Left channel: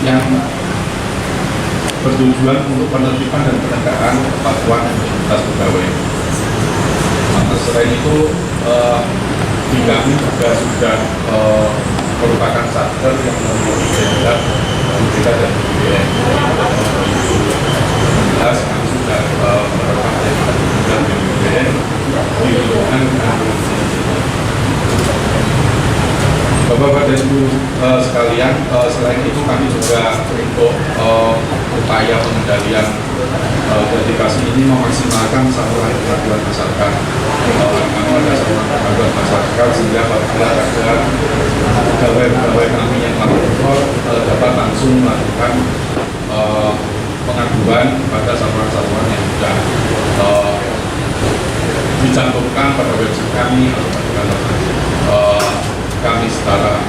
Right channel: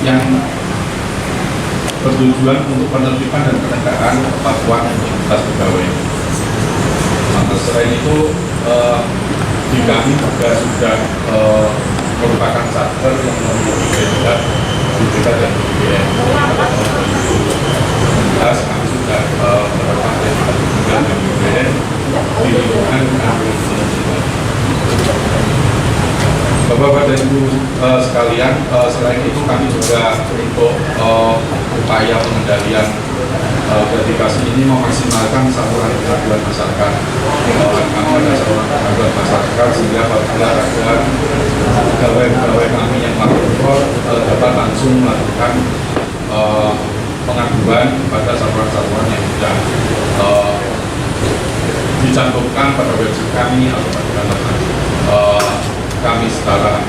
yang bertujuan untuk penertiban dan penegakan kepatuhan integritas pegawai. Selain itu, di kami juga sudah merupakan satker yang memiliki identitas BPK dan BPN. Jelas kami sudah menerapkan identitas BPK dan BPN di lingkungan kami. Bapak-bapak dan Ibu sekalian, selain itu kami juga untuk upaya pengendalian gratifikasi ini memaksimalkan saluran pengaduan masyarakat. Kami ada saluran pengaduan masyarakat sehingga apabila ada pegawai kami yang melapor dapat langsung melakukan pengaduan pada saluran-saluran yang sudah dicantumkan pada website kami atau pada kantor kami secara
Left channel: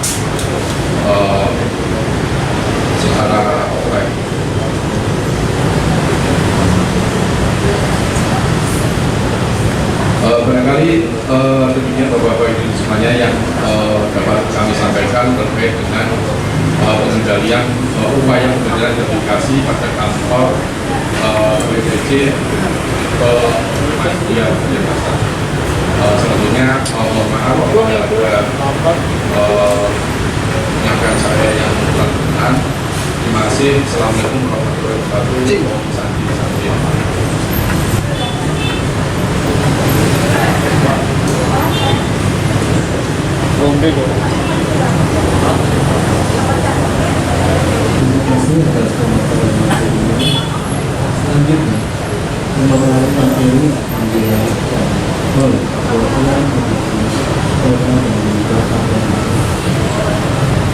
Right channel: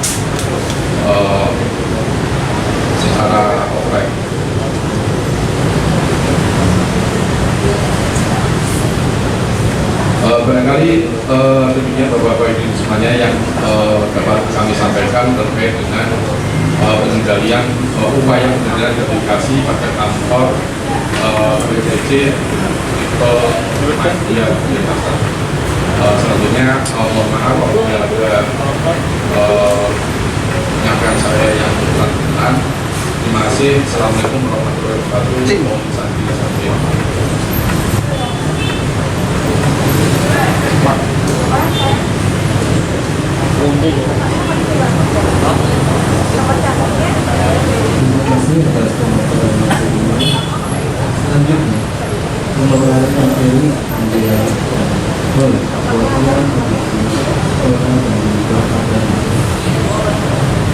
offline. Barangkali demikian Bapak-Bapak ini semuanya yang dapat kami sampaikan terkait dengan pengendalian upaya pengendalian gratifikasi pada kantor BPC Media Pasar. Selanjutnya mohon maaf apabila ada penyampaian saya yang kurang. Terima kasih. Assalamualaikum warahmatullahi wabarakatuh. Om Santi Santi. Terima kasih atas pemaparan materinya. Selanjutnya, pemaparan materi yang dilanjutkan oleh perwakilan komisi orang dan lembaga dan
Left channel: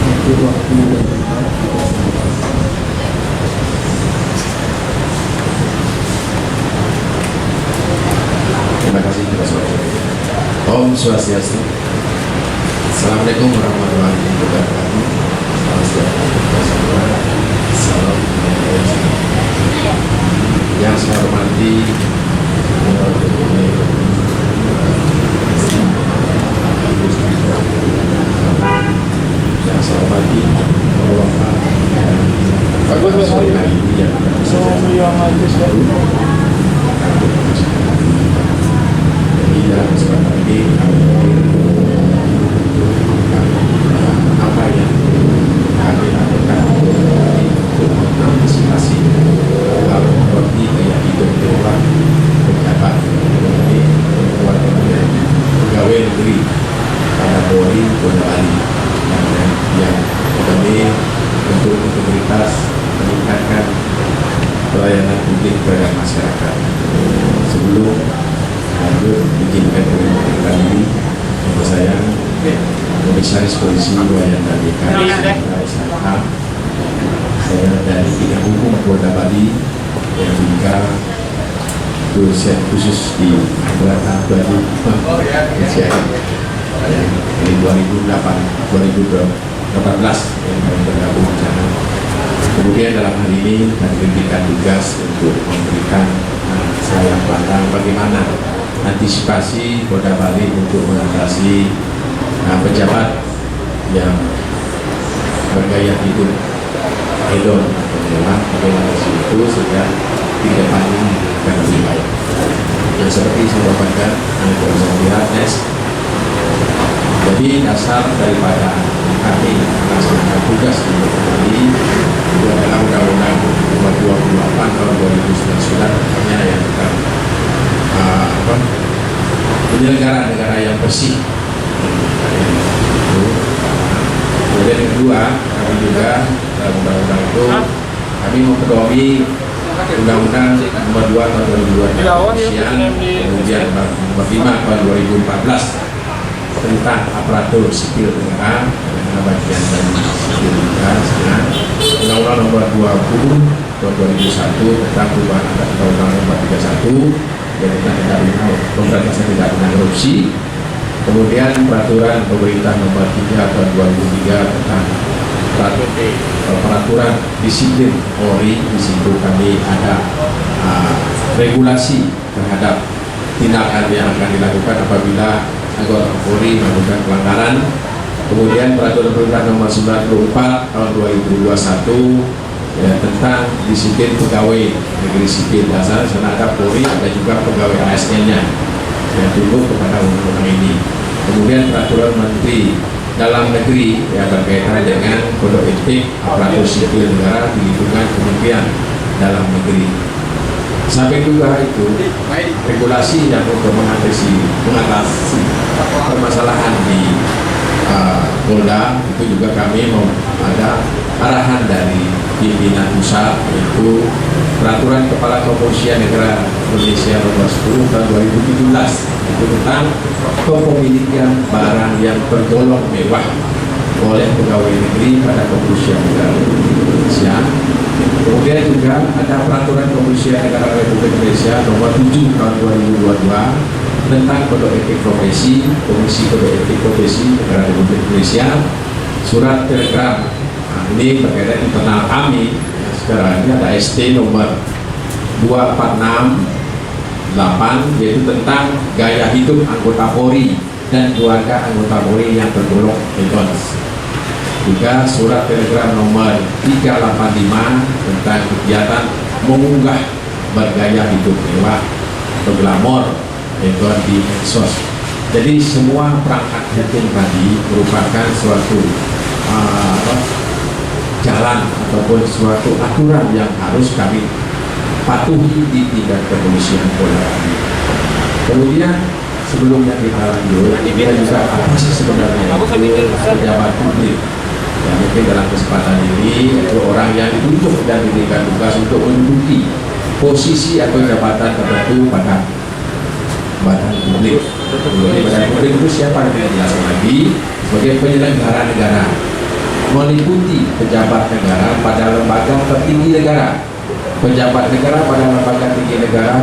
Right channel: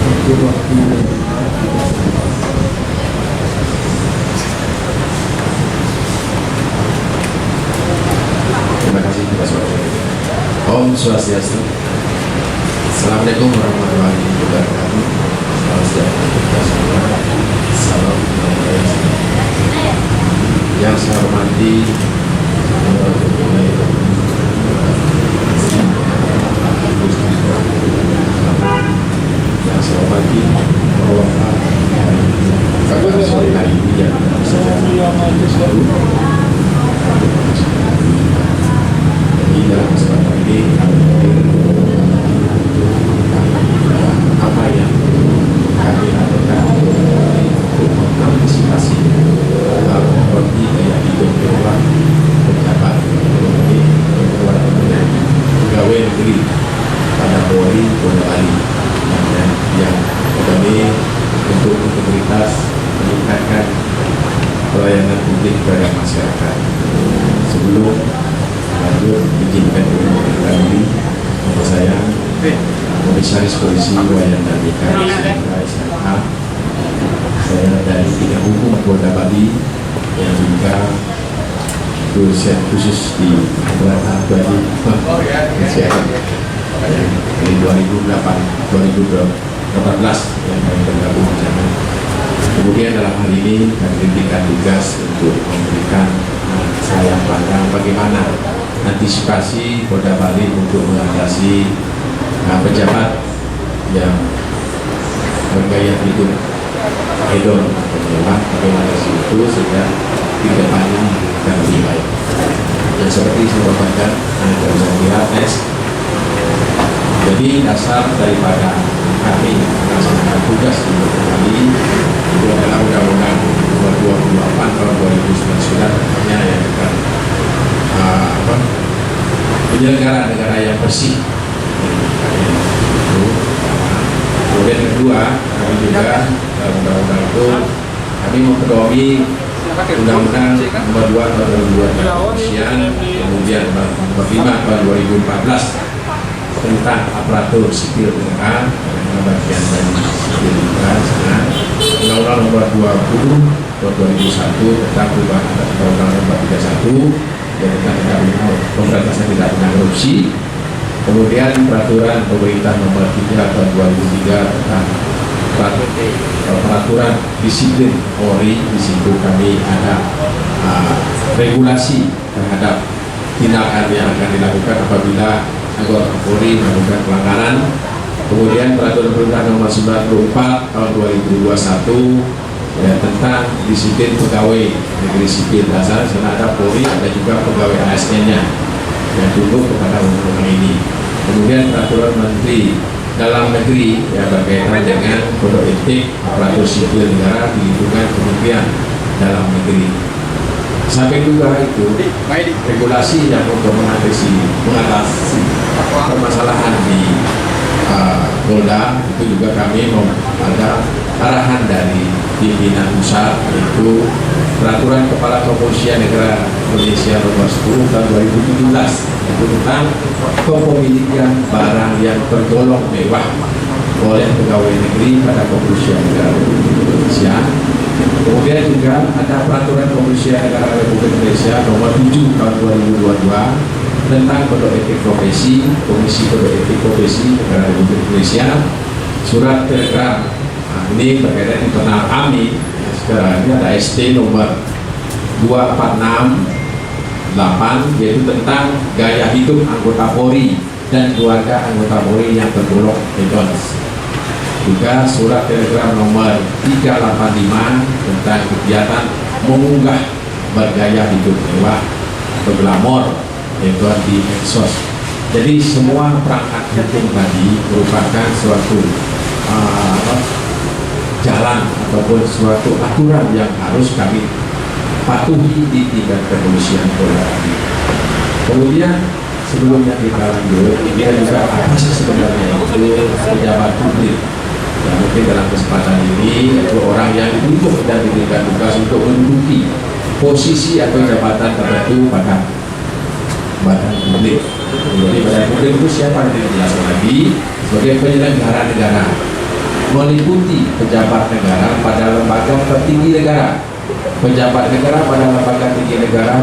untuk waktu dan tempat kita sendiri. Terima kasih Pak Soeharto. Om Swastiastu. Assalamualaikum warahmatullahi wabarakatuh. Salam sejahtera kita semua. Salam yang saya hormati yang saya hormati pada sore hari ini yang bisa dalam kesempatan ini apa yang kami lakukan untuk mengantisipasi hal seperti gaya hidup mewah pejabat ekonomi pegawai negeri pada Polri Bono Bali yang kami untuk integritas meningkatkan pelayanan publik kepada masyarakat. Sebelum lanjut, izinkan kami untuk saya Komisaris Polisi Wayan Dika SHK. Saya dari Bidang Hukum Polda Bali yang juga dosen khusus di Angkatan Bali dari 2018 yang kami bergabung di sana. Kemudian dalam hal ini kami diberikan tugas untuk memberikan saya pandang bagaimana antisipasi Polda Bali untuk mengatasi pejabat yang bergaya hidup hedon atau mewah, bagaimana itu sehingga di depannya akan lebih baik. Yang seperti saya bacakan, Anda bisa lihat jadi dasar daripada kami melaksanakan tugas di Polda Bali itu adalah Undang-Undang Nomor 28 Tahun 2009 yang tentang penyelenggara negara yang bersih. Kemudian kedua, kami juga dalam undang-undang itu kami mempedomi Undang-Undang Nomor 2 Tahun 2002 kepolisian, kemudian Nomor 5 Tahun 2014 tentang aparatur sipil negara dan bagian dari sipil negara, Undang-Undang Nomor 20 Tahun 2001 tentang perubahan atas Undang-Undang Nomor 31 yang tentang pemberantasan tindak pidana korupsi. Kemudian peraturan pemerintah nomor 3 tahun 2003 tentang peraturan disiplin Polri. Di situ kami ada regulasi terhadap tindakan yang akan dilakukan apabila anggota Polri melakukan pelanggaran Kemudian peraturan pemerintah nomor 94 tahun 2021 ya, tentang disiplin pegawai negeri sipil dasar, sana ada Polri, ada juga pegawai ASN-nya yang tunduk kepada undang-undang ini. Kemudian peraturan Menteri Dalam Negeri yang berkaitan dengan kode etik aparatur sipil negara di lingkungan Kementerian Dalam Negeri. Sampai juga itu regulasi yang untuk mengatasi permasalahan di Polda, itu juga kami mau ada arahan dari pimpinan pusat, yaitu peraturan Kepala Kepolisian Negara Indonesia nomor 10 tahun 2017 itu tentang kepemilikan barang yang tergolong mewah oleh pegawai negeri pada Kepolisian Negara Indonesia. Kemudian juga ada peraturan Kepolisian Negara Republik Indonesia nomor 7 tahun 2022 tentang kode etik profesi, Komisi Kode Etik Profesi Negara Republik Indonesia, surat telegram. Nah, ini berkaitan internal kami. Sekarang ini ada ST nomor 2468, yaitu tentang gaya hidup anggota Polri dan keluarga anggota Polri yang tergolong hedons. Juga surat telegram nomor 385 tentang kegiatan mengunggah bergaya hidup mewah atau glamor itu di medsos. Jadi semua perangkat hukum tadi merupakan suatu jalan ataupun suatu aturan yang harus kami patuhi di tingkat kepolisian Polda. Kemudian sebelumnya kita lanjut, ini juga apa sih sebenarnya itu pejabat publik? Ya, mungkin dalam kesempatan ini itu orang yang ditunjuk dan diberikan tugas untuk menduduki posisi atau jabatan tertentu pada badan publik. Jadi badan publik itu siapa yang dijelaskan lagi? Sebagai penyelenggara negara, meliputi pejabat negara pada lembaga tertinggi negara, pejabat negara pada lembaga tinggi negara,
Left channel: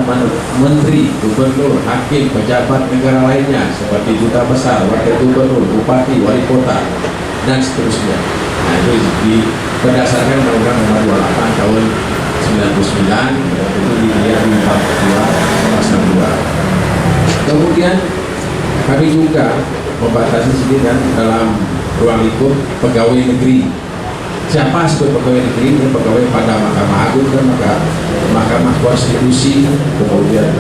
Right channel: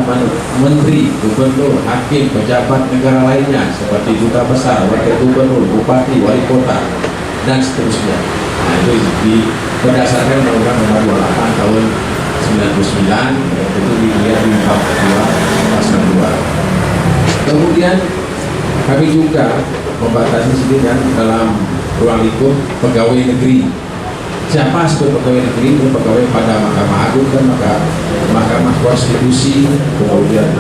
menteri, gubernur, hakim, pejabat negara lainnya seperti duta besar, wakil gubernur, bupati, wali kota, dan seterusnya. Nah, itu berdasarkan Undang-Undang Nomor 28 tahun 99, itu dilihat di bab 2 pasal 2. Kemudian kami juga membatasi sendiri dan dalam ruang lingkup pegawai negeri. Siapa sebut pegawai negeri? Ini pegawai pada Mahkamah Agung dan Mahkamah Konstitusi, kemudian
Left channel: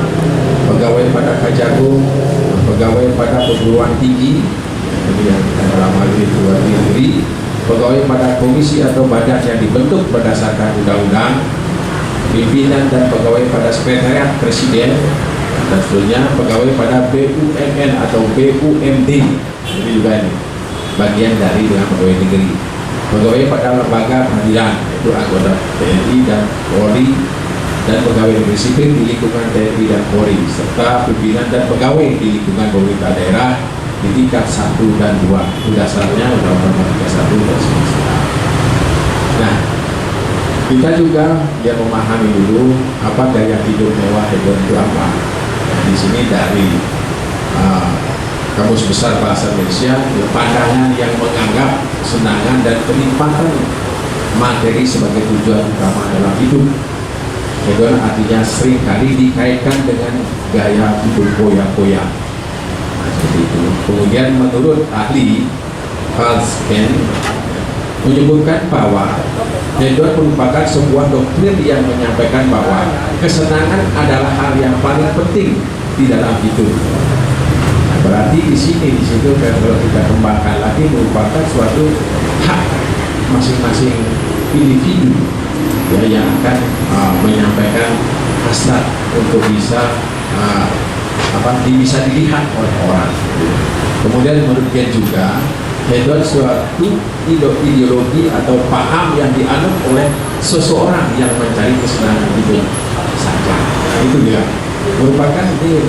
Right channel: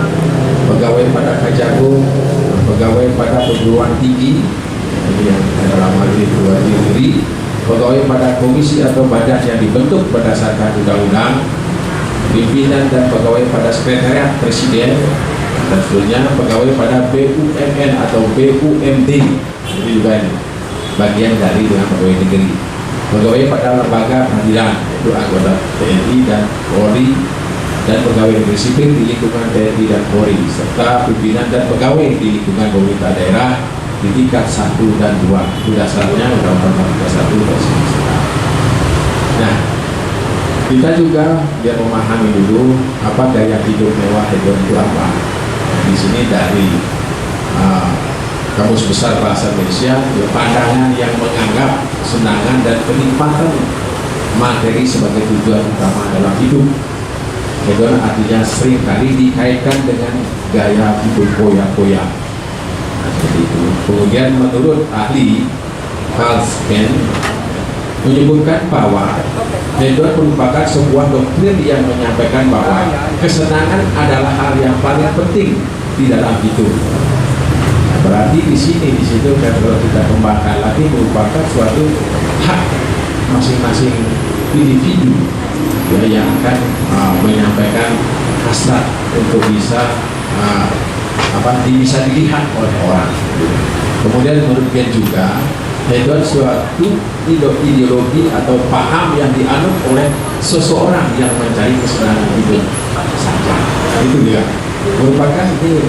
pegawai pada Kejagung, pegawai pada perguruan tinggi, kemudian dalam hal ini perguruan negeri, pegawai pada komisi atau badan yang dibentuk berdasarkan undang-undang, pimpinan dan pegawai pada sekretariat presiden, dan seterusnya pegawai pada BUMN atau BUMD. Ini juga ini bagian dari dengan pegawai negeri. Pegawai pada lembaga peradilan, yaitu anggota TNI dan Polri, dan pegawai negeri sipil di lingkungan TNI dan Polri, serta pimpinan dan pegawai di lingkungan pemerintah daerah di tingkat 1 dan 2. Itu dasarnya Undang-Undang 31 dan 99. Nah, kita juga biar memahami dulu apa gaya hidup mewah itu apa. Di sini dari Kamus Besar Bahasa Indonesia, pandangan yang menganggap kesenangan dan kenikmatan materi sebagai tujuan utama dalam hidup. Hedon artinya seringkali dikaitkan dengan gaya hidup foya-foya. Nah, seperti itu. Kemudian menurut ahli Falsken menyebutkan bahwa hedon merupakan sebuah doktrin yang menyampaikan bahwa kesenangan adalah hal yang paling penting di dalam hidup. Nah, berarti di situ kalau kita kembangkan lagi merupakan suatu hak masing-masing individu ya, yang akan menyampaikan hasrat untuk bisa bisa dilihat oleh orang. Kemudian menurut dia juga hedon suatu ideologi atau paham yang dianut oleh seseorang yang mencari kesenangan hidup saja. Itu dia merupakan ini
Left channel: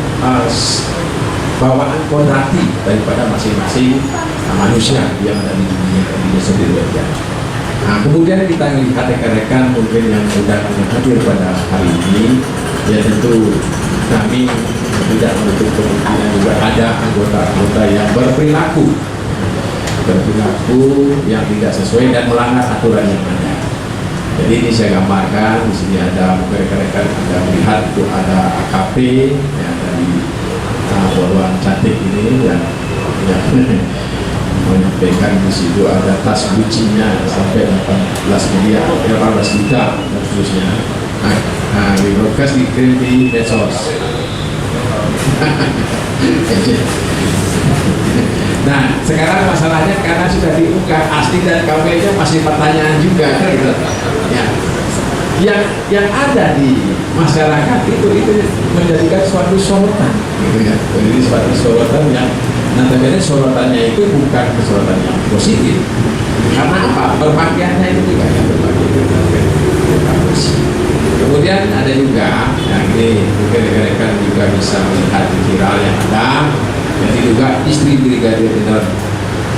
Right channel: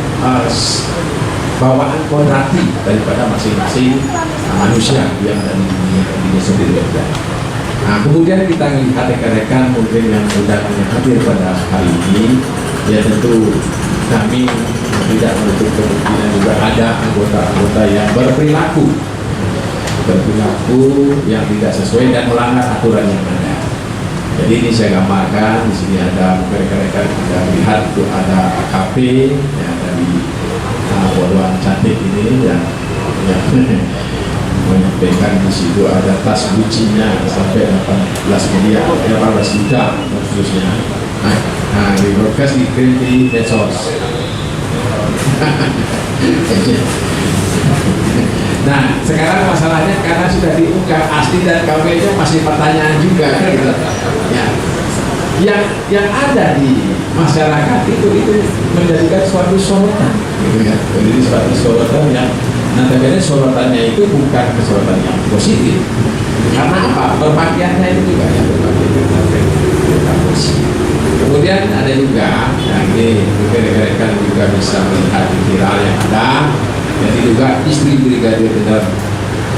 bawaan kodrati daripada masing-masing manusia yang ada di dunia ini sendiri. Nah, kemudian kita lihat rekan-rekan mungkin yang sudah hadir pada hari ini, ya tentu kami tidak menutup kemungkinan juga ada anggota-anggota yang berperilaku yang tidak sesuai dan melanggar aturan yang ada. Jadi ini saya gambarkan di sini ada rekan-rekan Anda melihat itu ada AKP yang dari Poluan cantik ini yang menyampaikan di situ ada tas Gucci-nya sampai 18 miliar, 18 juta dan seterusnya. Nah, di broadcast dikirim di medsos. Nah, sekarang masalahnya karena sudah diungkap asli dan KW-nya masih pertanyaan juga, gitu. Ya, yang ada di masyarakat itu menjadikan suatu sorotan, gitu ya. Jadi suatu sorotan yang nanti sorotannya itu bukan sorotan yang positif. Karena apa? Berpakaiannya itu juga yang berpakaian positif. Kemudian ada juga, yang ini mungkin rekan-rekan juga bisa melihat di viral yang ada. Jadi juga istri Brigadir Jenderal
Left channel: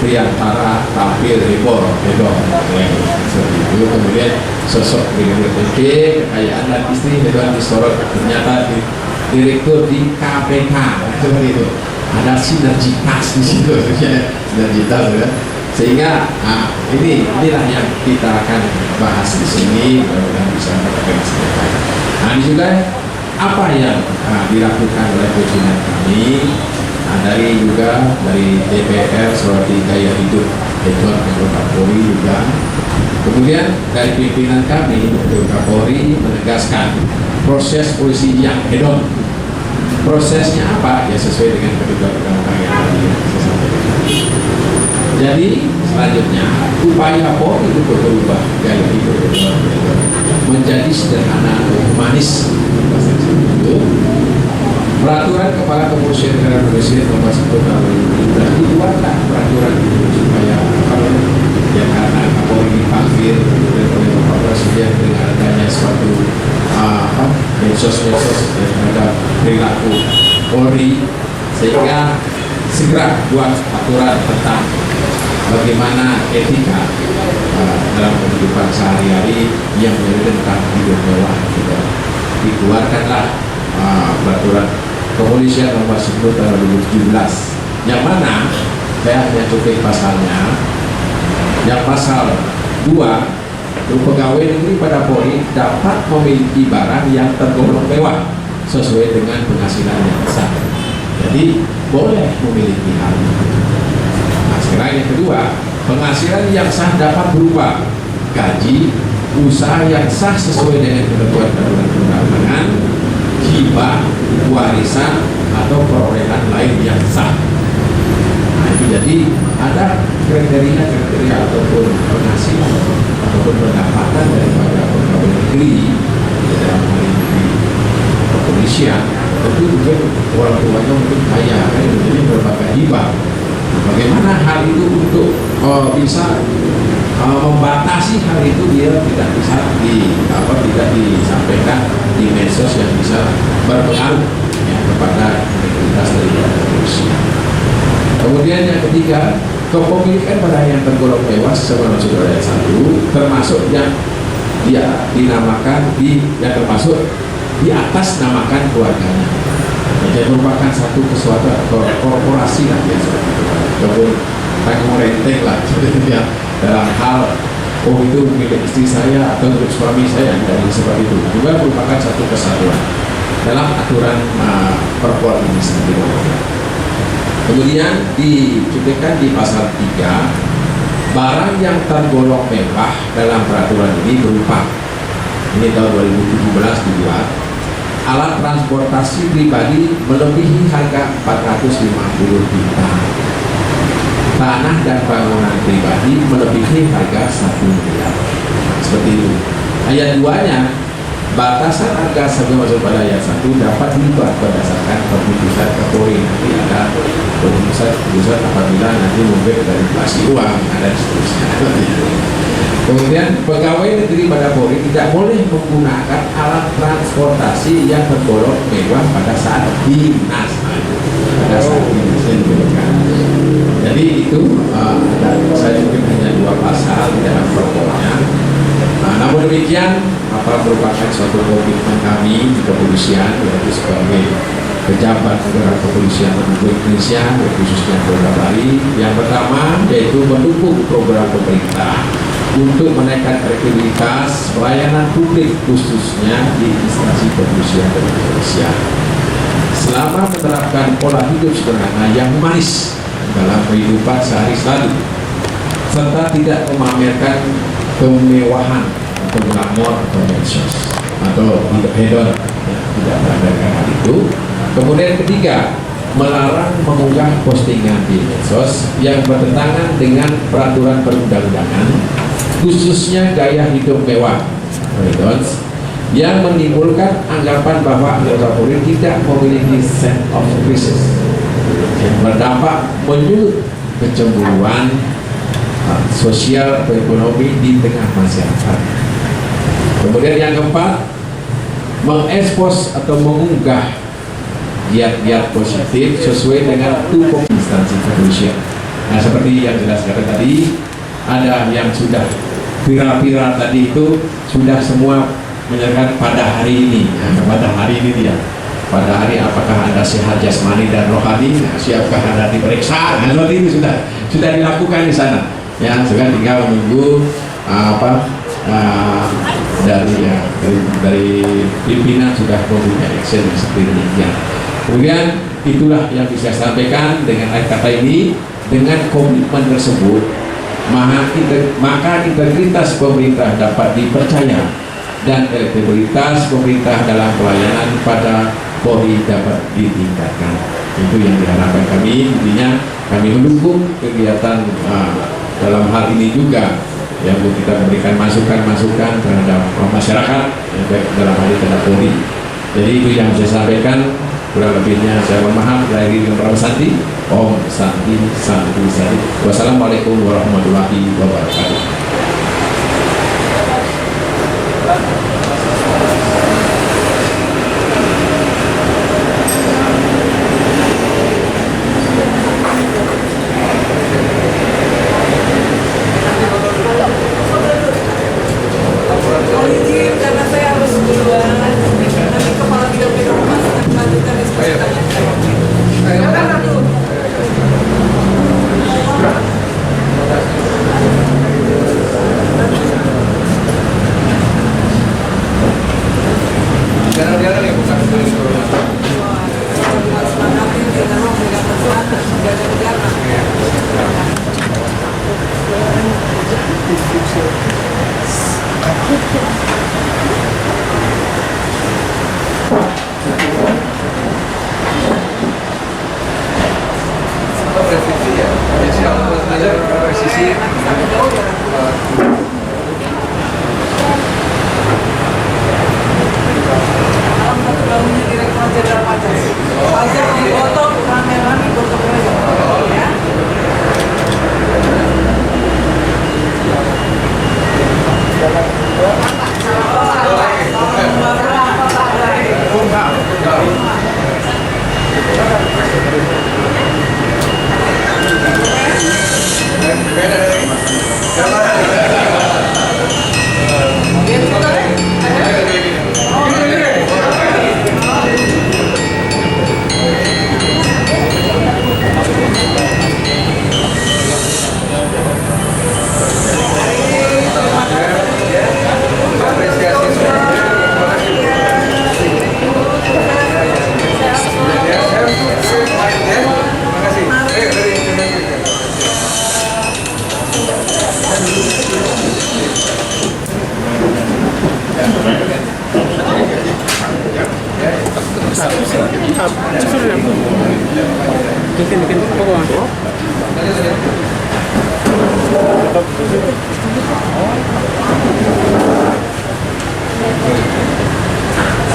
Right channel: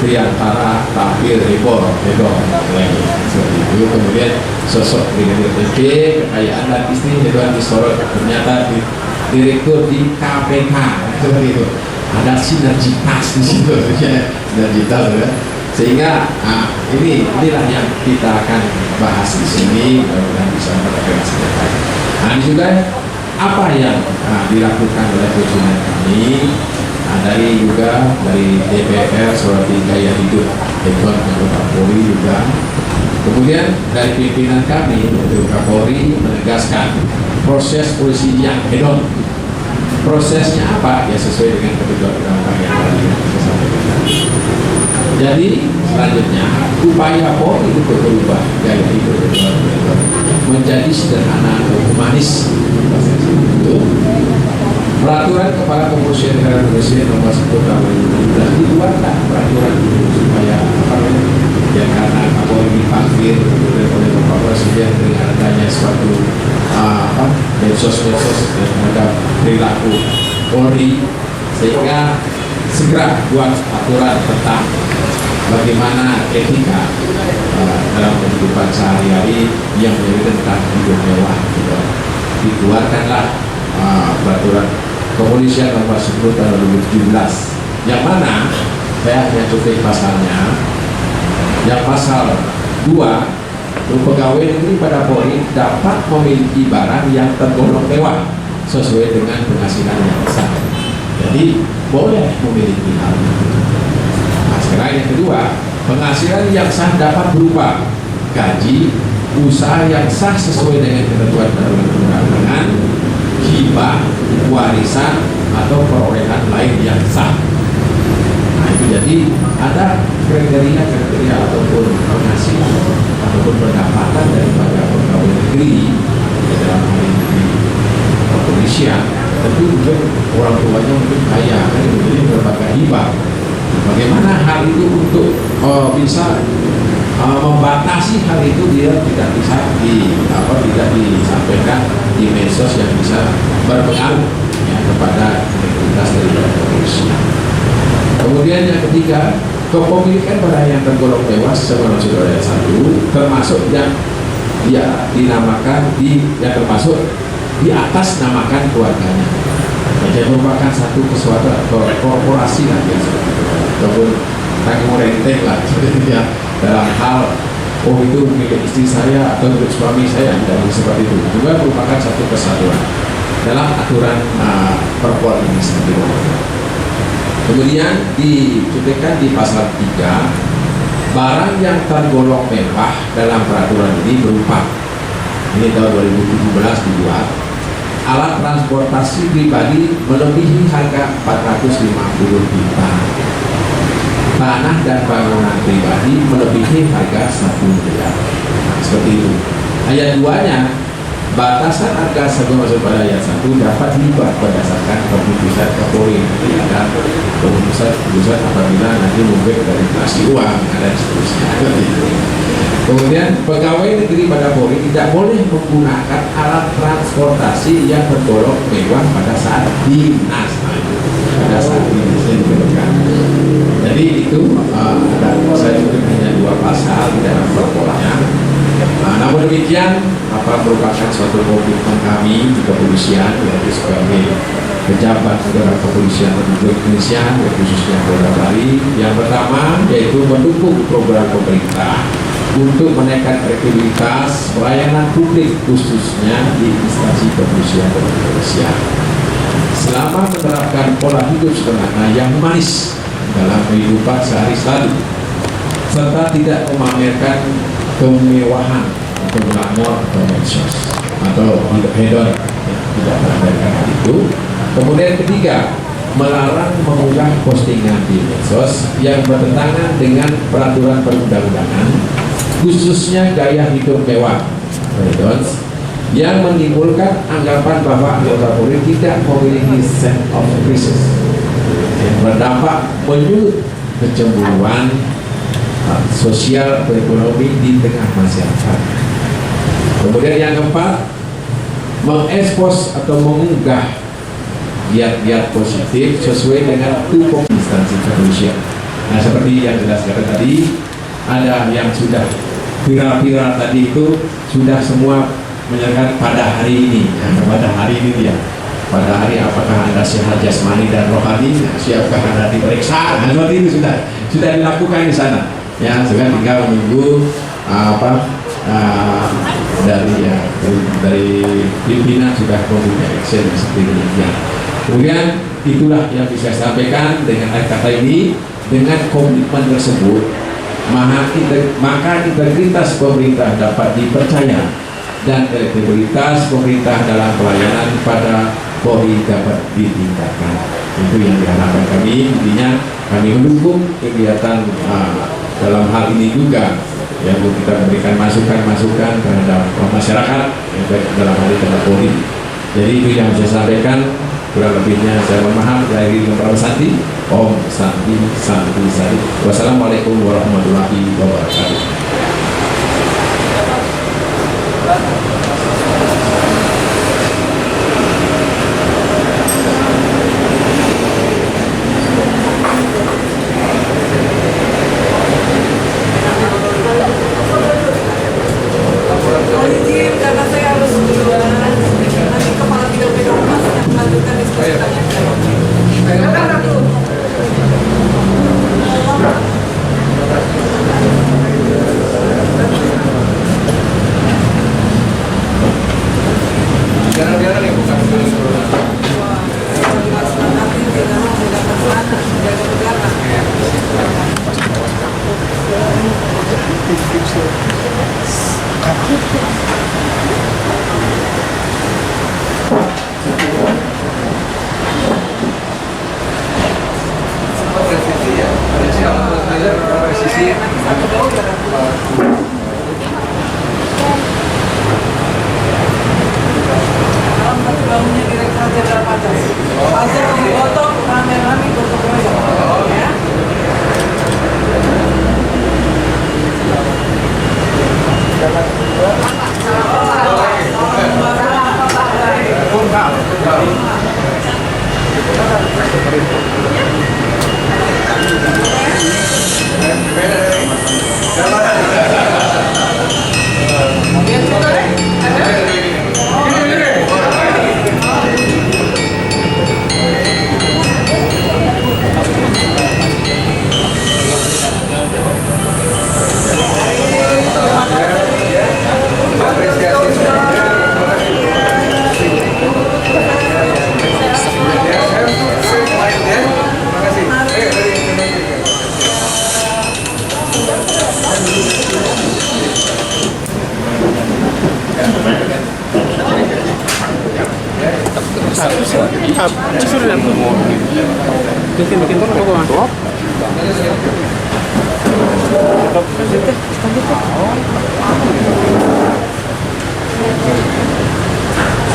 Priantara tampil heboh, seperti itu. Kemudian sosok Brigadir TP, kekayaan dan istri Hedwan disorot, ternyata direktur di KPK, seperti itu. Ada sinergitas di situ, sinergitas ya. Sehingga inilah yang kita akan bahas di sini, mudah-mudahan bisa mendapatkan. Nah, ini juga apa yang dilakukan oleh pimpinan kami. Nah, dari DPR Surati Gaya Hidup Hedon anggota Polri juga. Kemudian dari pimpinan kami, yaitu Kapolri, menegaskan proses polisi yang hedon. Prosesnya apa? Ya sesuai dengan ketentuan undang-undang yang tadi saya sampaikan. Jadi selanjutnya upaya Polri untuk berubah gaya hidup menjadi sederhana dan humanis. Peraturan Kepala Kepolisian Negara Indonesia nomor 10 tahun 2017 dibuatlah peraturan itu supaya karena Kapolri dipanggil oleh Bapak Presiden dengan adanya suatu medsos terhadap perilaku Polri, sehingga segera buat aturan tentang bagaimana etika dalam kehidupan sehari-hari yang menjadi tentang hidup mewah. Dikeluarkanlah peraturan Kepolisian nomor 10 tahun 2017, yang mana saya hanya cuplik pasalnya. Yang pasal 2, pegawai negeri pada Polri dapat memiliki barang yang tergolong mewah sesuai dengan penghasilan yang sah. Jadi boleh memiliki hal itu. Nah, sekarang yang kedua, penghasilan yang sah dapat berupa gaji, usaha yang sah sesuai dengan ketentuan perundang-undangan, hibah, warisan, atau perolehan lain yang sah. Nah, itu jadi ada kriteria ataupun penghasilan ataupun pendapatan daripada pegawai negeri dalam hal ini di kepolisian. Tentu juga orang tuanya mungkin kaya, jadi berbagai hibah. Bagaimana hal itu untuk bisa membatasi hal itu, dia tidak bisa tidak disampaikan di medsos yang bisa berpengaruh ya, kepada integritas dari kepolisian. Kemudian yang ketiga, kepemilikan barang yang tergolong mewah sesuai ayat 1 termasuk yang dia dinamakan yang termasuk di atas namakan keluarganya. Jadi merupakan satu korporasi lah ya, seperti itu. Ataupun tanggung renteng lah ya, dalam hal itu milik istri saya atau milik suami saya, dan seperti itu juga merupakan satu kesatuan dalam aturan perpol ini sendiri. Kemudian dicuplikan di pasal 3, barang yang tergolong mewah dalam peraturan ini berupa, ini tahun 2017 dibuat, alat transportasi pribadi melebihi harga 450 juta, tanah dan bangunan pribadi melebihi harga 1 miliar. Seperti itu. Ayat 2-nya, batasan harga sebelum masuk pada ayat 1 dapat diubah berdasarkan keputusan Kapolri. Nanti ada keputusan apabila nanti mungkin dari inflasi uang dan seterusnya. Kemudian pegawai negeri pada Polri tidak boleh menggunakan alat transportasi yang tergolong mewah pada saat dinas. Jadi itu saya mungkin hanya 2 pasal di dalam perpolnya. Namun demikian, merupakan suatu komitmen kami di kepolisian, yaitu sebagai pejabat negara kepolisian Republik Indonesia, khususnya Polda Bali. Yang pertama yaitu mendukung program pemerintah untuk menaikkan kredibilitas pelayanan publik, khususnya di instansi kepolisian dan kepolisian. Selama menerapkan pola hidup sederhana yang humanis dalam kehidupan sehari-hari, serta tidak memamerkan kemewahan atau glamor atau medsos atau hidup hedon, ya, tidak memamerkan hal itu. Kemudian ketiga, melarang mengunggah postingan di medsos yang bertentangan dengan peraturan perundang-undangan, khususnya gaya hidup mewah hedons, yang menimbulkan anggapan bahwa anggota Polri tidak memiliki sense of crisis yang berdampak menyulut kecemburuan sosial atau ekonomi di tengah masyarakat. Kemudian yang keempat, mengekspos atau mengunggah giat-giat positif sesuai dengan tupoksi instansi kepolisian. Nah, seperti yang jelaskan tadi, ada yang sudah viral-viral tadi itu sudah semua menyerahkan pada hari ini, ya, pada hari ini dia. Pada hari apakah Anda sehat jasmani dan rohani? Nah, siapkah Anda diperiksa? Nah, seperti ini sudah dilakukan di sana. Ya, sekarang tinggal menunggu dari pimpinan sudah mempunyai action seperti ini. Ya. Kemudian itulah yang bisa saya sampaikan dengan kata ini. Dengan komitmen tersebut, maka integritas pemerintah dapat dipercaya dan elektabilitas pemerintah dalam pelayanan pada Polri dapat ditingkatkan. Itu yang diharapkan kami. Intinya kami mendukung kegiatan dalam hal ini juga, yang kita memberikan masukan-masukan terhadap masyarakat, ya, baik dalam hal ini terhadap Polri. Jadi itu yang saya sampaikan. Kurang lebihnya saya mohon maaf. Dari Bapak Santi, Om Santi Sari. Wassalamualaikum warahmatullahi wabarakatuh. Karena saya harus duluan, nanti kepala bidang pedoman akan melanjutkan diskusi tanya jawab. Jarang-jarang ya bukan Nanti di dalam beda persoalan, beda negara. presisi ya. Jadi yang presisi Bangunnya Direktur Jenderal Pajak. Pajak digotong rame-rame gotong royong. Ya.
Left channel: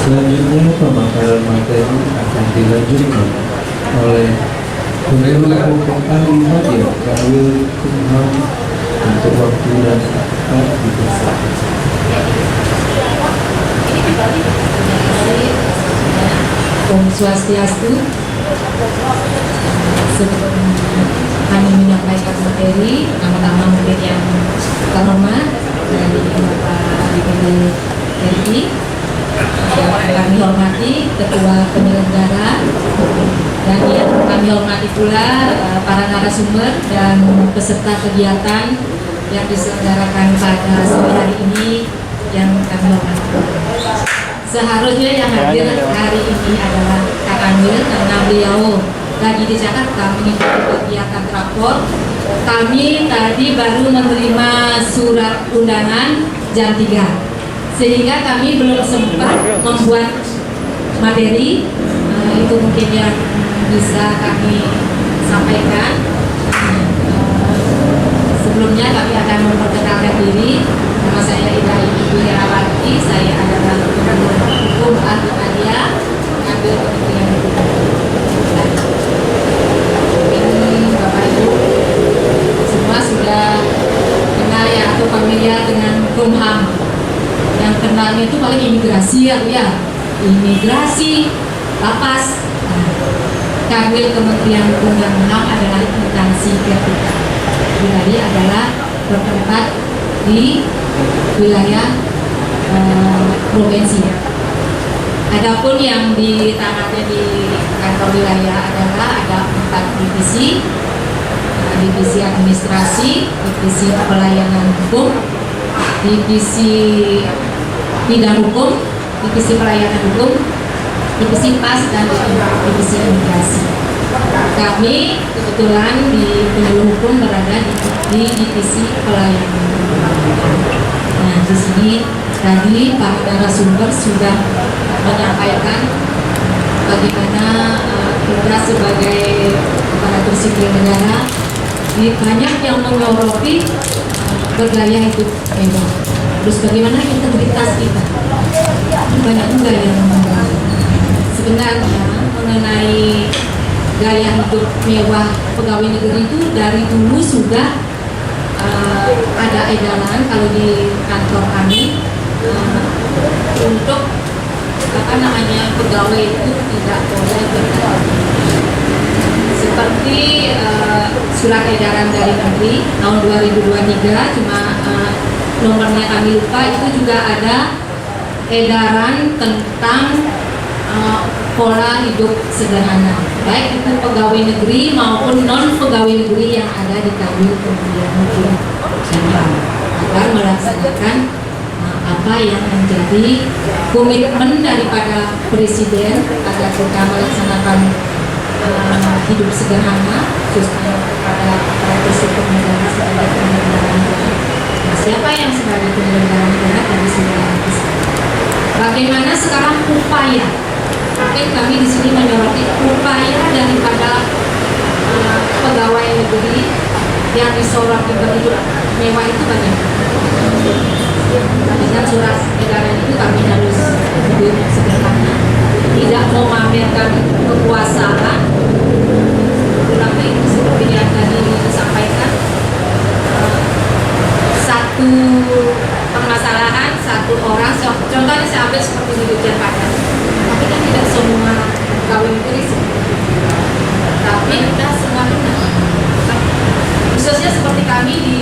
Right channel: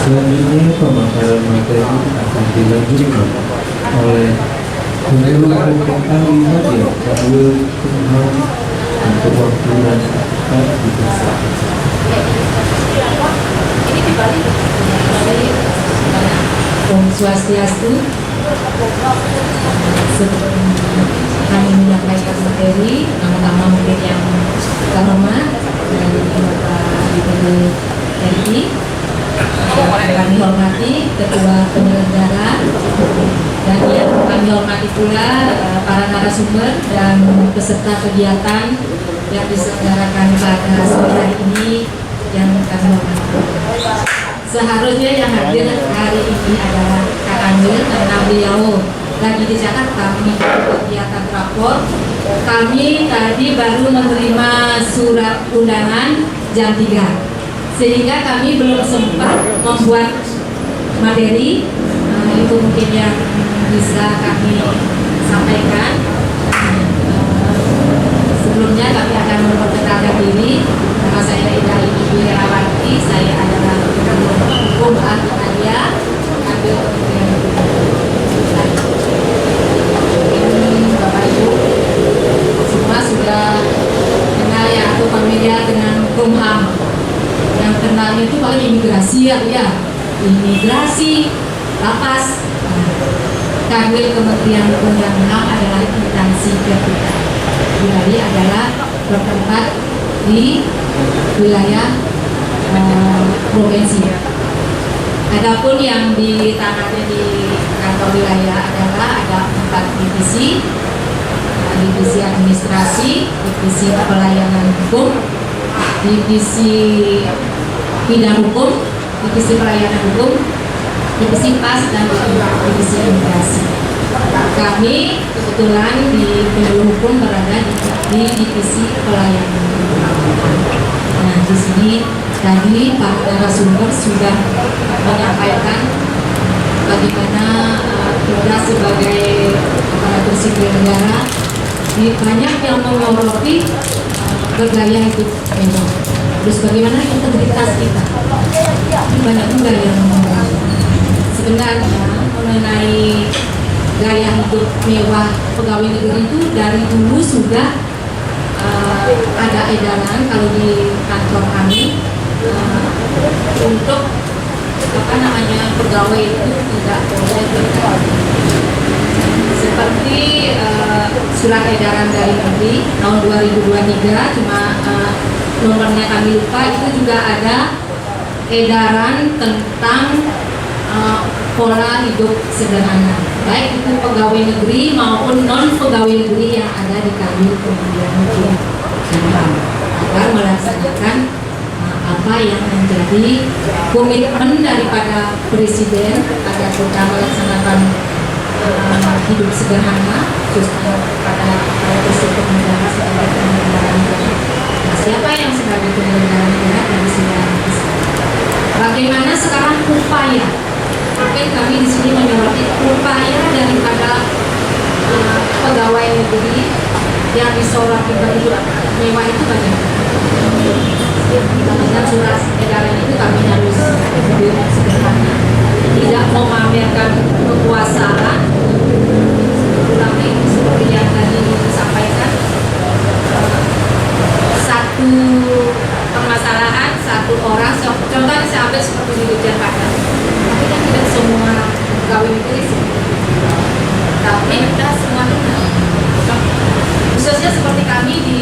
Selanjutnya pemaparan materi akan dilanjutkan oleh Gubernur Kota Madya Kawil Kumham untuk waktu dan tempat dipersilakan. Om Swastiastu. Sebelum kami menyampaikan materi, pertama mungkin yang terhormat dari Bapak DPD RI, yang kami hormati Ketua Penyelenggara, dan yang kami hormati pula para narasumber dan peserta kegiatan yang diselenggarakan pada sore hari ini yang kami hormati. Seharusnya yang hadir hari ini adalah Kak Amir karena beliau lagi di Jakarta mengikuti kegiatan rapor. Kami tadi baru menerima surat undangan jam 3, sehingga kami belum sempat membuat materi. Itu mungkin yang bisa kami sampaikan. Sebelumnya kami akan memperkenalkan diri. Nama saya Ida Ibu Herawati. Saya adalah hukum Alia, ambil Kementerian Hukum. Mungkin Bapak Ibu semua sudah kenal ya atau familiar dengan Kumham. Yang kenalnya itu paling imigrasi ya, imigrasi, lapas. Kanwil Kementerian Hukum dan HAM adalah instansi ketiga. Wilayah adalah bertempat di wilayah provinsi. Adapun yang ditangani di kantor wilayah adalah ada 4 divisi, divisi administrasi, divisi pelayanan hukum, divisi bidang hukum, divisi pelayanan hukum, divisi pas, dan divisi imigrasi. Kami kebetulan di Biro Hukum berada di divisi pelayanan hukum. Nah, di sini tadi para narasumber sudah menyampaikan bagaimana kita sebagai aparatur sipil negara banyak yang menyoroti bergaya hidup mewah. Terus bagaimana integritas kita? Banyak juga yang menyoroti. Sebenarnya mengenai gaya hidup mewah pegawai negeri itu dari dulu sudah ada edaran kalau di kantor kami untuk pegawai itu tidak boleh bergaya. Seperti surat edaran dari Menteri tahun 2023, cuma nomornya kami lupa, itu juga ada edaran tentang pola hidup sederhana, baik itu pegawai negeri maupun non pegawai negeri yang ada di Kanwil Kementerian Hukum dan HAM, agar melaksanakan apa yang menjadi komitmen daripada Presiden agar kita melaksanakan hidup sederhana, khususnya kepada sipil negara sebagai penyelenggara negara. Nah, siapa yang sebagai penyelenggara negara dari segala bagaimana sekarang upaya? Mungkin kami di sini menyoroti upaya daripada pegawai negeri yang disoroti berhidup mewah itu banyak. Dengan surat edaran itu kami harus hidup sederhana, tidak memamerkan kekuasaan. Tapi seperti yang tadi disampaikan, satu permasalahan satu orang, contohnya saya ambil seperti di Dirjen Pajak, tapi kan tidak semua pegawai negeri seperti itu. Tapi kita semua kenal, khususnya seperti kami di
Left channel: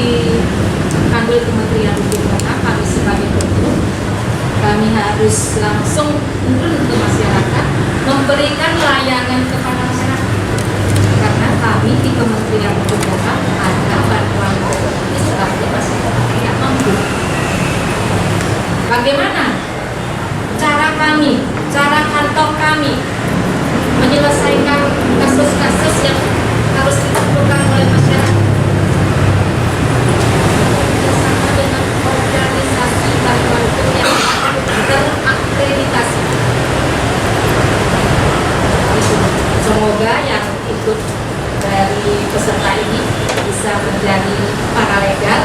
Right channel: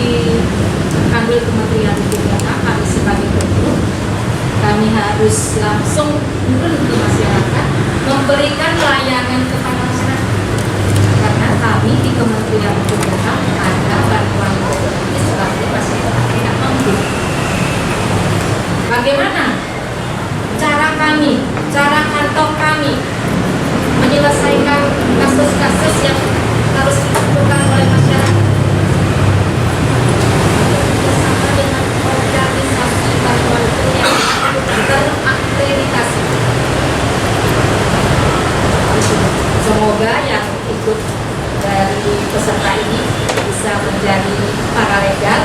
Kanwil Kementerian Hukum dan HAM, kami sebagai guru, kami harus langsung turun ke masyarakat, memberikan layanan kepada masyarakat. Karena kami di Kementerian Hukum dan HAM ada bantuan sebagai masyarakat tidak mampu. Bagaimana cara kami, cara kantor kami menyelesaikan kasus-kasus yang harus ditemukan oleh masyarakat? Bersama dengan organisasi bantuan hukum yang terakreditasi. Semoga yang ikut dari peserta ini bisa menjadi paralegal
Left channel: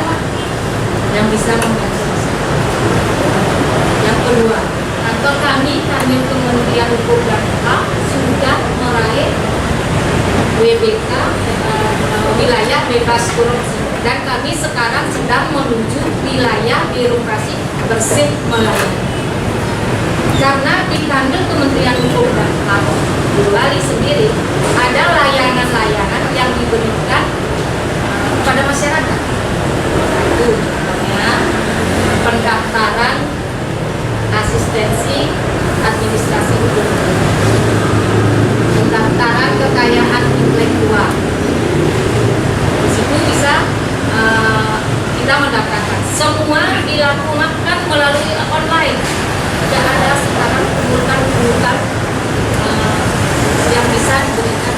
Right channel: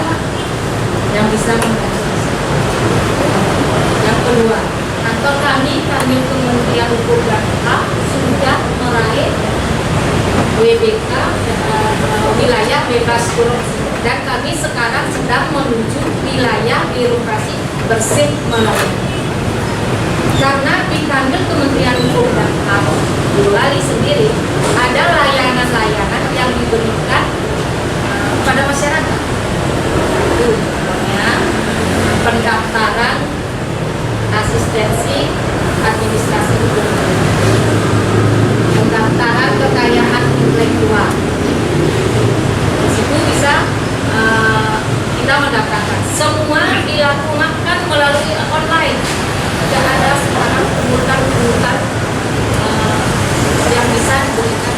yang bisa membantu masyarakat. Yang kedua, kantor kami, Kanwil Kementerian Hukum dan HAM, sudah meraih WBK wilayah bebas korupsi, dan kami sekarang sedang menuju wilayah birokrasi bersih melayani. Karena di Kanwil Kementerian Hukum dan HAM di Bali sendiri ada layanan-layanan yang diberikan kepada masyarakat. Itu namanya pendaftaran asistensi administrasi hukum, pendaftaran kekayaan intelektual. Di situ bisa kita mendaftarkan. Semua dilakukan melalui online. Tidak ada sekarang pungutan yang bisa diberikan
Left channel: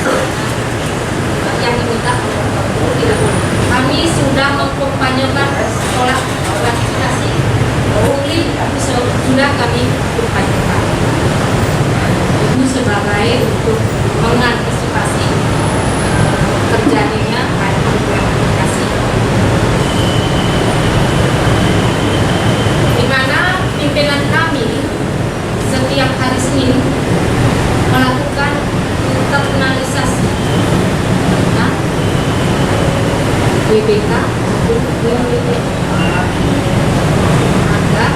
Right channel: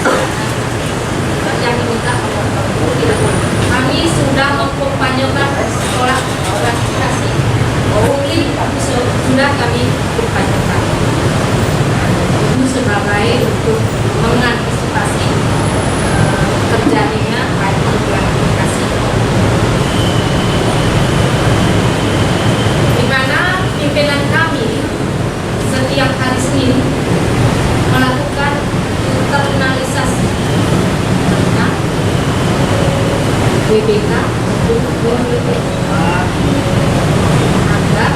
yang diminta tidak. Kami sudah mengkampanyekan sekolah gratifikasi pungli, sudah kami kampanyekan. Itu sebagai untuk mengantisipasi terjadinya gratifikasi. Di mana pimpinan kami setiap hari Senin melakukan internalisasi tentang WBK untuk WBK agar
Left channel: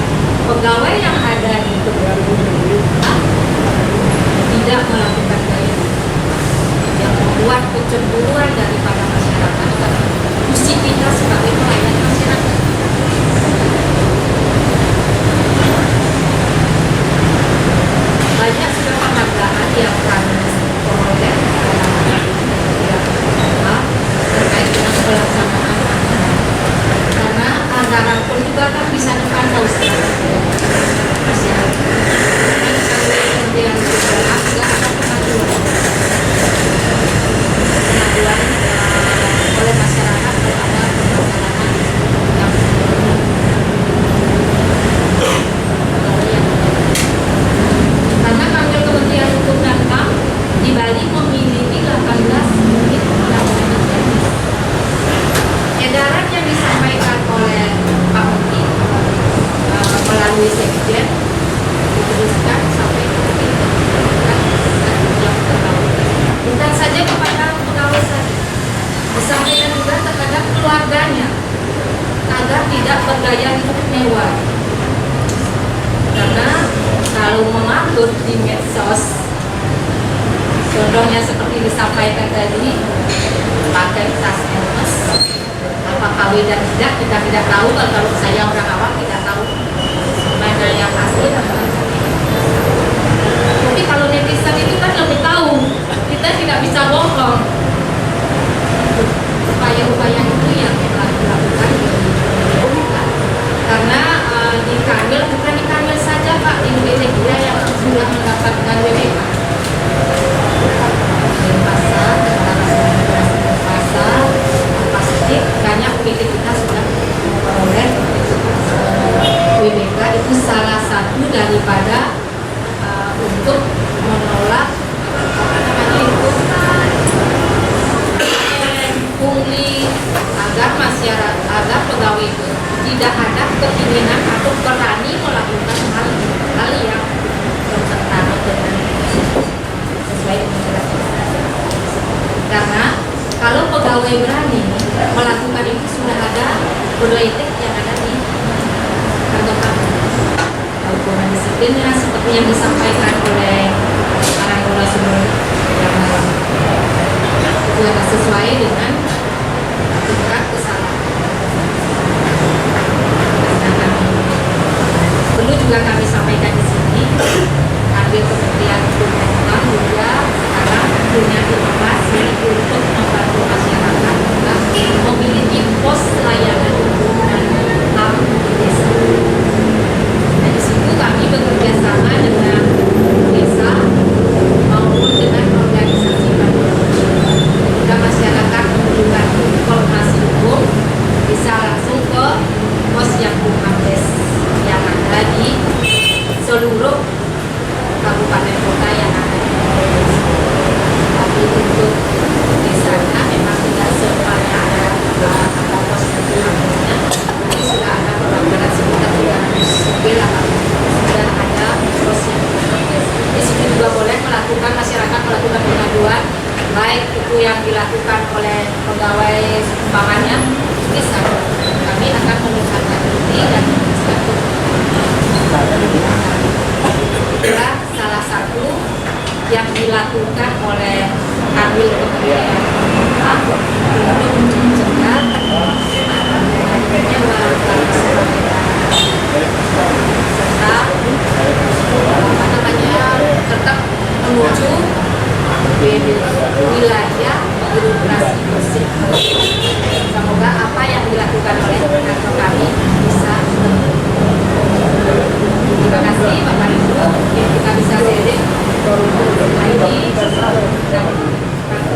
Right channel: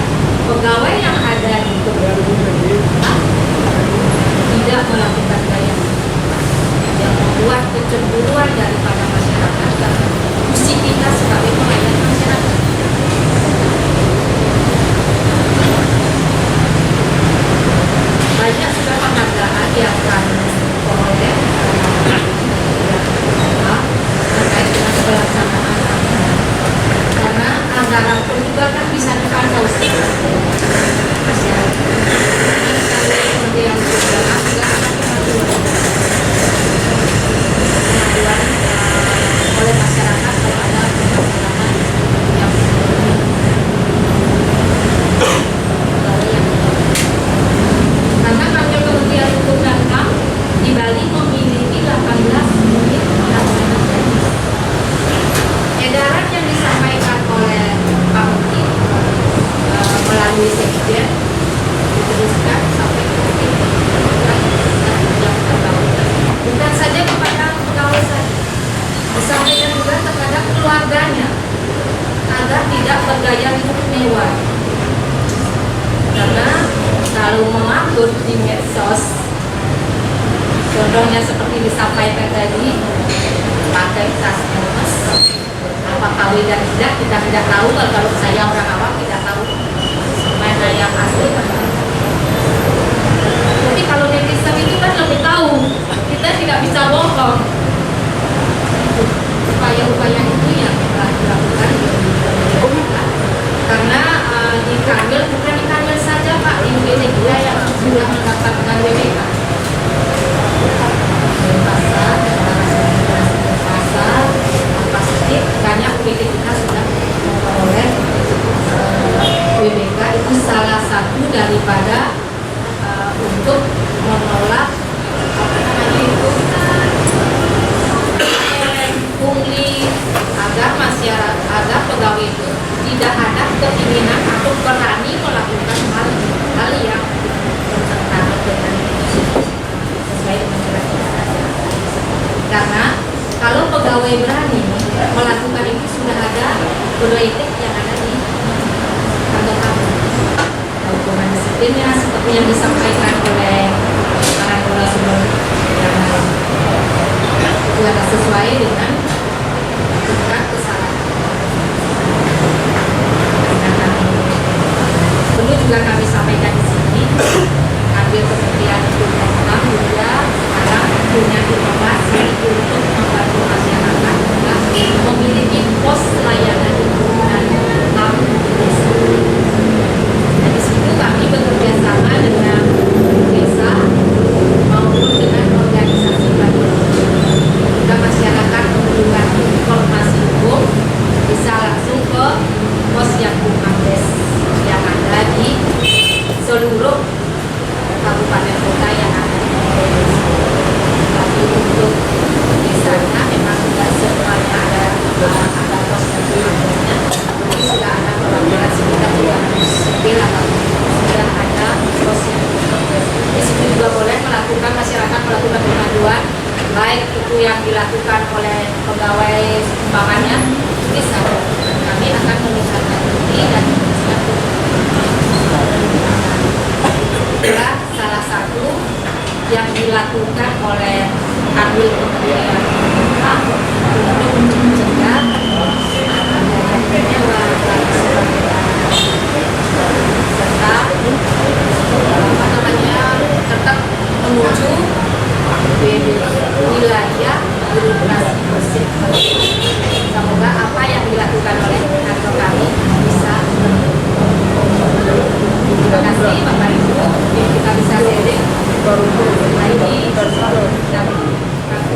pegawai yang ada di tidak melakukan gaya yang membuat kecemburuan daripada masyarakat dan fungsi kita sebagai pelayan masyarakat. Banyak sudah penghargaan yang kami peroleh terkait dengan pelaksanaan anggaran. Karena anggaran pun juga kan bisa dipantau masyarakat. Kemudian juga ada kemajuan oleh masyarakat terhadap permasalahan yang karena kantor Kementerian Hukum dan HAM di Bali memiliki 18 unit pelaksana teknis. Edaran yang disampaikan oleh Pak Menteri melalui Sekjen diteruskan sampai ke bukan saja kepada pegawai saja, disampaikan juga terhadap keluarganya agar tidak bergaya hidup mewah. Karena kalau mematur di medsos, contohnya seperti disampaikan tadi, pakai tas Hermes, apa KW dan tidak, kita tidak tahu. Kalau saya orang awam tidak tahu mana yang asli dan mana yang tidak. Tapi kalau netizen itu kan lebih tahu, kita tidak bisa bohong. Upaya-upaya itu yang telah dilakukan karena di Kanwil, bukan di Kanwil saja Pak, di UGD juga yang sudah mendapatkan WBK. Pasar, pasti banyak UGD kita sudah memperoleh WBK. Itu salah satu daripada untuk menolak pungli agar masyarakat, agar pegawai itu tidak ada keinginan atau berani melakukan hal yang bertentangan dengan sesuai dengan gratifikasi. Karena kalau pegawai berani melakukan itu sudah ada kode etik yang ada di kantor kami. Hukuman disiplinnya seperti yang disampaikan oleh para anggota sebelum yang itu ada sesuai dengan tingkat kesalahan. Perlu juga kami sampaikan di sini, ambil Kementerian Hukum dan HAM juga sekarang punya inovasi untuk membantu masyarakat juga memiliki pos layanan hukum dan HAM di desa. Dan di situ kami bekerja sama dengan desa maupun dengan organisasi masyarakat. Jika masyarakat membutuhkan informasi hukum, bisa langsung ke pos yang Bumdes yang ada di seluruh kabupaten kota yang ada di Indonesia. Tapi untuk desanya memang tidak semuanya ada pos yang Bumdesnya. Tapi sudah ada perwakilan sekitar 300 atau sudah ada pos yang Bumdes. Di situ juga boleh melakukan, masyarakat melakukan pengaduan, baik itu yang dilakukan oleh pegawai sumbangannya, bisa kami akan menindaklanjuti dan menjelaskan itulah salah satu yang dilakukan oleh Kanwil Kementerian HAM untuk mencegah penyewa serta tetap menuju wilayah birokrasi bersih. Semoga apa yang dilakukan oleh kantor kami bisa terima kasih Bapak Ibu, yang kita bisa sharing ini dan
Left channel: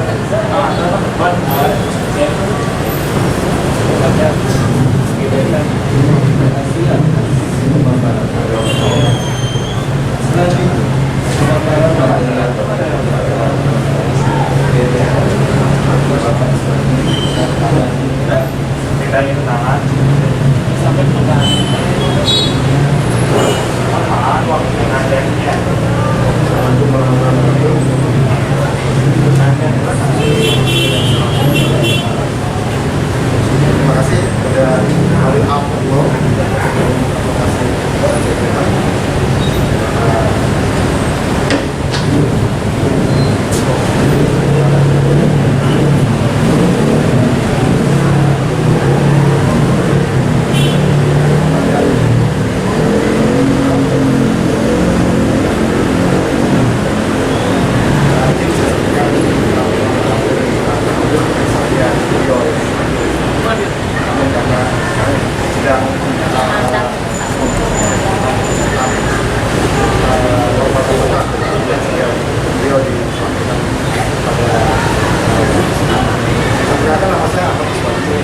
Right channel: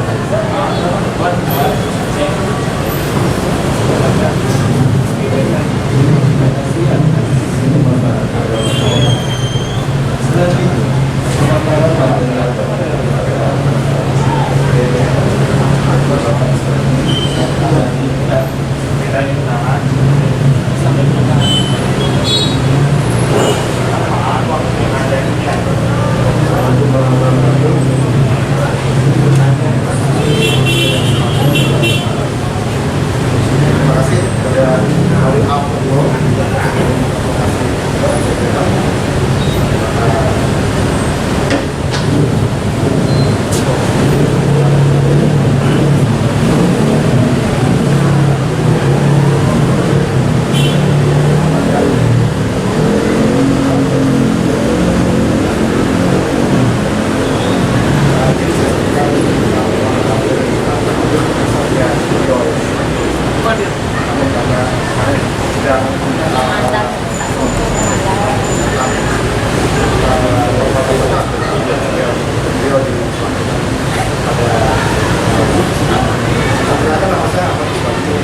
Perkenalkan, nama saya Ahmad Iswati,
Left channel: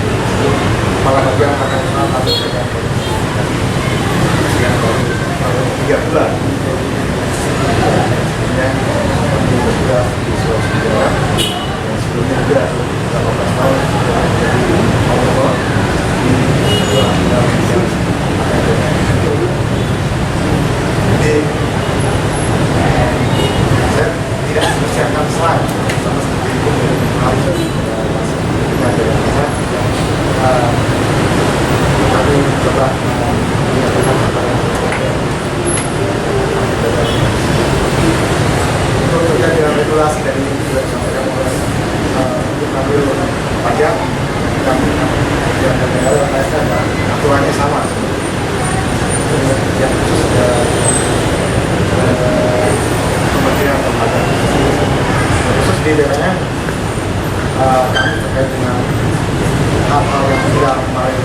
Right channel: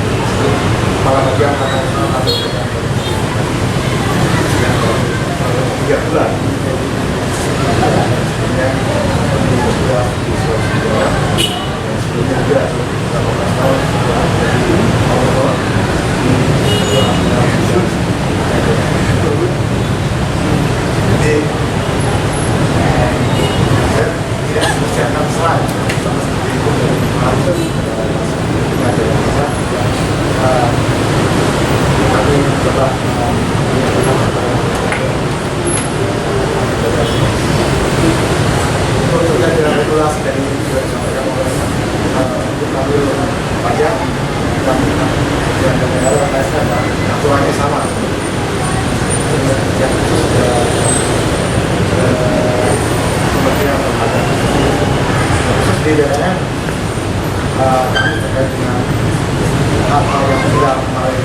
Kepala Bagian Internasional atau Jajaran yang baru 3 bulan. Sebelumnya sudah di Sulawesi Tenggara, dan sebelumnya juga 18 tahun sudah menjadi Allah di kedua bidang Jadi saya tidak mempersiapkan slide sama seperti itu harus kami coba menyampaikan kepada untuk terkait dengan regulasi dari sudah disampaikan oleh untuk mengambil pajak kami dan daerah ASN aturannya sama yang khusus Kementerian Lembaga khusus di BPN kami terkait dengan hal-hal yang tidak kemarin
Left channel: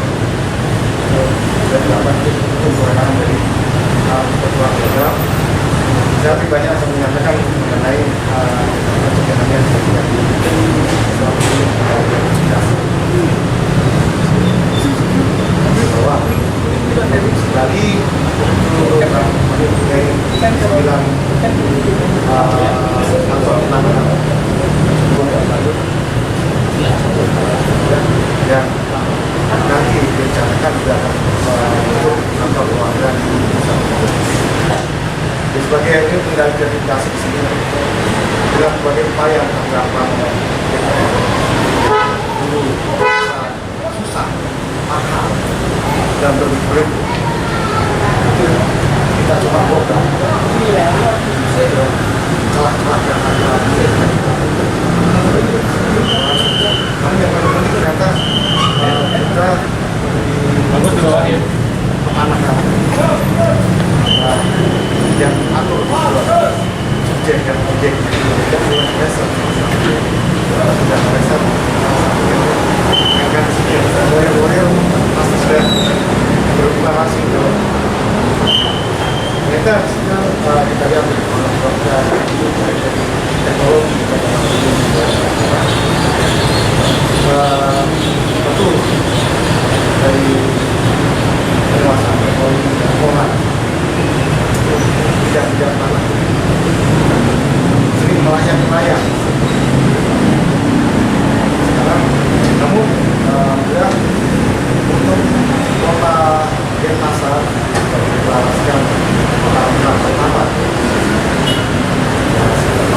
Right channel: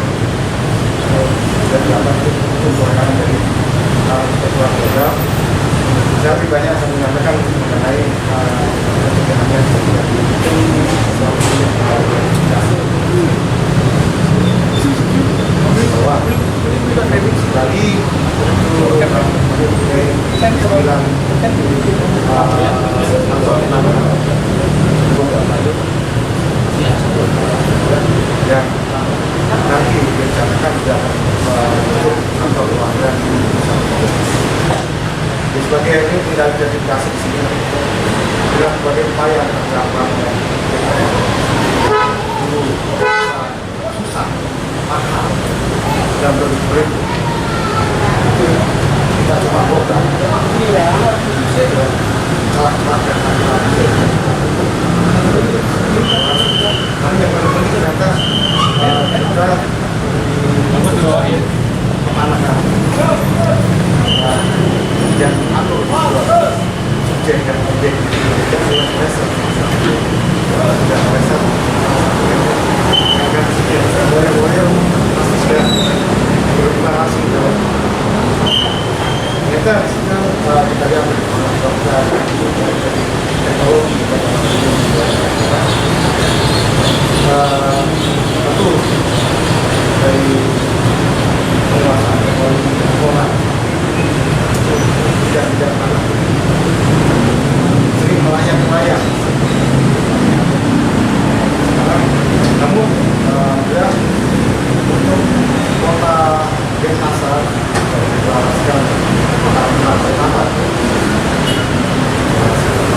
sudah dilakukan untuk kewenangan dari ketua program. Saya lebih banyak akan menyampaikan mengenai pencegahannya sehingga bahwa sekali itu mempunyai 9 atau 6 yang nanti direncanakan juga akan untuk kantor keluarga di sebagai ini tinggal identifikasi di sini juga sebagai upaya penerapan DPR dulu susah, mahal dan berbeda itu kita cuma program celah-celah yang ada namun yang paling penting ternyata kita di kemanakan yang atur subjek dan objek yang merasa dan merasa yang kan warrior pasti sudah berubah langsung ternyata disitu kita lihat dari teknologi betul dari penguasaan teknologi dan keuangan tidak mana sering melayang-layang sekarang, namun ya untuk kota Denpasar deklarasikan kota pertama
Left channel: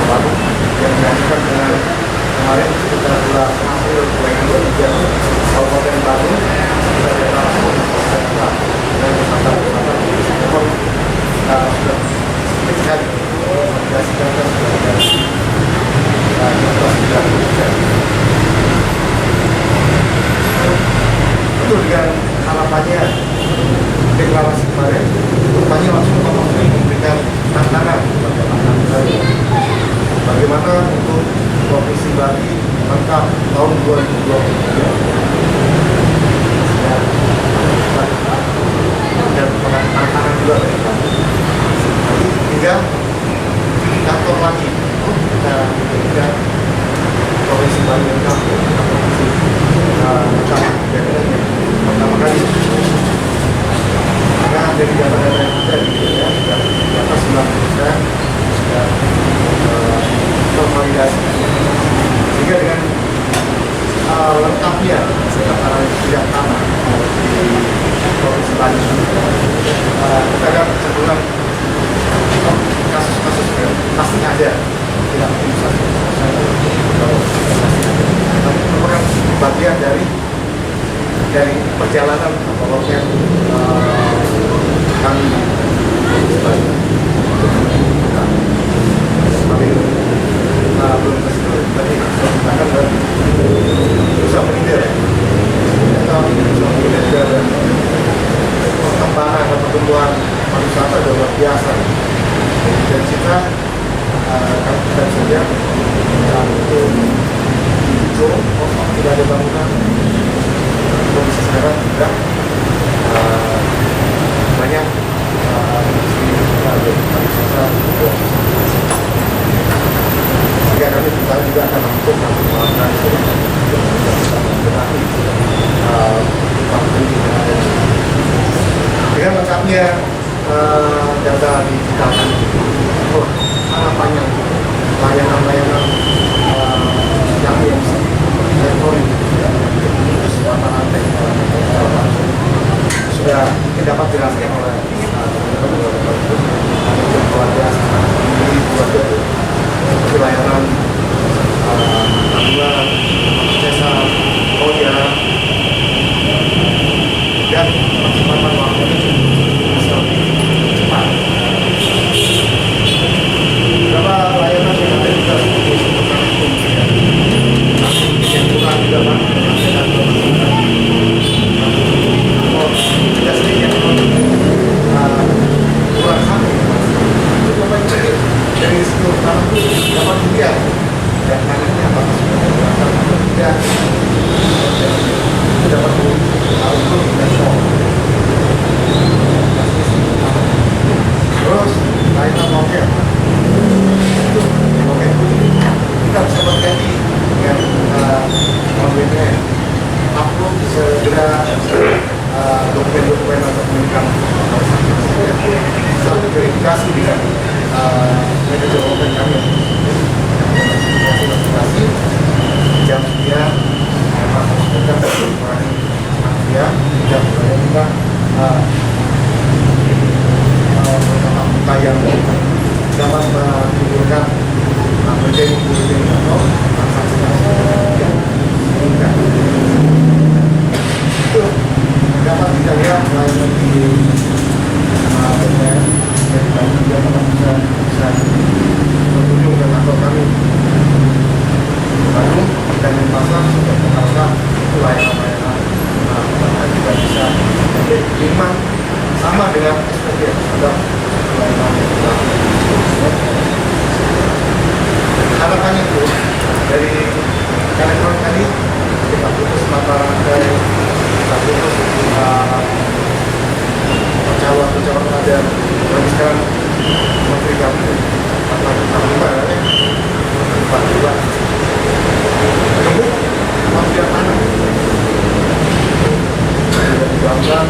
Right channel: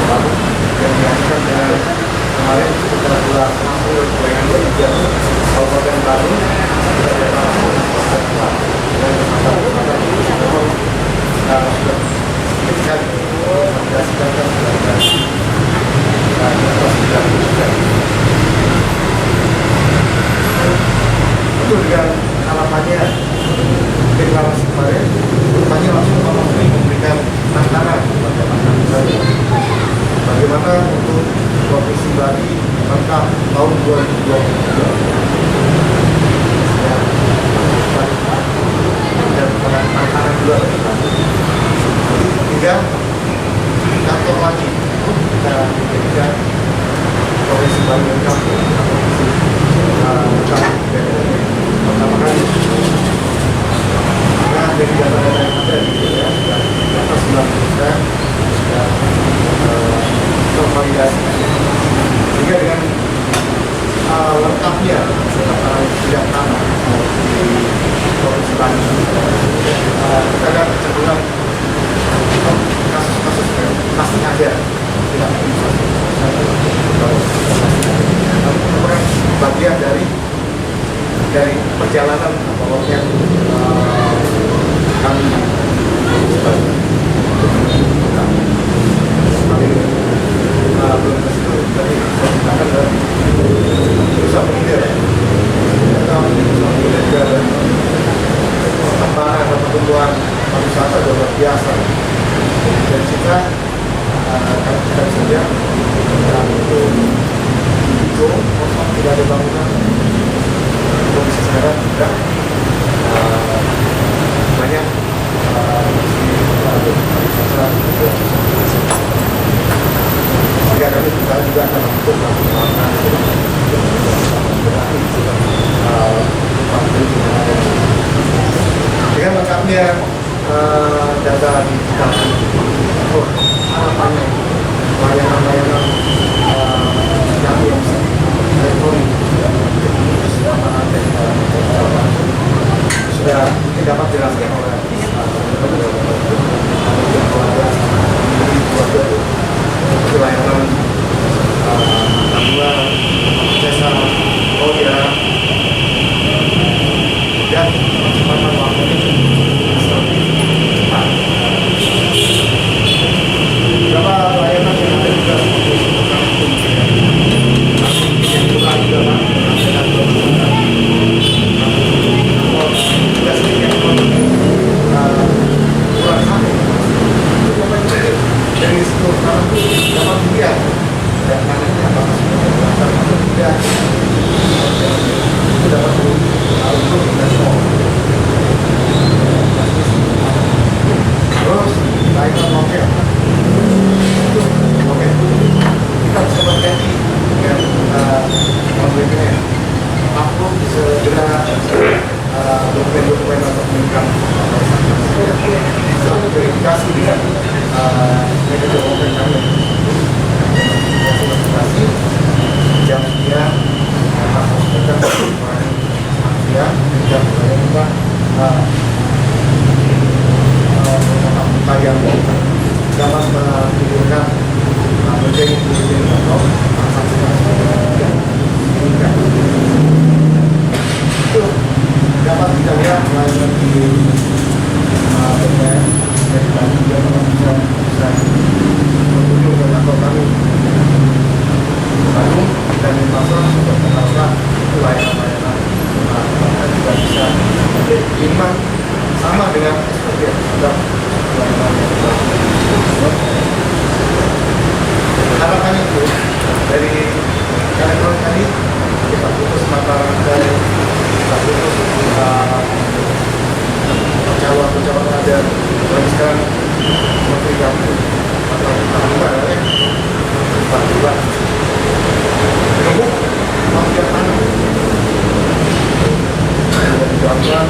baru yang dihasilkan dengan kemarin sekitar bulan April 2023 Kabupaten Bandung sudah deklarasi kota dan kesempatan sudah sedikit sekali menghasilkan sudah itu dengan harapannya deklarasi kemarin rupanya langsung memberikan tantangan kepada masyarakat bagaimana untuk Provinsi Bali lengkap tahun 2023 dan tantangan juga bagi kami. Nanti tinggal kantor lagi kita jadikan Provinsi Bali lengkap provinsi lengkap BPN pertama kali. Karena dari data-data yang ada di BPN di atas 90% sudah tervalidasi. Sehingga dengan lengkapnya tidak tanah di Provinsi Bali kita akan cenderung kasus-kasus pasti ada tidak bisa merupakan bagian dari perjalanan awalnya kami sebagai belum tersebut tadi saya katakan adalah berusaha menghindar atau berusaha menghindar juga dan perkembangan atau pertumbuhan pariwisata sudah luar biasa dan kita kalau kita bisa lihat itu kosong tidak ada bangunan kondisi sekarang juga banyak industri pariwisata sehingga kami juga akan lakukan dunia data digital oh, harapannya layanan-layanan yang elektronik sudah dapat dijelaskan oleh layanan tabungan, jasa, ya dan percepatan waktunya bisa lebih cepat. Beberapa layanan yang ada juga seperti yang kurang juga kan tidak sedikit kurang satu itu apa itu dari situ karena dapat dilihat dan kanannya apakah sudah berasal atau tidak itu dapat untuk dan semua terus layanan mobil itu mobil kita bisa berganti dengan mobilnya upload segera dokumen-dokumen atau penunjang bisa verifikasi dengan manajer mobil kami verifikasi jam dia kita mengurangi dia jam kita beberapa yang dapat menimbulkan menjadi atau transaksi yang meningkat itu dapat kita lihat melalui di BPN dari tadi juga teman bisa berkunjung ke kantor kami Bandung dan di pasar sudah mengenalkan layanan-layanan juga bisa kiriman sama dengan SPP yang sudah layanan yang harapannya itu dari elektronik tadi kita putus mata rantai, kita putus pecahan ada lagi sekarang menteri kami Pak menunggu mafia tanah dan dilakukan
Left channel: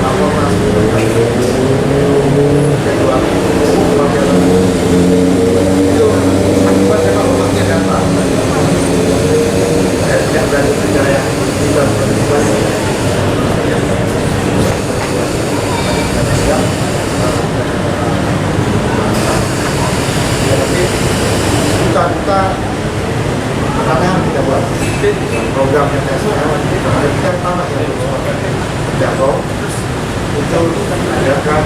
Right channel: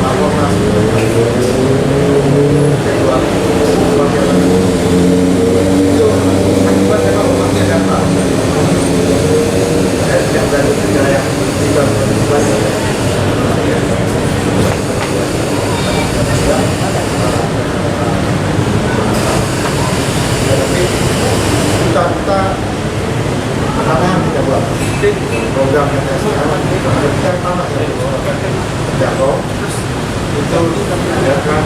laporan kedua mafia tanah itu akibat memang mafia data yang dari wilayah kita berbasis kita pertanahan kita buat program yang saya sekarang ada kita tanah yang terjangkau itu adakan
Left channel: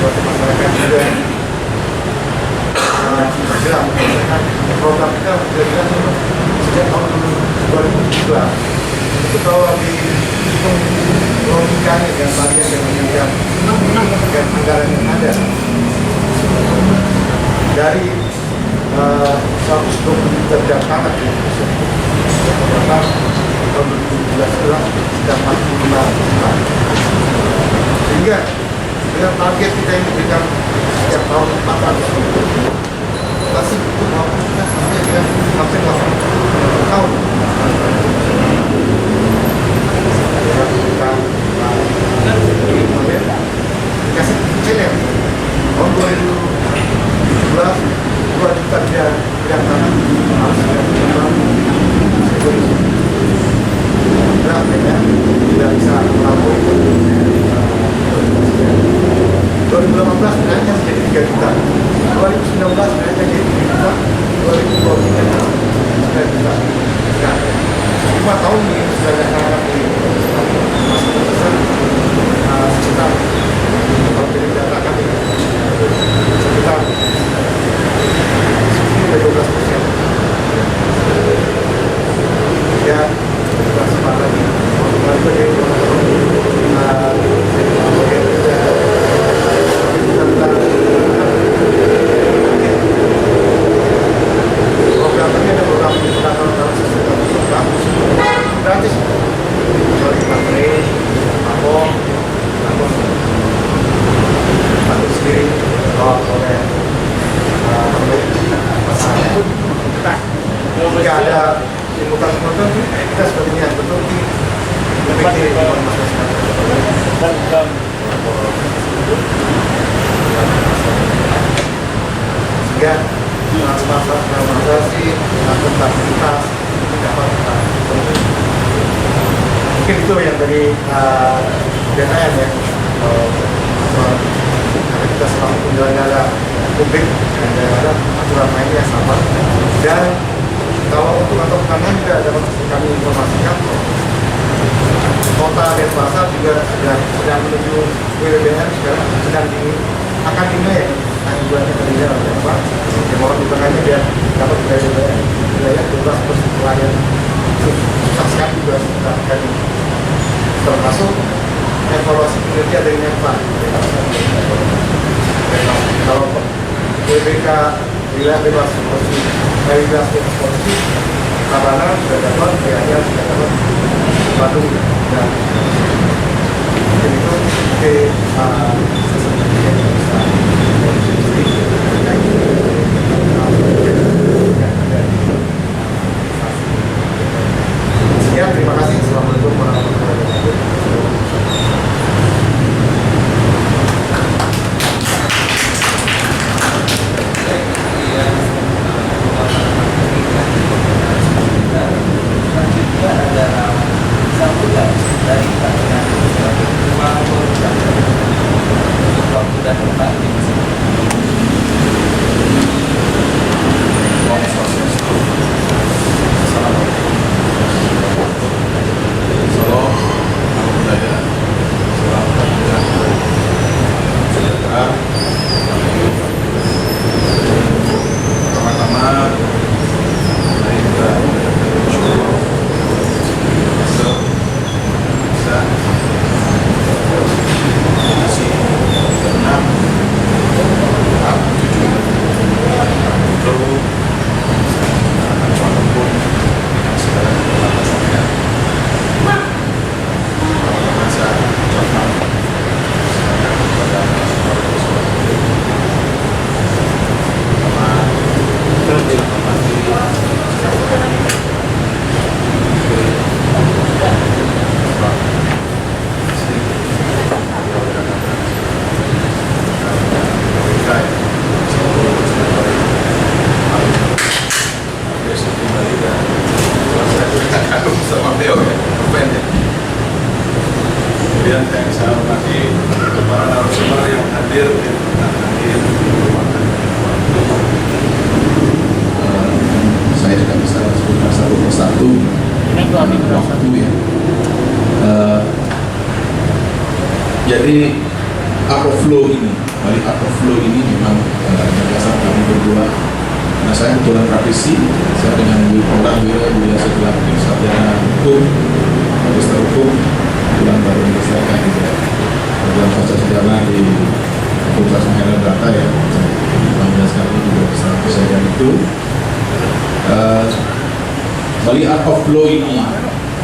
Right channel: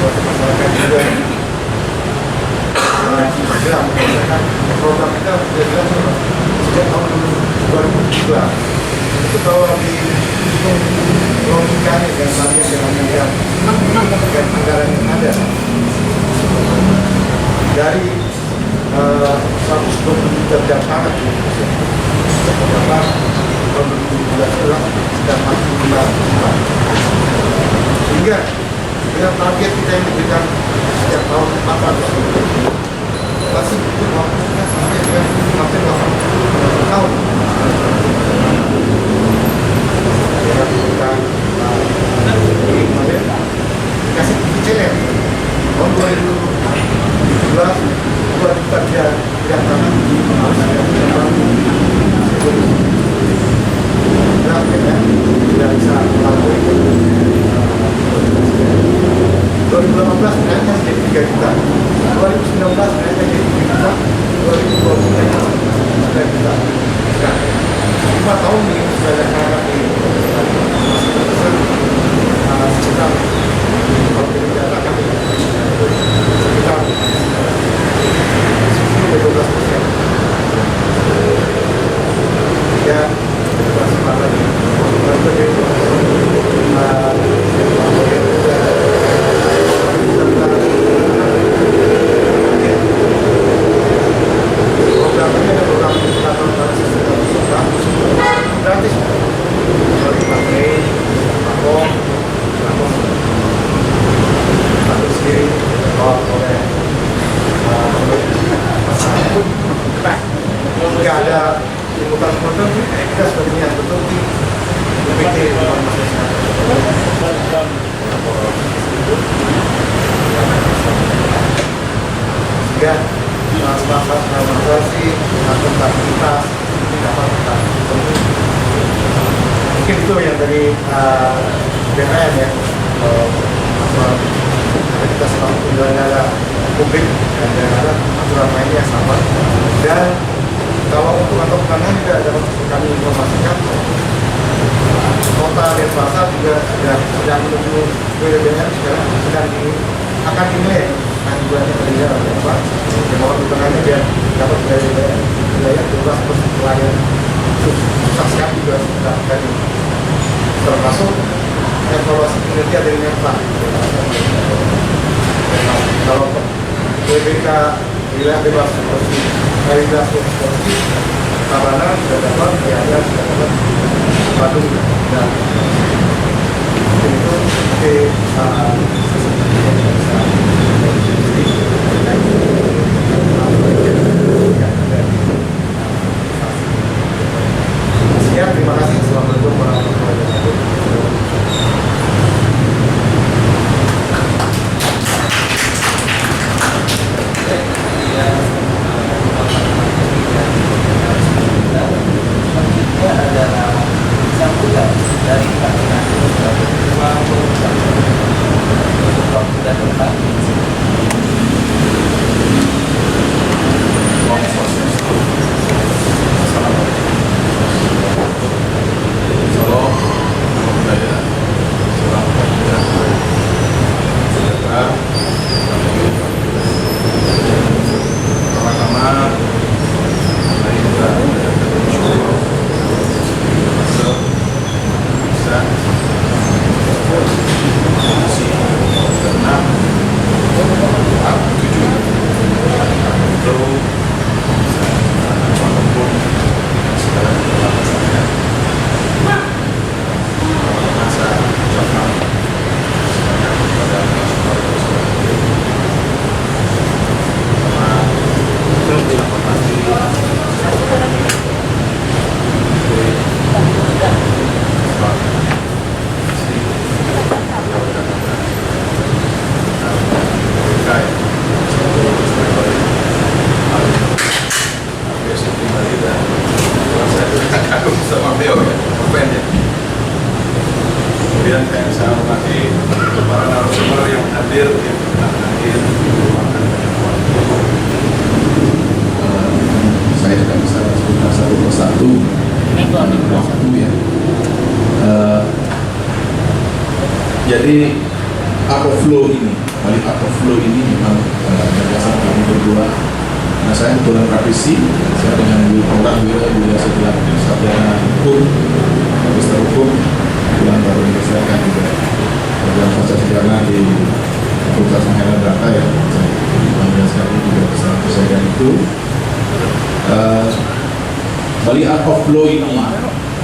masyarakat juga segera menyelesaikan program kita sudah jelas sejak tahun 2002 itu kalau dihitung logikanya dan bagian dengan anggaran yang ada dari 120 juta bidang tanah di Indonesia terdapat tahun 2017 sudah 45 juta sehingga dengan target kita yang diberikan setiap tahun 400 masih butuh waktunya sampai dengan hampir 80 tahun kita dikasih challenge tahun 2017 2 juta bidang tanah harus dilakukan berapa ya tidak bisa melalui 2018 sebenarnya jadi 3 juta 2019 sebenarnya jadi 3 juta 2020 9 juta nah 5 tahun ini sudah ada sangat di dari BKN ya, karena kita selalu penyelenggara publik dan ada aturan mainnya sama. Dan kalau untuk kantor penanganan juga dapat kami informasikan, kota Denpasar juga sedang menuju WBBM sekarang akan dinilai bulannya kerja apa yang mohon dukungannya biar dapat WBBM wilayah 12% pelayan susah sekali juga kita akan termasuk evaluasi kinerja dari Menpa. Kalau WBK wilayah bebas korupsi, bebas korupsi, Tabanan sudah dapat, Gianyar sudah dapat, Bandung dan itu sekian, terima kasih. Assalamualaikum warahmatullahi wabarakatuh. Kemudian saya hormati para narasumber yang hadir di pertengahan meluangkan banyak waktu. Saya tidak bisa sebutkan satu persatu waktu ya. Jadi art of flow ini, balik art of flow ini memang gagasan kami berdua. Nah, saya kebetulan praktisi, saya dengan orang Wira setelah sarjana hukum, magister hukum, kebetulan baru menyelesaikan juga program pasca sarjana di Fakultas Mahera Data ya. Alhamdulillah sekali juga bisa menyelesaikan itu. Bali Art of Flow ini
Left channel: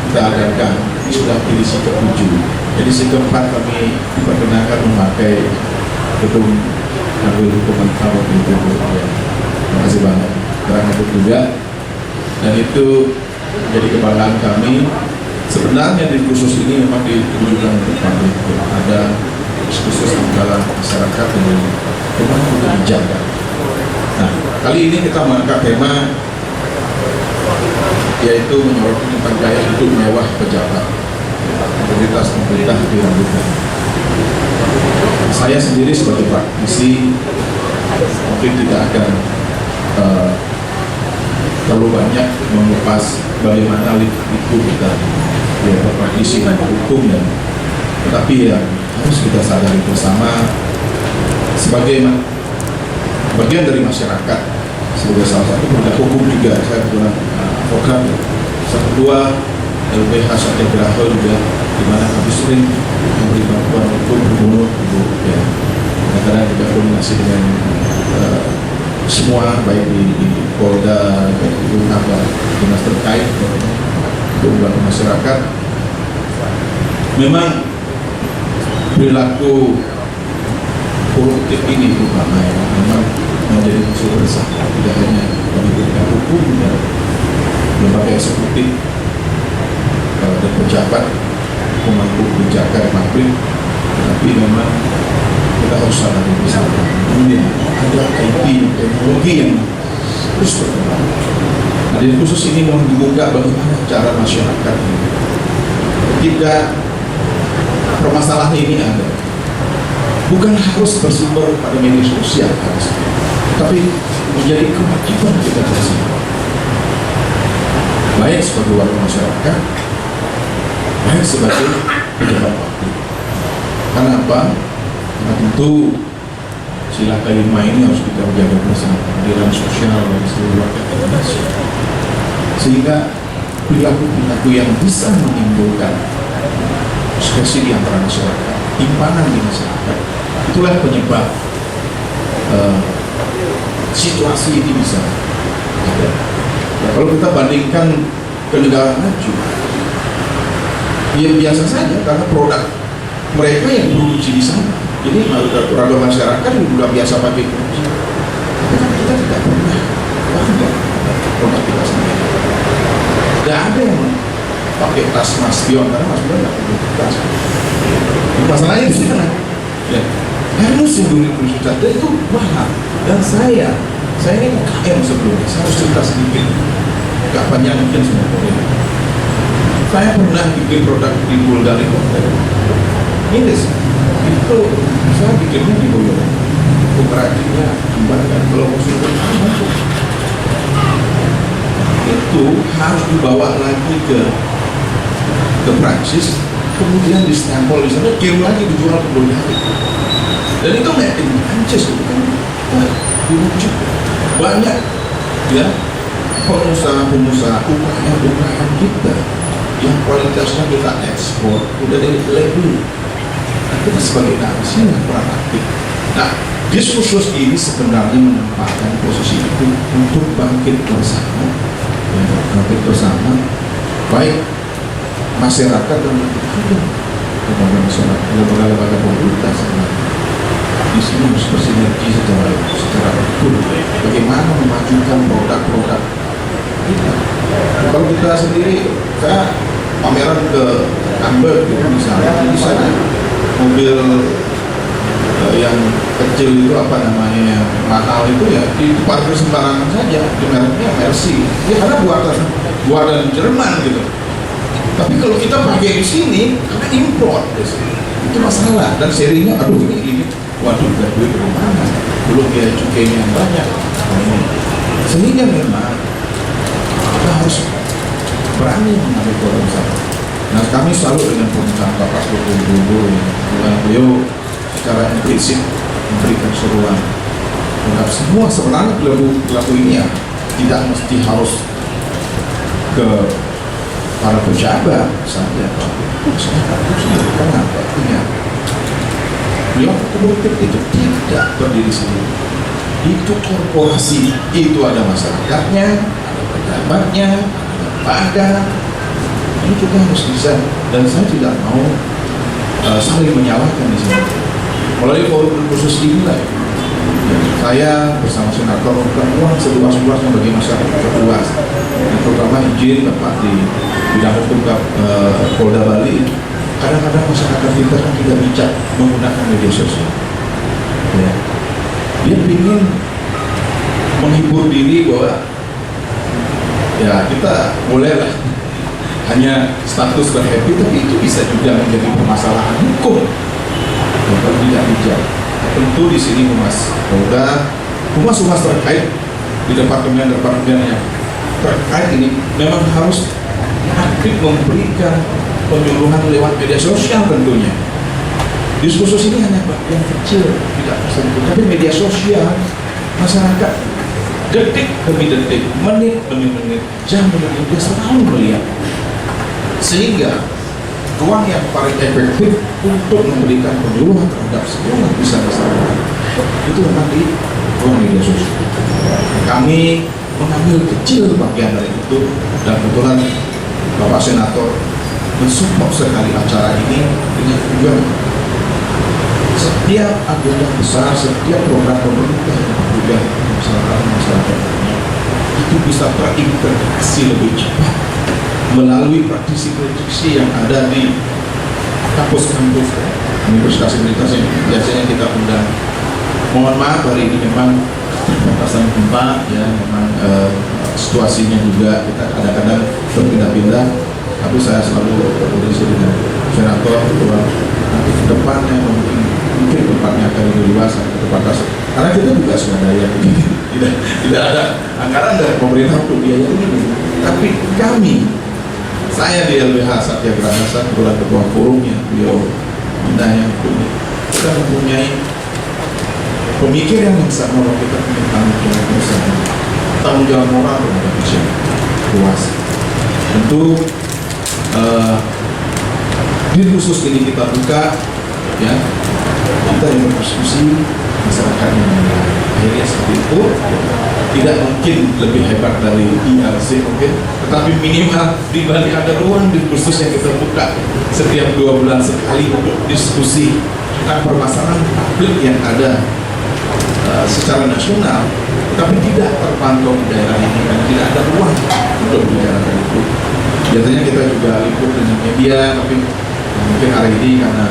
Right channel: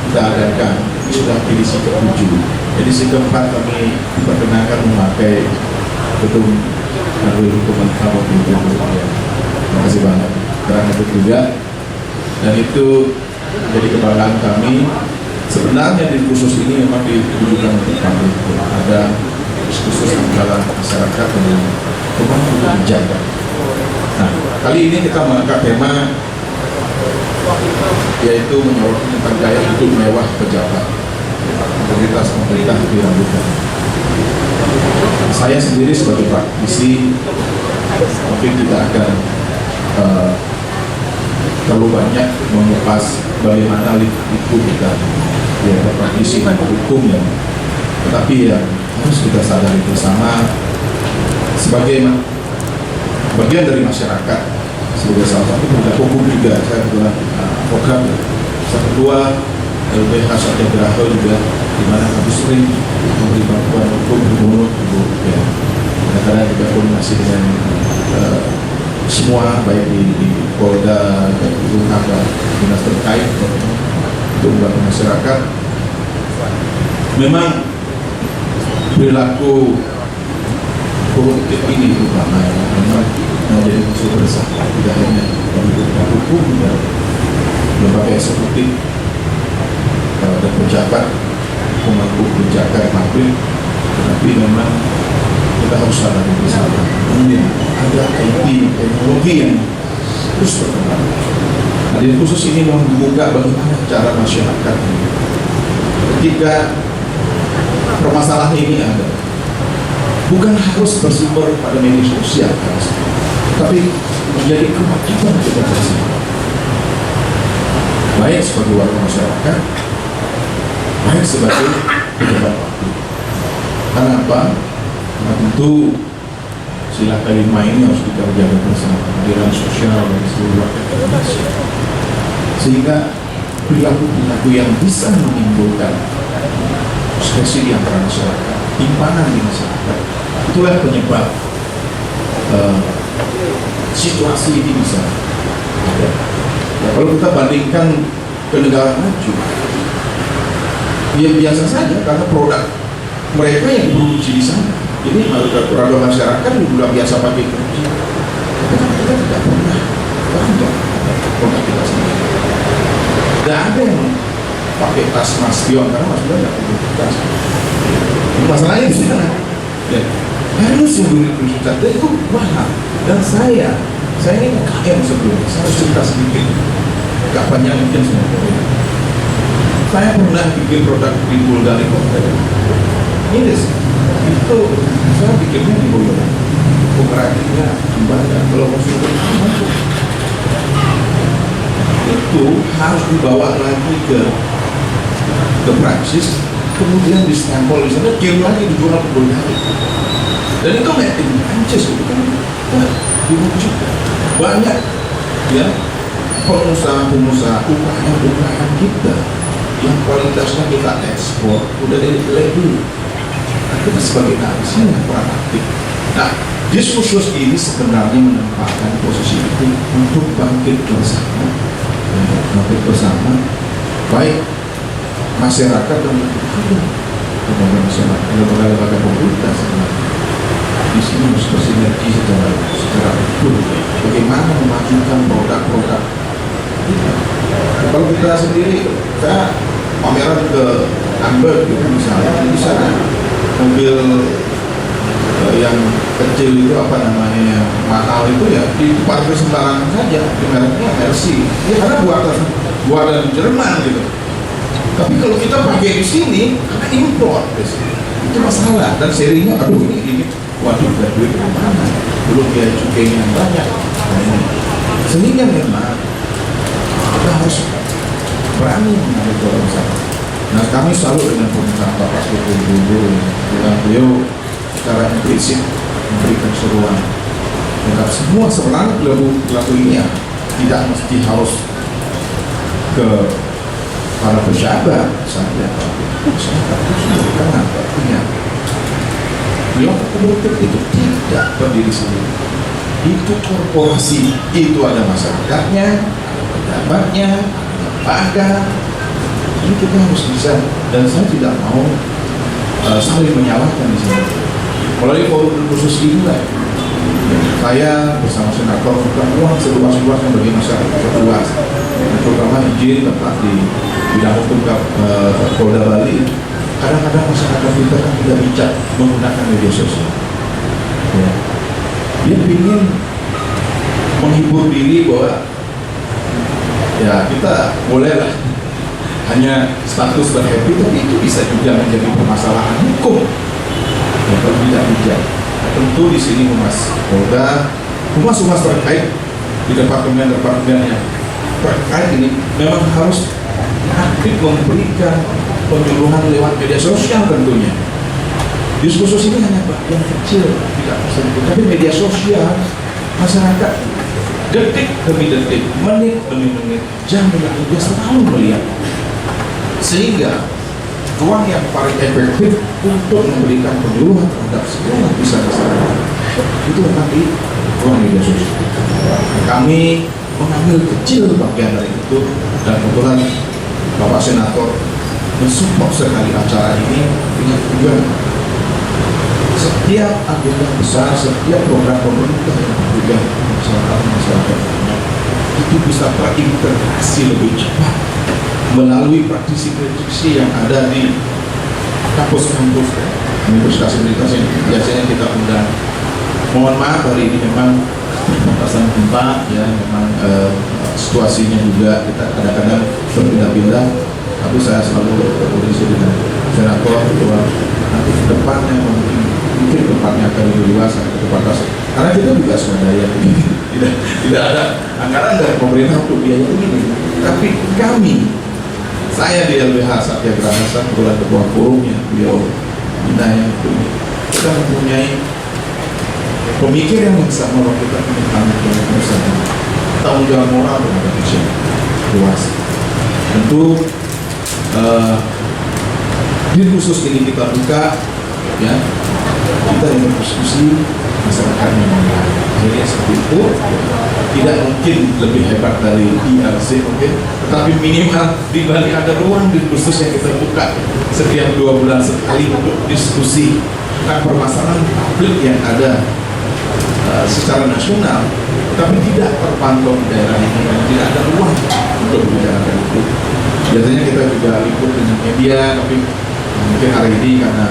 kita adakan, ini sudah edisi ke-7. Edisi ke-4 kami diperkenalkan memakai gedung Kanwil Hukuman Kabut itu. Terima kasih banget. Terang itu juga. Dan itu jadi kebanggaan kami. Sebenarnya di kursus ini memang ditujukan untuk publik. Ada khusus antara masyarakat dengan pemangku kebijakan. Nah, kali ini kita mengangkat tema yaitu menyorot tentang gaya hidup mewah pejabat. Integritas pemerintah diragukan. Saya sendiri sebagai praktisi mungkin tidak akan terlalu banyak mengupas bagaimana liku kita ya praktisi hukum ya, tetapi ya harus kita sadari bersama sebagai bagian dari masyarakat, sebagai salah satu penegak hukum juga. Saya kebetulan program ya. Yang kedua LBH Satyagraha juga, di mana kami sering memberi bantuan hukum gubernur ya. Kadang-kadang juga koordinasi dengan semua baik di Polda, Lembaga dinas terkait untuk membantu masyarakat. Memang perilaku koruptif ini terutama ya, memang menjadi musuh bersama tidak hanya penegak hukum dan lembaga eksekutif dan pejabat pemangku kebijakan publik, tetapi memang kita harus sadar bersama. Kemudian ada IT teknologi yang terus berkembang. Nah, di khusus ini mohon dibuka bagaimana cara masyarakat ketika permasalahan ini ada, bukan harus bersumber pada media sosial, tapi menjadi kewajiban kita bersama, baik sebagai warga masyarakat, baik sebagai pejabat publik. Karena apa? Karena tentu sila kelima ini harus kita jaga bersama, keadilan sosial bagi seluruh rakyat Indonesia, sehingga perilaku-perilaku yang bisa menimbulkan frustasi di antara masyarakat, timpanan di masyarakat, itulah penyebab situasi ini bisa ada. Ya, kalau kita bandingkan ke negara maju, ya biasa saja karena produk mereka yang produksi di sana. Jadi produk masyarakat juga biasa pakai produksi. Tapi kan kita tidak pernah bangga produk kita sendiri. Tidak ada yang pakai tas Mas Bion karena Mas Bion tidak pakai tas. Masalahnya di sana. Ya, harus yang beli tas itu mahal. Dan saya ini UKM sebelumnya. Saya harus cerita sedikit. Gak panjang mungkin semua. Saya pernah bikin produk di Bulgaria. Ini itu saya bikinnya di Boyolali, pengrajinnya Jembatan, kalau konsumen masuk itu harus dibawa lagi ke Prancis, kemudian di stempel di sana, kirim lagi dijual ke Bulgaria, dan itu made in Prancis, itu kan diwujud banyak ya pengusaha-pengusaha UKM kita yang kualitasnya kita ekspor udah dari label. Kita sebagai nasi yang peran aktif. Nah, diskursus ini sebenarnya menempatkan posisi itu untuk bangkit bersama, baik masyarakat dan lembaga masyarakat, lembaga pemerintah sebenarnya. Di sini harus bersinergi secara utuh. Bagaimana memajukan produk-produk kita. Kalau kita sendiri, saya pameran ke Hamburg gitu misalnya, di sana mobil yang kecil itu apa namanya yang mahal itu ya diparkir sembarangan saja, di mereknya Mercy ya karena buatan Jerman gitu. Tapi kalau kita pakai di sini karena import itu masalah, dan serinya aduh ini waduh udah duit dari mana, belum biaya cukainya yang banyak. Nah, ini sehingga memang kita harus berani mengambil peluang bersama. Nah, kami selalu dengan pemerintahan Bapak Widodo yang beliau secara implisit memberikan seruan terhadap semua sebenarnya pelaku ini ya tidak mesti harus ke para pejabat saja, tapi masyarakat itu sendiri. Kenapa? Ingat, beliau politik itu tidak berdiri sendiri. Itu korporasi, itu ada masyarakatnya, ada pejabatnya, ada lembaga. Ini kita harus bisa, dan saya tidak mau saling menyalahkan di sini. Melalui forum khusus inilah saya bersama senator bukan uang seluas-luasnya bagi masyarakat luas, terutama izin Bapak di bidang hukum Polda Bali. Kadang-kadang masyarakat kita kan tidak bijak menggunakan media sosial. Ya. Dia ingin menghibur diri bahwa ya kita bolehlah hanya status berhappy, tapi itu bisa juga menjadi permasalahan hukum yang tidak bijak. Tentu di sini humas terkait di departemen yang terkait ini memang harus aktif memberikan penyuluhan lewat media sosial tentunya. Diskursus ini hanya bagian kecil, tidak tersentuh, tapi media sosial masyarakat detik demi detik, menit demi menit, jam demi jam dia selalu melihat. Sehingga ruang yang paling efektif untuk memberikan penyuluhan terhadap semua lapisan masyarakat itu memang di ruang media sosial. Kami mengambil kecil bagian dari itu, dan kebetulan Bapak Senator mensupport sekali acara ini dengan tujuan setiap agenda besar, setiap program pemerintah yang juga masyarakat itu bisa terintegrasi lebih cepat melalui praktisi-praktisi yang ada di kampus-kampus universitas-universitas yang biasanya kita undang. Mohon maaf hari ini memang batasan tempat ya, memang situasinya juga kita kadang-kadang berpindah-pindah, tapi saya selalu berkoordinasi dengan senator bahwa nanti ke depannya mungkin tempatnya akan lebih luas ke tempat atas. Karena kita juga swadaya begini, tidak ada anggaran dari pemerintah untuk biaya ini. Tapi saya di LBH Satyagraha kebetulan ketua forumnya, beliau Bina yang ini, kita mempunyai pemikiran yang sama bahwa kita punya tanggung jawab moral terhadap Indonesia luas. Tentu di khusus ini kita buka, ya, kita yang berdiskusi, masyarakat yang mendengar. Akhirnya seperti itu, tidak mungkin lebih hebat dari IRC mungkin, tetapi minimal di balik ada ruang khusus yang kita buka setiap 2 bulan sekali untuk diskusi tentang permasalahan publik yang ada secara nasional, tapi tidak terpantau di daerah ini karena tidak ada ruang untuk membicarakan itu. Biasanya kita juga liput dengan media, tapi mungkin hari ini karena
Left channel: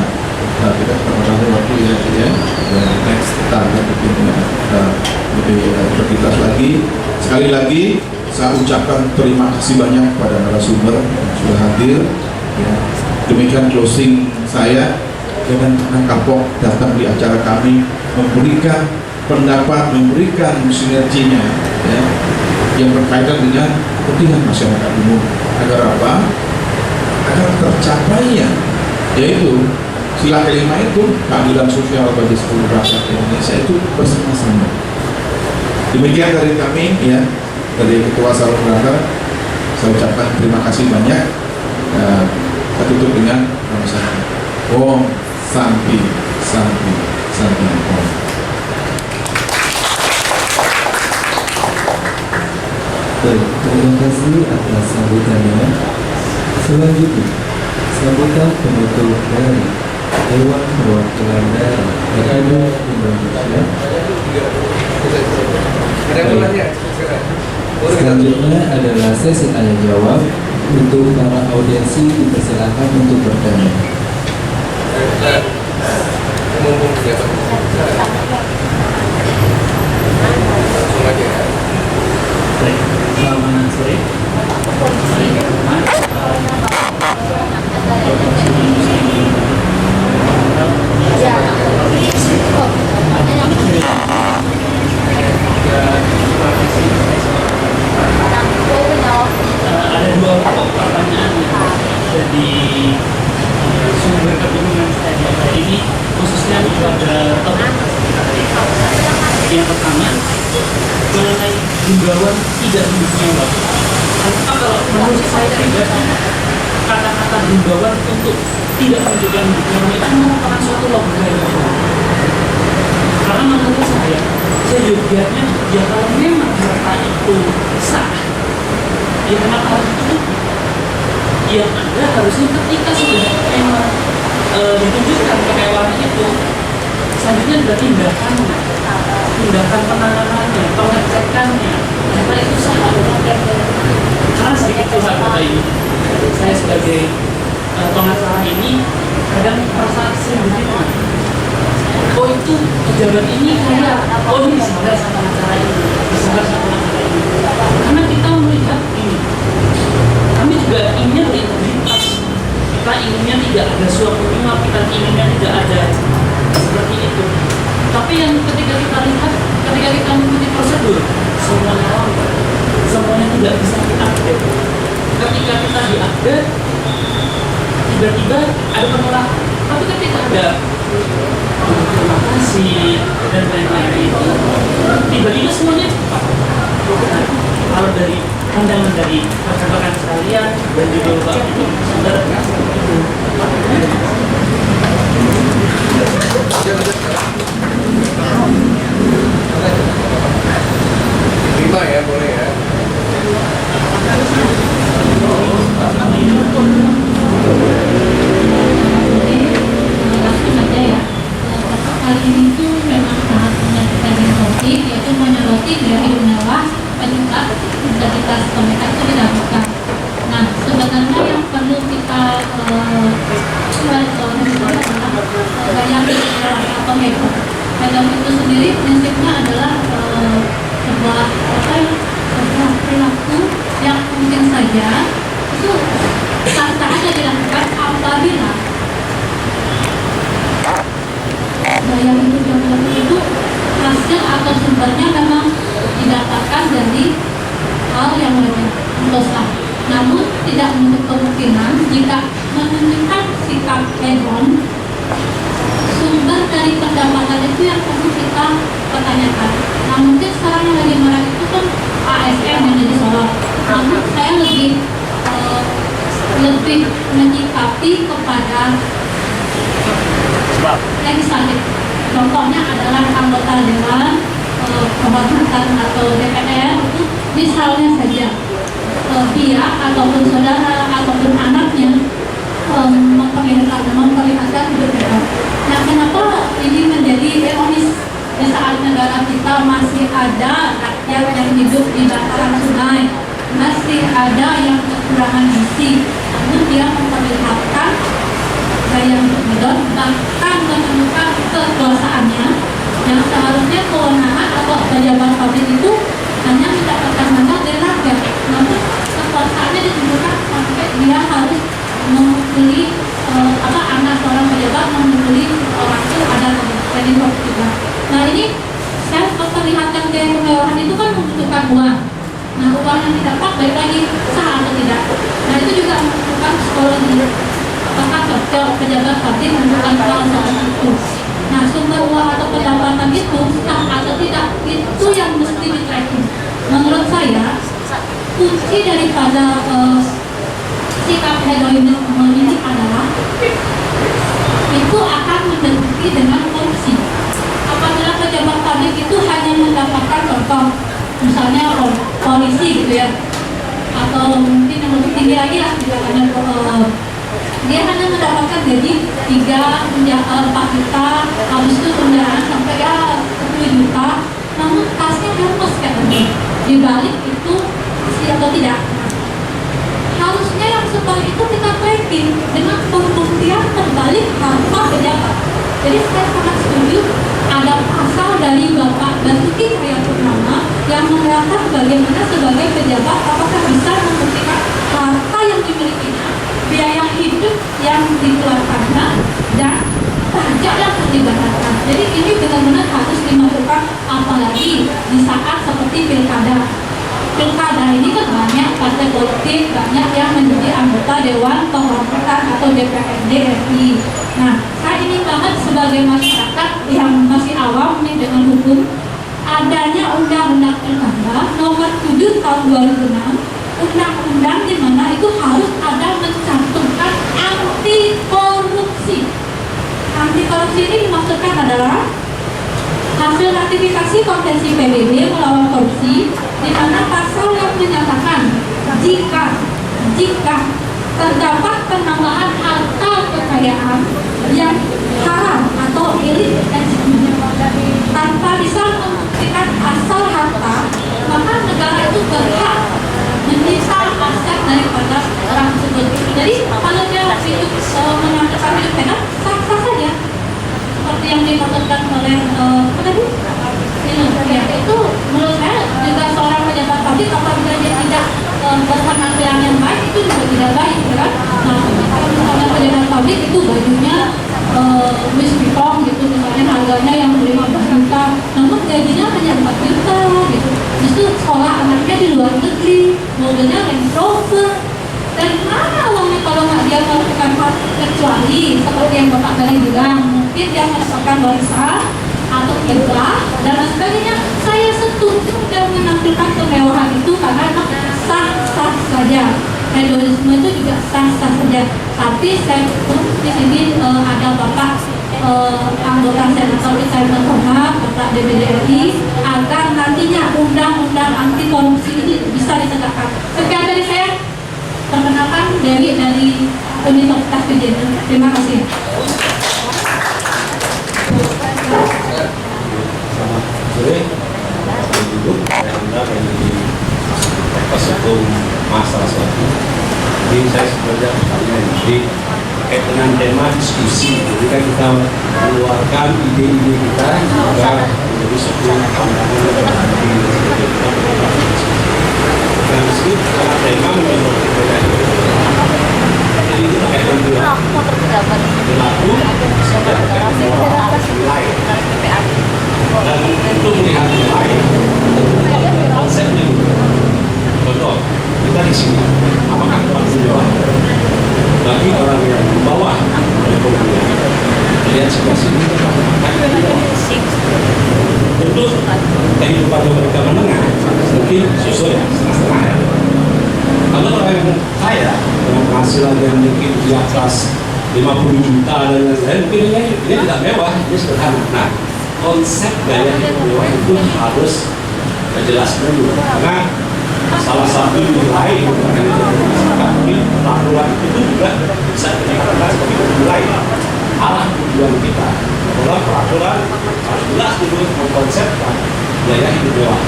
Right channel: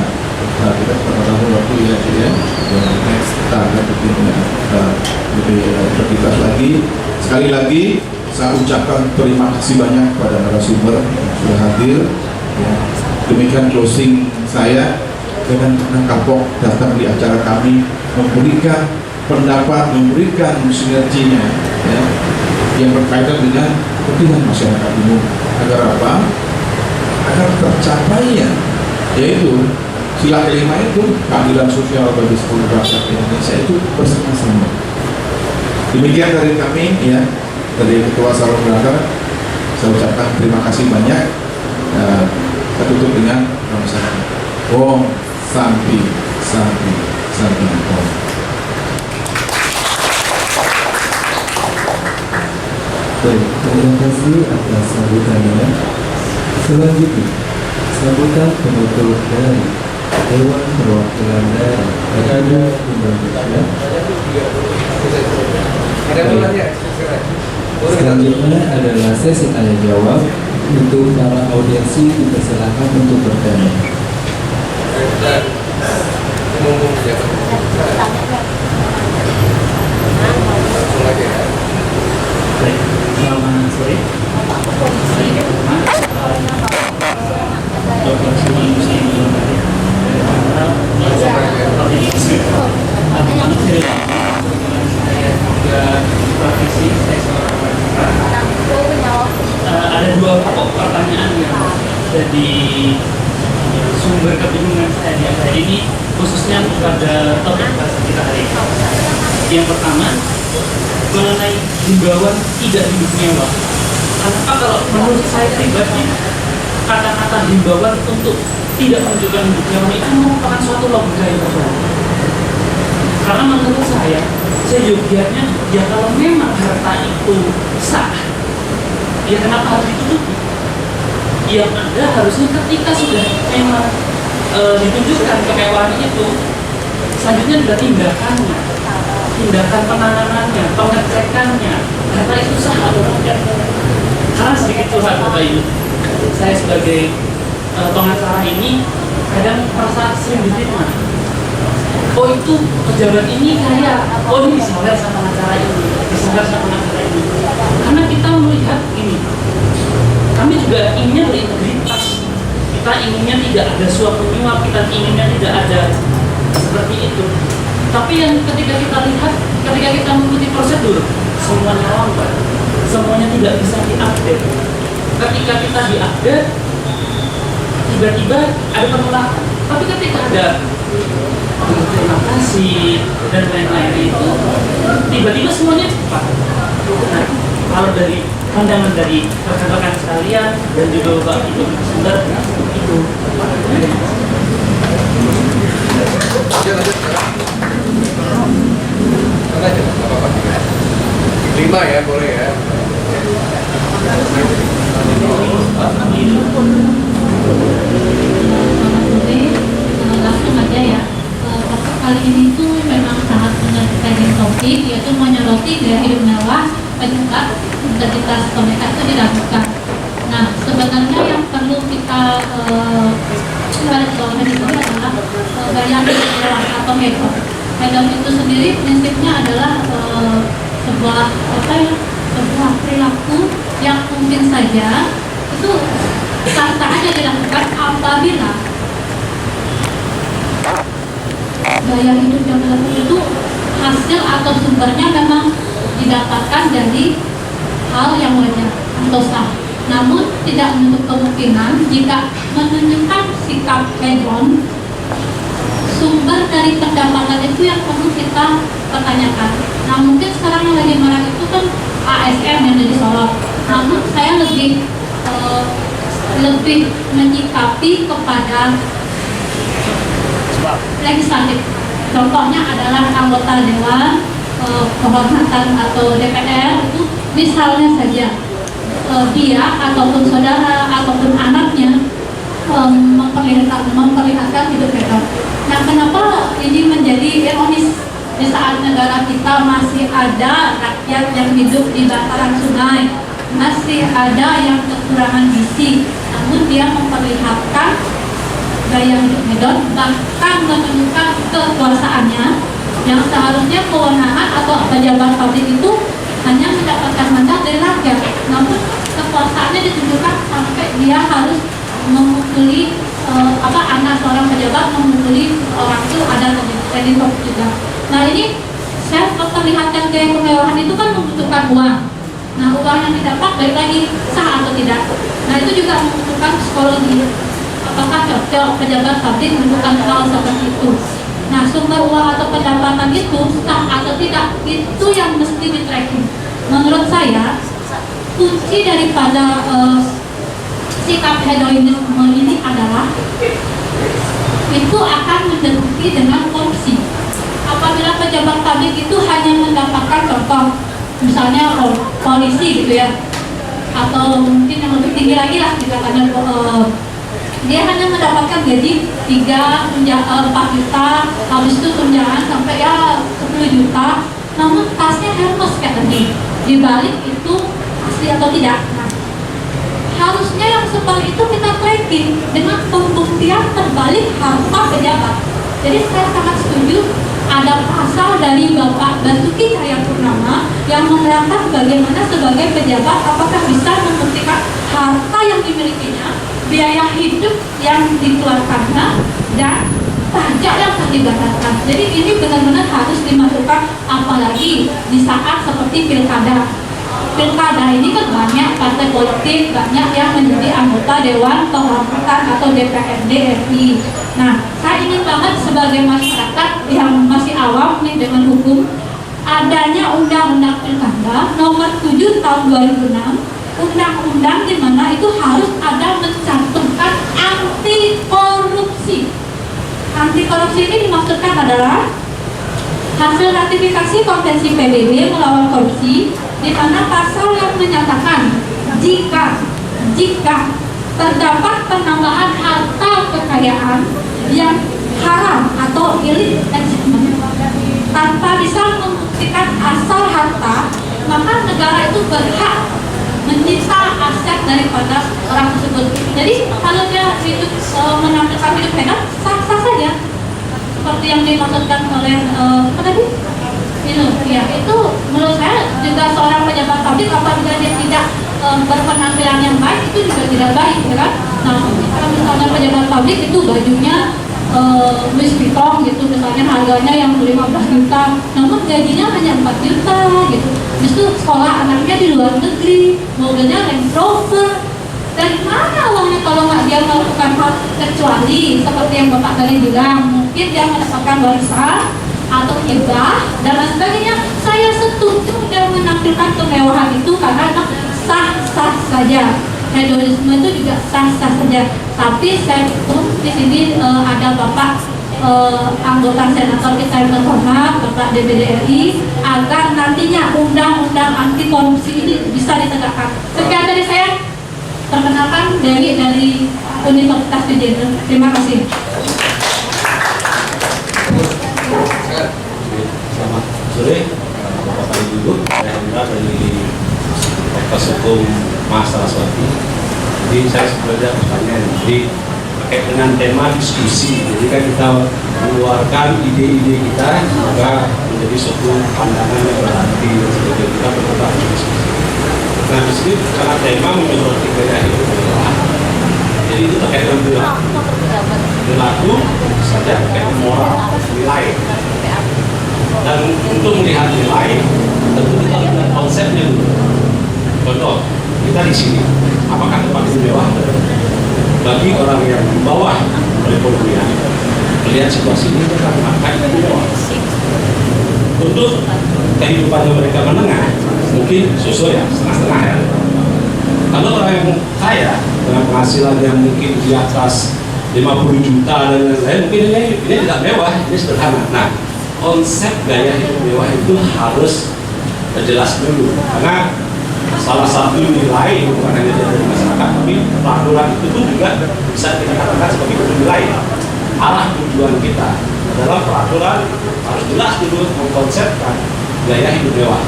kita ketemu waktu ya, next kita akan lebih berkitas lagi. Sekali lagi saya ucapkan terima kasih banyak kepada narasumber yang sudah hadir. Ya. Demikian closing saya. Dengan kapok datang di acara kami, memberikan pendapat, memberikan sinerginya, ya, yang berkaitan dengan kepentingan masyarakat umum. Agar apa? Agar tercapainya, yaitu sila kelima itu, keadilan sosial bagi seluruh rakyat Indonesia itu bersama-sama. Demikian dari kami, ya, dari Ketua Salon Brother, saya ucapkan terima kasih banyak. Saya tutup dengan nama Om Santi Om. Baik, terima kasih atas sambutannya. Selanjutnya, sambutan penutup dari Dewan Perwakilan Daerah Republik Indonesia. Selanjutnya adalah sesi tanya jawab. Untuk para audiensi dipersilakan untuk bertanya. Langsung aja ya. Baik, selamat sore. Ada 2 pokok pertanyaan yang jadi sumber kebingungan saya di hari ini, khususnya pada topik kita hari ini. Yang pertama, mengenai himbauan tidak hidup mewah. Kenapa kalau menurut saya pribadi, kata-kata himbauan untuk tidak menunjukkan hidup mewah itu merupakan suatu logika yang salah. Karena menurut saya seyogianya, ya kalau memang harta itu sah, ya kenapa harus ditutupi? Yang ada harusnya ketika sudah memang ditunjukkan kemewahan itu, selanjutnya ada tindakannya, tindakan penanganannya, pengecekannya, data itu sah atau tidak. Karena sedikit curhat kata ini, saya sebagai pengacara ini kadang merasa sering difitnah. Oh itu pejabat ini kaya, oh ini disadar sama pengacara ini, disadar sama pengacara ini. Karena kita melihat ini, kami juga inginnya berintegritas. Kita inginnya tidak ada suap menyuap, kita inginnya tidak ada seperti itu. Tapi yang ketika kita lihat, ketika kita mengikuti prosedur, semuanya lambat, semuanya tidak bisa diupdate. Ketika kita diupdate, tiba-tiba ada penolakan. Tapi ketika ada terima kasih dan lain-lain itu, tiba-tiba semuanya cepat. Nah, kalau dari pandangan dari rekan-rekan sekalian dan juga Bapak Ibu Sumber itu. Lima ya, boleh ya. Langsung aja ya. Kali ini tuh memang sangat menyajikan topik, yaitu menyoroti gaya hidup mewah penyebab identitas mereka itu diragukan. Nah, sebenarnya yang perlu kita garis bawahi itu adalah gaya hidup mewah atau hedon. Hedon itu sendiri prinsipnya adalah sebuah perilaku yang mungkin saja itu sah-sah aja dilakukan apabila gaya hidup yang bagus itu hasil atau sumbernya memang didapatkan dari hal yang wajar atau sah. Namun tidak menutup kemungkinan jika menunjukkan sikap hedon, sumber dari pendapatan itu yang perlu kita pertanyakan. Nah mungkin sekarang yang lagi marah itu kan ASN yang jadi sorot. Namun saya lebih menyikapi kepada legislatif. Contohnya adalah anggota dewan kehormatan atau DPR itu misalnya saja dia ataupun saudara ataupun anaknya memperlihatkan hidup hedon. Nah kenapa ini menjadi ironis di saat negara kita masih ada rakyat yang hidup di bantaran sungai, masih ada yang kekurangan gizi, namun dia memperlihatkan gaya hidup hedon, bahkan menunjukkan kekuasaannya yang seharusnya kewenangan atau pejabat publik itu hanya mendapatkan mandat dari rakyat, namun kekuasaannya ditunjukkan sampai dia harus memukuli anak seorang pejabat, memukuli orang itu ada kreditor juga. Nah ini saya memperlihatkan gaya kemewahan itu kan membutuhkan uang. Nah uang yang didapat balik lagi sah atau tidak. Nah itu juga membutuhkan psikologi. Apakah cocok pejabat publik melakukan hal seperti itu? Nah sumber uang atau pendapatan itu sah atau tidak itu yang mesti di-tracking. Menurut saya kunci daripada sikap hedonisme ini adalah itu akan mendeteksi dengan korupsi. Apabila pejabat publik itu hanya mendapatkan contoh, misalnya polisi gitu ya, atau mungkin yang lebih tinggi lagi lah, misalnya dia hanya mendapatkan gaji 4 juta, habis itu tunjangan sampai ya 10 juta, namun tasnya Hermes kayak tadi. Dibalik itu asli atau tidak. Harusnya yang seperti itu kita tracking dengan pembuktian terbalik harta pejabat. Jadi saya sangat setuju ada pasal dari Bapak Basuki Cahayapurnama yang menerangkan bagaimana sebagai pejabat apakah bisa membuktikan harta yang dimilikinya, biaya hidup yang dikeluarkannya, dan pajak yang dibayarkan. Jadi ini benar-benar harus dimasukkan, apalagi di saat seperti pilkada. Pilkada ini kan banyak partai politik, banyak yang menjadi anggota Dewan Kehormatan atau DPRD RI. Nah, saya ingin banget sebagai masyarakat yang masih awam nih dengan hukum, adanya Undang-Undang Pilkada Nomor 7 Tahun 2006, undang-undang di mana itu harus ada mencantumkan anti korupsi. Anti korupsi ini dimaksudkan adalah hasil ratifikasi Konvensi PBB melawan korupsi, di mana pasal yang menyatakan jika terdapat penambahan harta kekayaan yang haram atau illicit tanpa bisa membuktikan asal harta, maka negara itu berhak menyita aset daripada orang tersebut. Jadi kalau dia hidup menampilkan hidup hedon, sah-sah saja. Seperti yang dimaksudkan oleh tadi ya, itu menurut saya juga seorang pejabat publik apabila dia tidak berpenampilan yang baik itu juga tidak baik, ya kan? Nah, misalnya pejabat publik itu bajunya Louis Vuitton gitu, misalnya harganya yang 15 juta, namun gajinya hanya 4 juta gitu. Justru sekolah anaknya di luar negeri, mobilnya Range Rover. Dari mana uangnya kalau nggak dia melakukan hal, kecuali seperti yang Bapak tadi bilang, mungkin dia mendapatkan warisan atau hibah dan lain sebagainya. Saya setuju dia menampilkan kemewahan itu karena sah-sah saja. Hedonisme itu juga sah-sah saja. Tapi saya pun di sini ada Bapak anggota senator kita yang terhormat, Bapak DPD RI, agar nantinya undang-undang anti korupsi ini bisa ditegakkan. Sekian dari saya. Perkenalkan Dewi dari Universitas Widyadara. Terima kasih. Selamat sore, Bapak Ibu. Saya Hendra dari Fakultas Hukum Mas Saraswati. Jadi saya sebenarnya bertanya jadi terkait dengan tema diskusi. Jadi kan kita mengeluarkan ide-ide kita juga menjadi sebuah pandangan yang berarti dan sebagainya kita berdebat diskusi. Nah, di sini karena tema menyoroti beda itu. Jadi itu terkait dengan perilaku, saja terkait moral, nilai. Dan untuk melihat yang lain, tentu kita harus melihat konsepnya dulu. Contoh, kita di sini, apakah tempat ini mewah? Bagi orang yang di bawah perekonomian, melihat situasi ini, apakah ini mewah? Tentu kehidupannya mereka menengah, mungkin sesuai ya, setengah-setengah ya. Kalau orang yang kaya dengan penghasilan yang mungkin di atas 50 juta dan lain-lain, mungkin ini tidak mewah, ini sederhana. Nah, konsep gaya hidup mewah itu harus jelas dulu, karena salah satu nilai bukan hanya dari masyarakat, tapi peraturan itu pun juga bisa kita katakan sebagai nilai arah tujuan kita adalah peraturan harus jelas dulu mengkonsepkan gaya hidup mewah.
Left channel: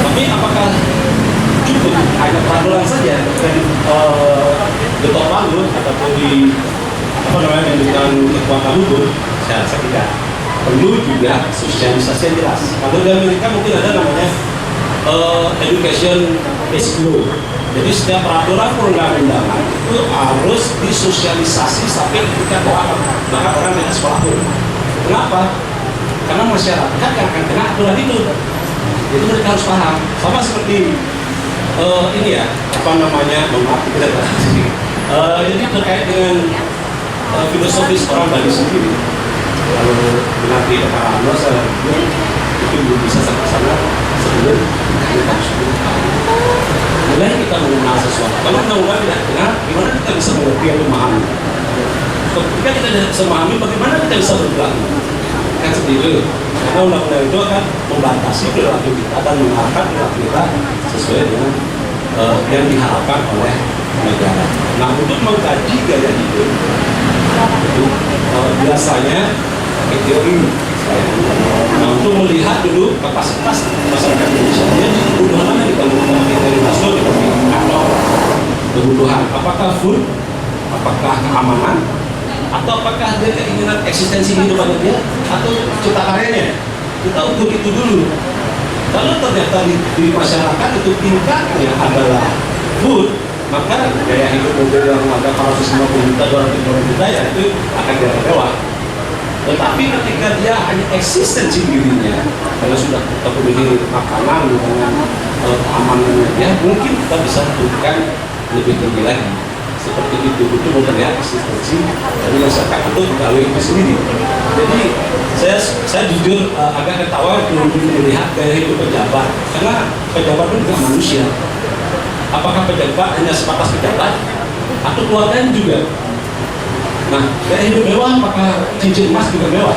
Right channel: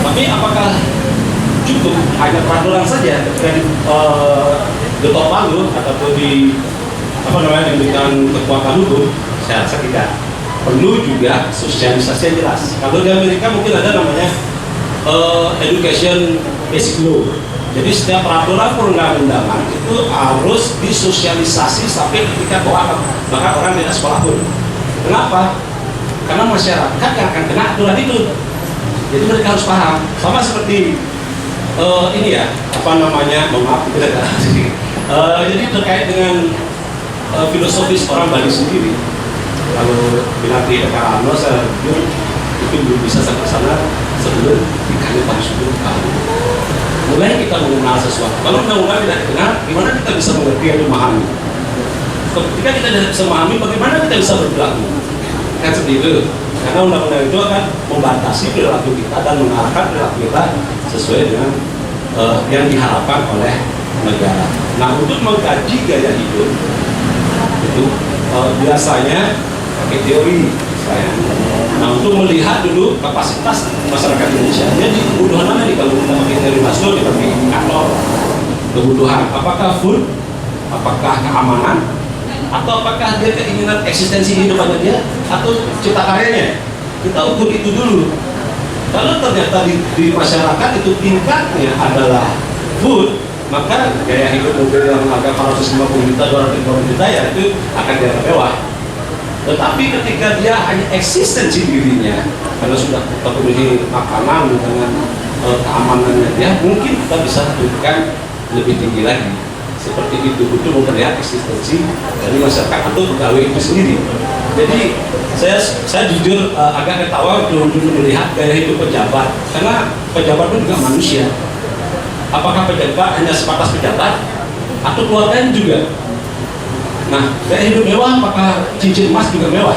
Tapi apakah cukup hanya peraturan saja ketika diketok palu ataupun di diberikan kekuatan hukum? Saya rasa tidak. Perlu juga sosialisasi yang jelas. Kalau di Amerika mungkin ada namanya education basic law. Jadi setiap peraturan perundang-undangan itu harus disosialisasi sampai ketika maka orang tidak sekolah pun. Kenapa? Karena masyarakat yang akan kena aturan itu. Jadi mereka harus paham. Sama seperti ini ya, maaf kita jadi terkait dengan filosofis orang Bali sendiri. Lalu nanti Karano saya itu belum bisa sampai sana sebelum kita harus 10 tahun. Mulai kita mengenal sesuatu. Kalau undang-undang tidak dikenal, gimana kita bisa mengerti atau memahami? Ketika kita tidak bisa memahami, bagaimana kita bisa berperilaku? Kan seperti itu. Karena undang-undang itu akan membatasi perilaku kita dan mengarahkan perilaku kita sesuai dengan yang diharapkan oleh negara. Nah, untuk mengkaji gaya hidup itu biasanya pakai teori. Nah, untuk melihat dulu kapasitas masyarakat Indonesia, jadi kebutuhan mana nih kalau kita pakai teori Maslow, kita pakai kantor kebutuhan, apakah food, apakah keamanan, atau apakah dia keinginan eksistensi hidupannya dia, atau cipta karyanya. Kita ukur itu dulu. Kalau ternyata di masyarakat itu tingkatnya adalah food, maka gaya hidup mobil yang harga 150 juta, 200 juta ya itu akan dianggap mewah. Tetapi ketika dia hanya eksistensi dirinya, karena sudah terpenuhi makanan dengan keamanannya dia, mungkin kita bisa tentukan lebih tinggi lagi. Seperti itu untuk melihat eksistensi dari masyarakat atau pegawai itu sendiri. Jadi saya jujur agak ketawa untuk melihat gaya hidup pejabat, karena pejabat pun juga manusia. Apakah pejabat hanya sebatas pejabat atau keluarganya juga? Nah, gaya hidup mewah apakah cincin emas juga mewah?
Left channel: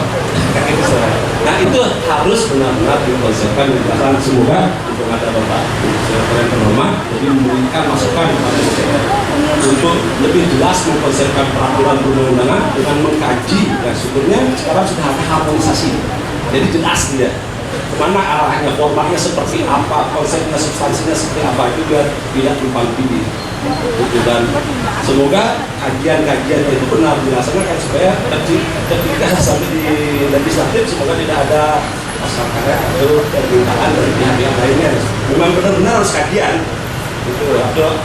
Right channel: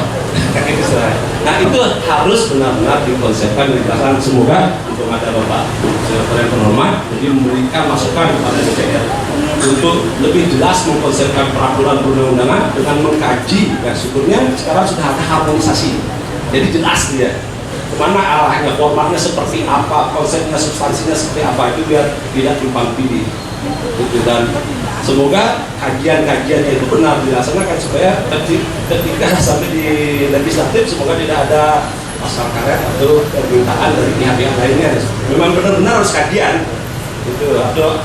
Nah, itu harus benar-benar dikonsepkan dengan jelas. Semoga untuk ada Bapak Sekretariat Terhormat jadi memberikan masukan kepada DPR untuk lebih jelas mengkonsepkan peraturan perundang-undangan dengan mengkaji, dan syukurnya sekarang sudah ada harmonisasi. Jadi jelas dia kemana arahnya, formatnya seperti apa, konsepnya, substansinya seperti apa, itu biar tidak tumpang tindih. Dan semoga kajian-kajian itu benar dilaksanakan supaya ketika sampai di legislatif semoga tidak ada pasal karet atau permintaan dari pihak-pihak lainnya. Memang benar-benar harus kajian itu atau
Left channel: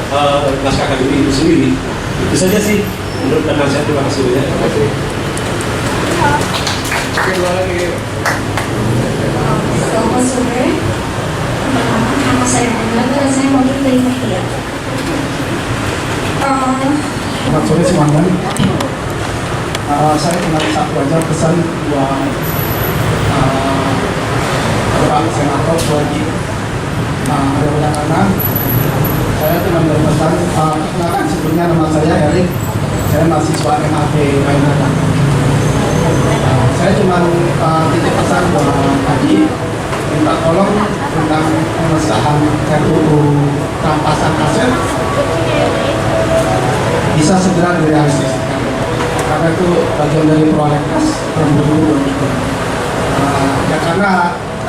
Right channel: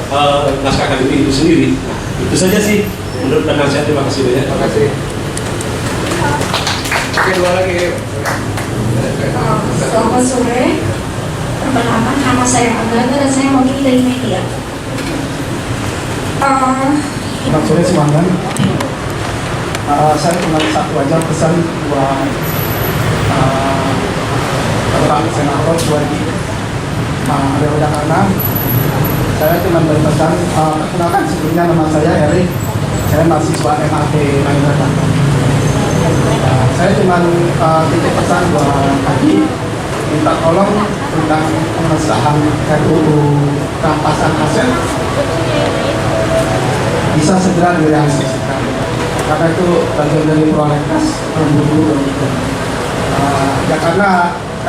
naskah akademik itu sendiri. Nah, itu saja sih menurut pandangan saya. Terima kasih banyak. Terima kasih. Kedua lagi. Selamat sore. Pertama, nama saya Angga dan saya mewakili dari media. Selamat sore semuanya. Saya cuma satu aja pesan buat Pak Senator Suwardi. Mudah-mudahan saya cuma berpesan, kenalkan sebelumnya nama saya Erik, saya mahasiswa MAP Bayangkara. Saya cuma titip pesan buat Haji, minta tolong tentang pengesahan RUU rampasan aset bisa segera direalisasikan, karena itu bagian dari prolegnas yang dulu ya, karena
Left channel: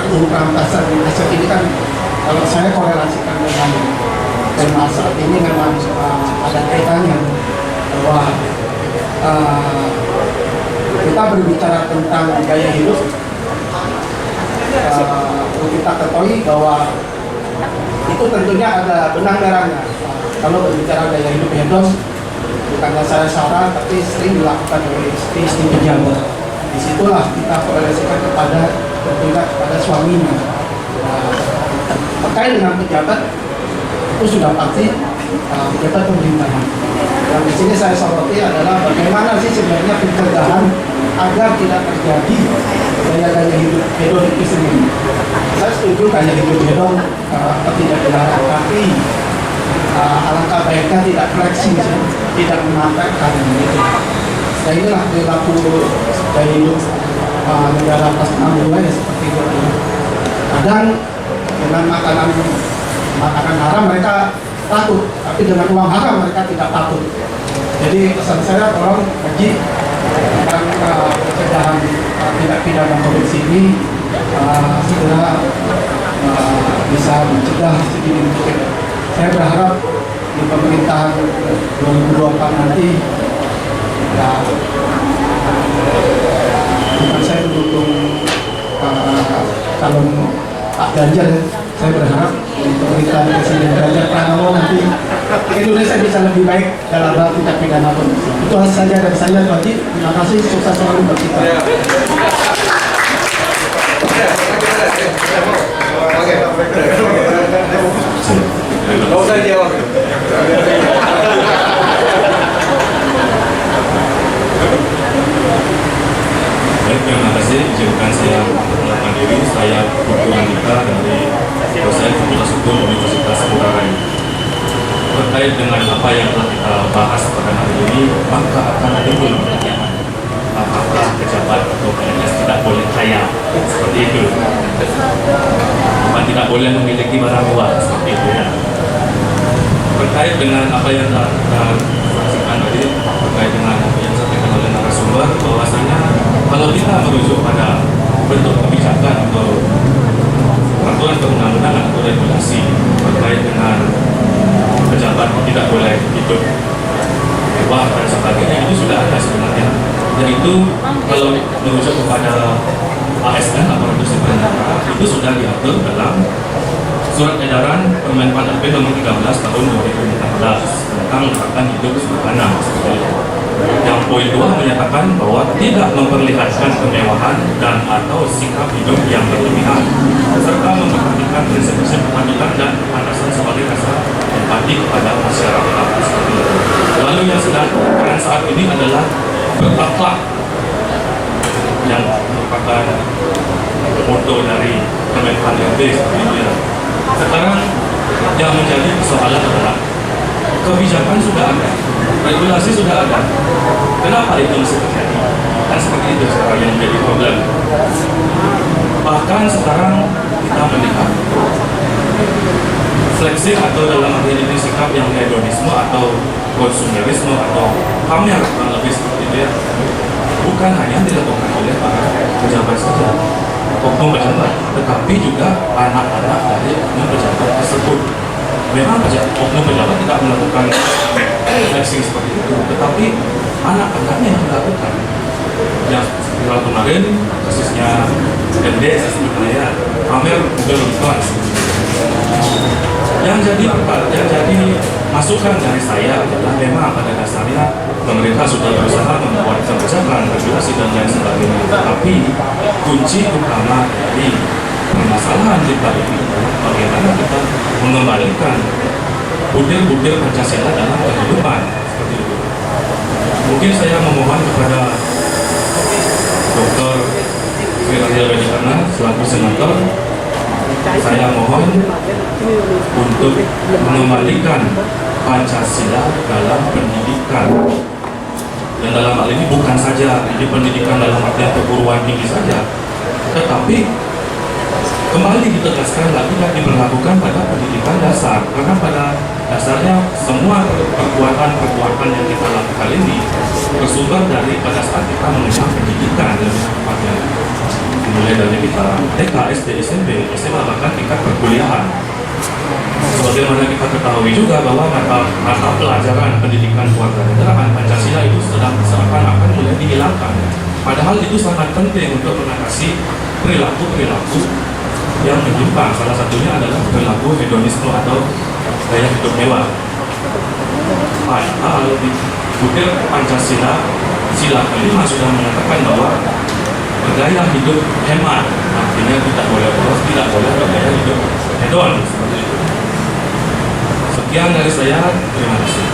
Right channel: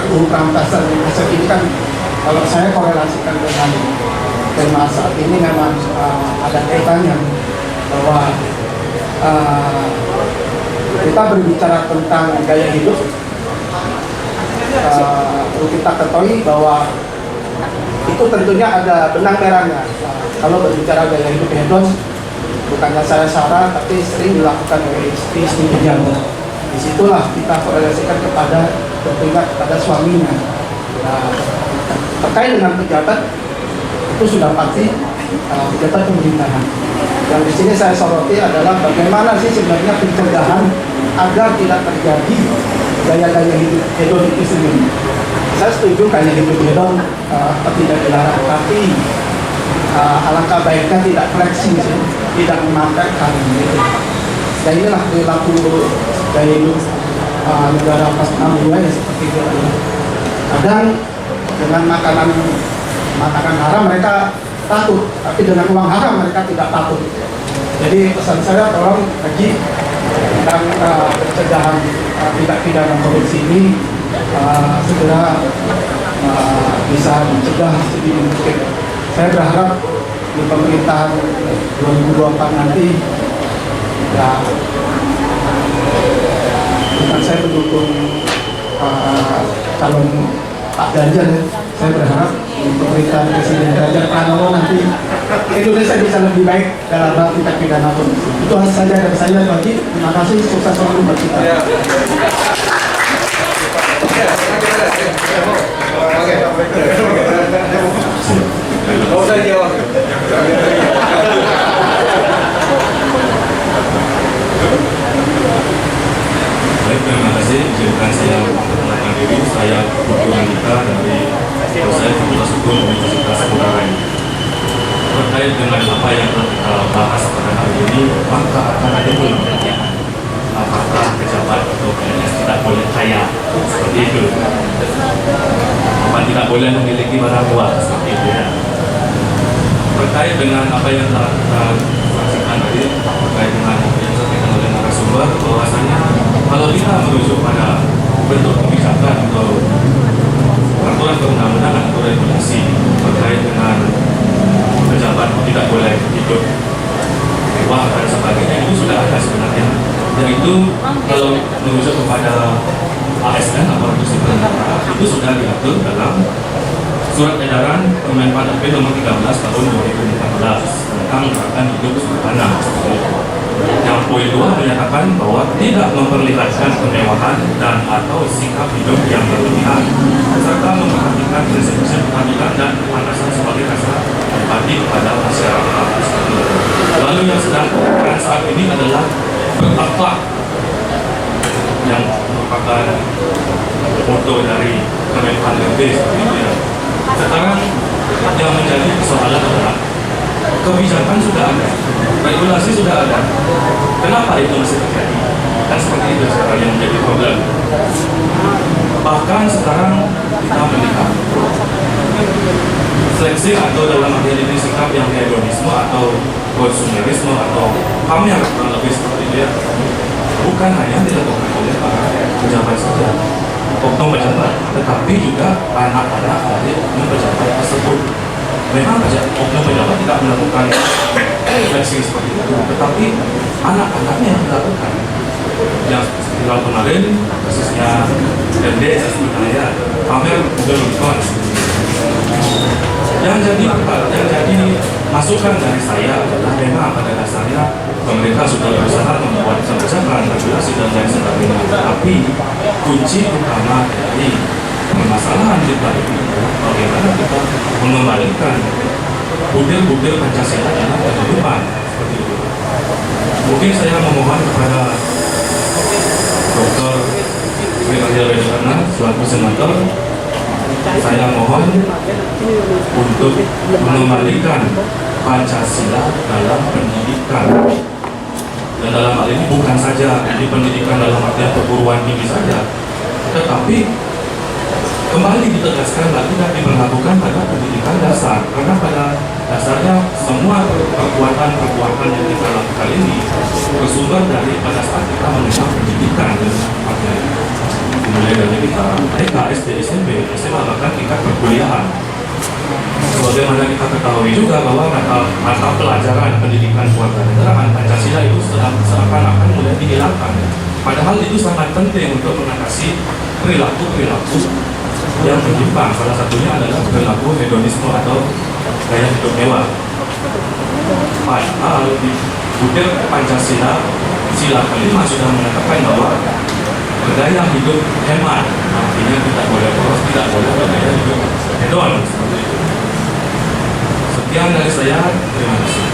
RUU rampasan aset ini kan kalau saya korelasikan dengan tema saat ini memang ada kaitannya bahwa kita berbicara tentang gaya hidup. Kita ketahui bahwa itu tentunya ada benang merahnya. Kalau berbicara gaya hidup hedon, bukannya saya salah, tapi sering dilakukan oleh istri-istri pejabat. Disitulah kita korelasikan kepada bertindak kepada suaminya. Nah, terkait dengan pejabat itu sudah pasti pejabat pemerintahan. Dan di sini saya soroti adalah bagaimana sih sebenarnya pencegahan agar tidak terjadi gaya-gaya hidup hedon itu sendiri. Saya setuju gaya hidup hedon tidak dilarang, tapi alangkah baiknya tidak flexing, tidak menampilkan. Dan inilah perilaku gaya hidup negara atas nama ya seperti itu. Kadang dengan makanan haram mereka takut, tapi dengan uang haram mereka tidak takut. Jadi pesan saya tolong kaji tentang pencegahan tindak pidana korupsi ini segera bisa mencegah sedini mungkin. Saya berharap di pemerintahan 2024 nanti ya, bukan saya mendukung calon Pak Ganjar ya. Saya berharap di pemerintahan Presiden Ganjar Pranowo nanti Indonesia bisa lebih baik dalam hal tindak pidana korupsi. Itu saja dari saya, Pak Haji. Terima kasih, sukses selalu buat kita. Baik, terima kasih. Izinkan saya mengenalkan diri. Saya Dr. Andika dari dosen Fakultas Hukum Universitas Ngurah. Terkait dengan apa yang telah kita bahas pada hari ini, maka akan ada pertanyaan apakah pejabat atau PNS tidak boleh kaya seperti itu, tidak boleh memiliki barang luar seperti itu ya. Terkait dengan apa yang telah kita saksikan tadi, terkait dengan apa yang disampaikan oleh narasumber, bahwasanya kalau kita merujuk pada bentuk kebijakan atau peraturan perundang-undangan atau regulasi terkait dengan pejabat tidak boleh hidup mewah dan sebagainya, itu sudah ada sebenarnya. Dan itu kalau merujuk kepada ASN aparatur sipil negara, itu sudah diatur dalam Surat Edaran Kemenpan RB nomor 13 tahun 2014 tentang gerakan hidup sederhana. Yang poin 2 menyatakan bahwa tidak memperlihatkan kemewahan dan atau sikap hidup yang berlebihan, serta memperhatikan prinsip-prinsip keadilan dan kepantasan sebagai dasar empati kepada masyarakat. Lalu yang sedang saat ini adalah berakhlak, yang merupakan moto dari Kemenpan RB seperti itu ya. Sekarang yang menjadi persoalan adalah kebijakan sudah ada, regulasi sudah ada, kenapa itu masih terjadi? Kan seperti itu sekarang yang menjadi problem. Bahkan sekarang kita melihat flexing atau dalam arti ini sikap yang hedonisme atau konsumerisme atau pamer lebih seperti itu ya, bukan hanya dilakukan oleh para pejabat saja, oknum pejabat, tetapi juga anak-anak dari oknum pejabat tersebut. Memang oknum pejabat tidak melakukan flexing seperti itu, tetapi anak-anaknya yang melakukan. Yang viral kemarin kasusnya MD misalnya pamer Google Records. Yang jadi masukan dari saya adalah memang pada dasarnya pemerintah sudah berusaha membuat kebijakan, regulasi dan lain sebagainya. Tapi kunci utama dari permasalahan kita ini adalah bagaimana kita mengembalikan butir-butir Pancasila dalam kehidupan seperti itu. Mungkin saya memohon kepada Dr. Firdaus Wijaya selaku senator, saya mohon untuk mengembalikan Pancasila dalam pendidikan. Dan dalam hal ini bukan saja di pendidikan dalam artian perguruan tinggi saja, tetapi kembali ditegaskan lagi dan diberlakukan pada pendidikan dasar. Karena pada dasarnya semua perbuatan yang kita lakukan ini bersumber dari pada saat kita mengenyam pendidikan dan mulai dari kita TK, SD, SMP, SMA, bahkan tingkat perkuliahan. Sebagaimana kita ketahui juga bahwa mata pelajaran pendidikan kewarganegaraan Pancasila itu seakan-akan mulai dihilangkan. Padahal itu sangat penting untuk mengatasi perilaku-perilaku yang menyimpang. Salah satunya adalah perilaku hedonisme atau gaya hidup mewah. Padahal di butir Pancasila sila kelima sudah menyatakan bahwa bergaya hidup hemat, artinya tidak boleh boros, tidak boleh bergaya hidup hedon, seperti itu. Sekian dari saya, terima kasih.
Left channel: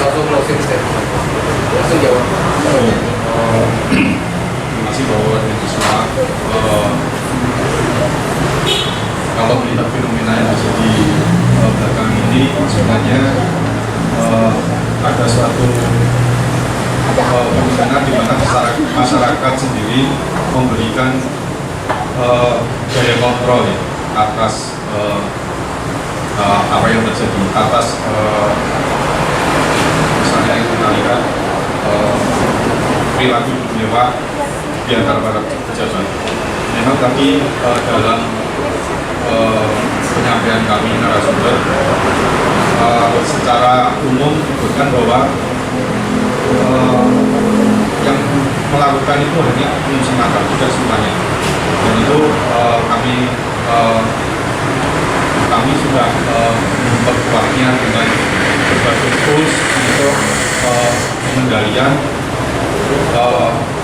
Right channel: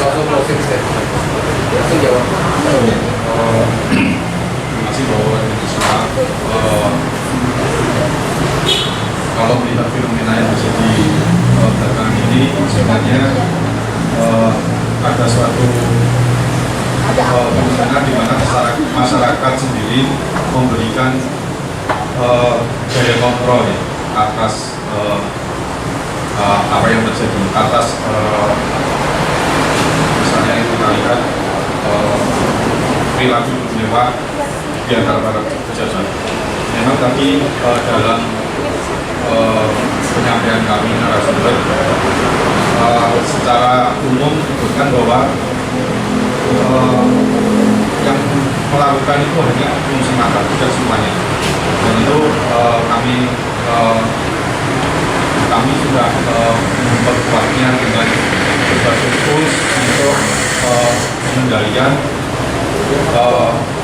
Langsung closing statement. Langsung jawab. Terima kasih bahwa ini semua kalau melihat fenomena yang terjadi belakangan ini sebenarnya ada suatu fenomena di mana masyarakat sendiri memberikan daya kontrol ya, atas apa yang terjadi, atas misalnya yang kita lihat perilaku mewah di antara para pejabat. Memang tadi dalam penyampaian kami narasumber secara umum disebutkan bahwa yang melakukan itu hanya umum semata, tidak semuanya. Dan itu kami sudah memperkuatnya dengan berbagai tools untuk pengendalian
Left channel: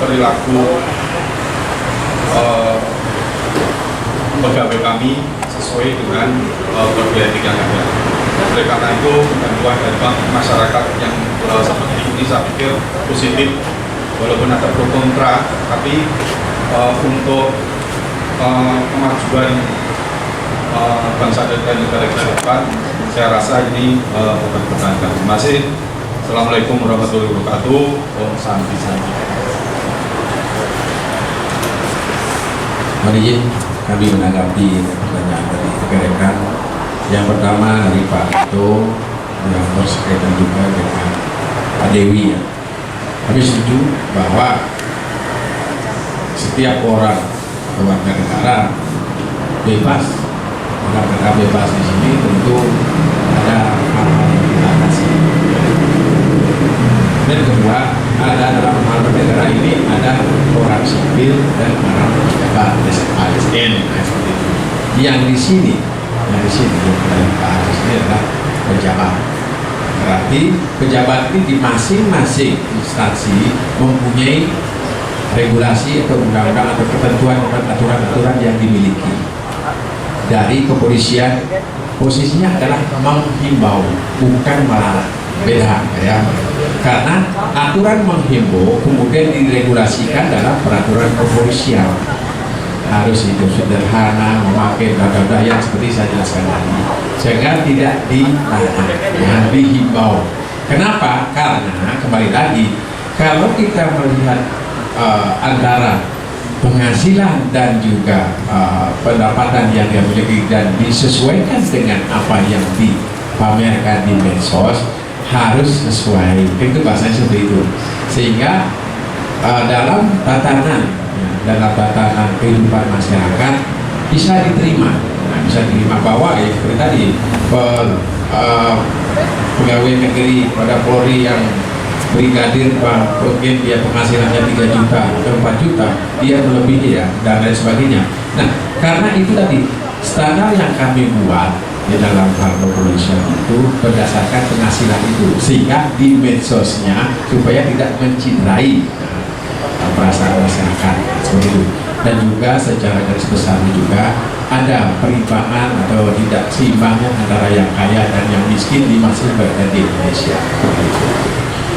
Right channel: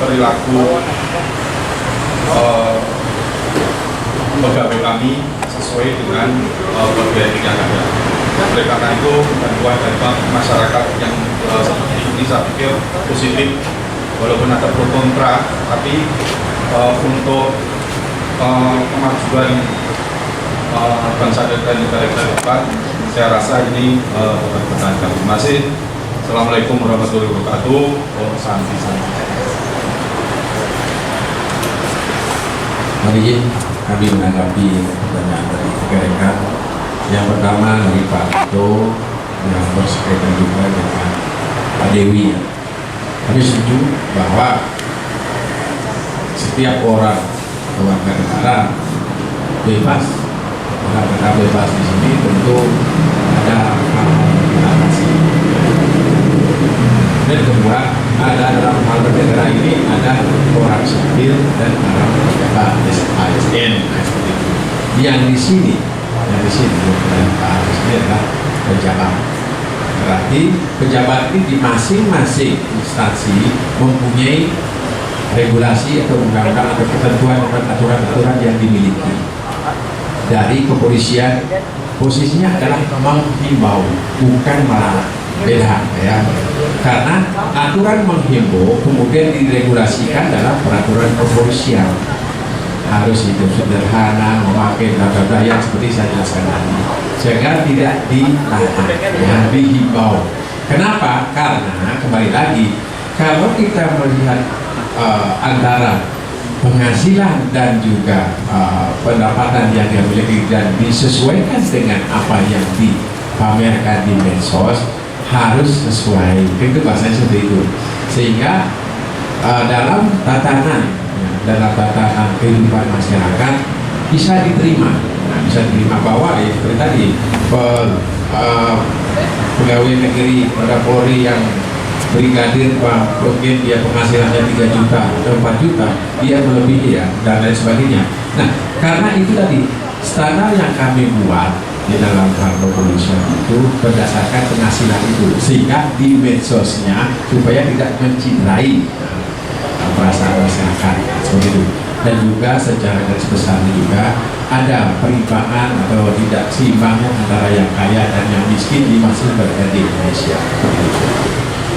perilaku pegawai kami sesuai dengan kode etik yang ada. Oleh karena itu, bantuan dari masyarakat yang seperti ini saya pikir positif, walaupun ada pro kontra, tapi untuk kemajuan bangsa dan negara ke depan, saya rasa ini berkepentingan. Terima kasih. Assalamualaikum warahmatullahi wabarakatuh. Om Santi Santi. Mari kami menanggapi pertanyaan dari rekan-rekan. Yang pertama dari Pak Tito yang berkaitan juga dengan Pak Dewi. Kami setuju bahwa setiap orang warga negara bebas. Karena bebas di sini tentu ada hal-hal yang dibatasi. Dan kedua, ada dalam hal bernegara ini ada orang sipil dan orang pejabat ASN. Yang di sini Pak Agus ini adalah pejabat. Berarti pejabat ini di masing-masing instansi mempunyai regulasi atau undang-undang atau ketentuan dan aturan-aturan yang dimiliki. Dari kepolisian posisinya adalah menghimbau, bukan melarang. Beda ya, karena aturan menghimbau kemudian diregulasikan dalam peraturan kepolisian, harus hidup sederhana, memakai dada yang seperti saya jelaskan tadi, sehingga tidak dilarang, yang dihimbau. Kenapa? Karena kembali lagi, kalau kita melihat antara penghasilan dan juga pendapatan yang dia miliki dan disesuaikan dengan apa yang dipamerkan di medsos, harus sesuai, itu bahasanya seperti itu. Sehingga dalam tatanan kehidupan masyarakat bisa diterima, bahwa seperti tadi pegawai negeri pada Polri yang brigadir mungkin dia penghasilannya 3 juta atau 4 juta, dia melebihi ya, dan lain sebagainya. Nah, karena itu tadi standar yang kami buat di dalam hal kepolisian itu berdasarkan penghasilan itu, sehingga di medsosnya supaya tidak menciderai perasaan masyarakat seperti itu. Dan juga secara garis besar juga ada perimbangan atau tidak seimbangnya antara yang kaya dan yang miskin di masyarakat di Indonesia.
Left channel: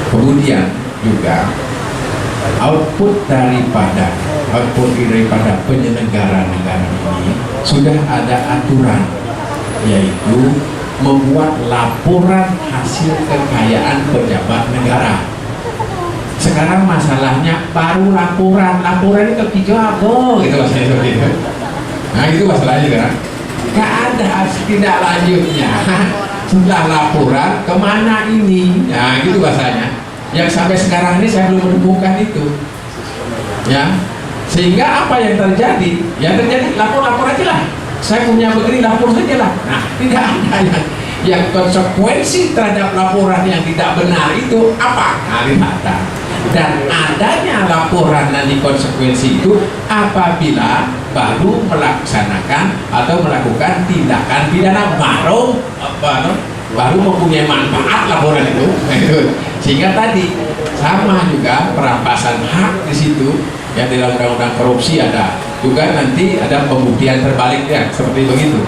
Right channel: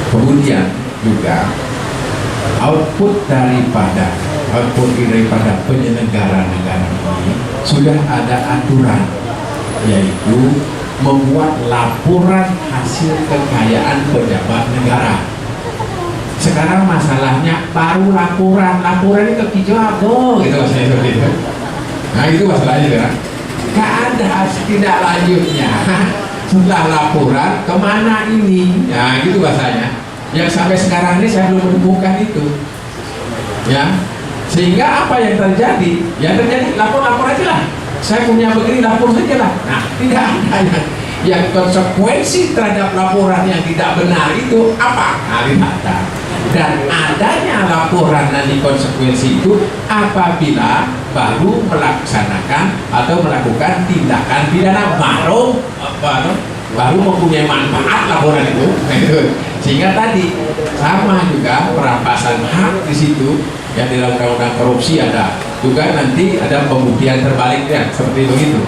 Kemudian juga output daripada penyelenggara negara ini sudah ada aturan, yaitu membuat laporan hasil kekayaan pejabat negara. Sekarang masalahnya baru laporan itu dijago gitu maksudnya seperti itu. Nah itu masalahnya kan, nggak ada tidak lanjutnya. Setelah laporan kemana ini? Ya gitu bahasanya. Yang sampai sekarang ini saya belum menemukan itu. Ya, sehingga apa yang terjadi? Yang terjadi lapor aja lah. Saya punya begini, lapor saja lah. Nah, tidak ada yang konsekuensi terhadap laporan yang tidak benar itu apa? Nah, tidak ada. Dan adanya laporan nanti konsekuensi itu apabila baru melaksanakan atau melakukan tindakan pidana baru mempunyai manfaat laporan itu. Sehingga tadi sama juga perampasan hak di situ ya, di dalam undang-undang korupsi ada juga, nanti ada pembuktian terbaliknya seperti begitu.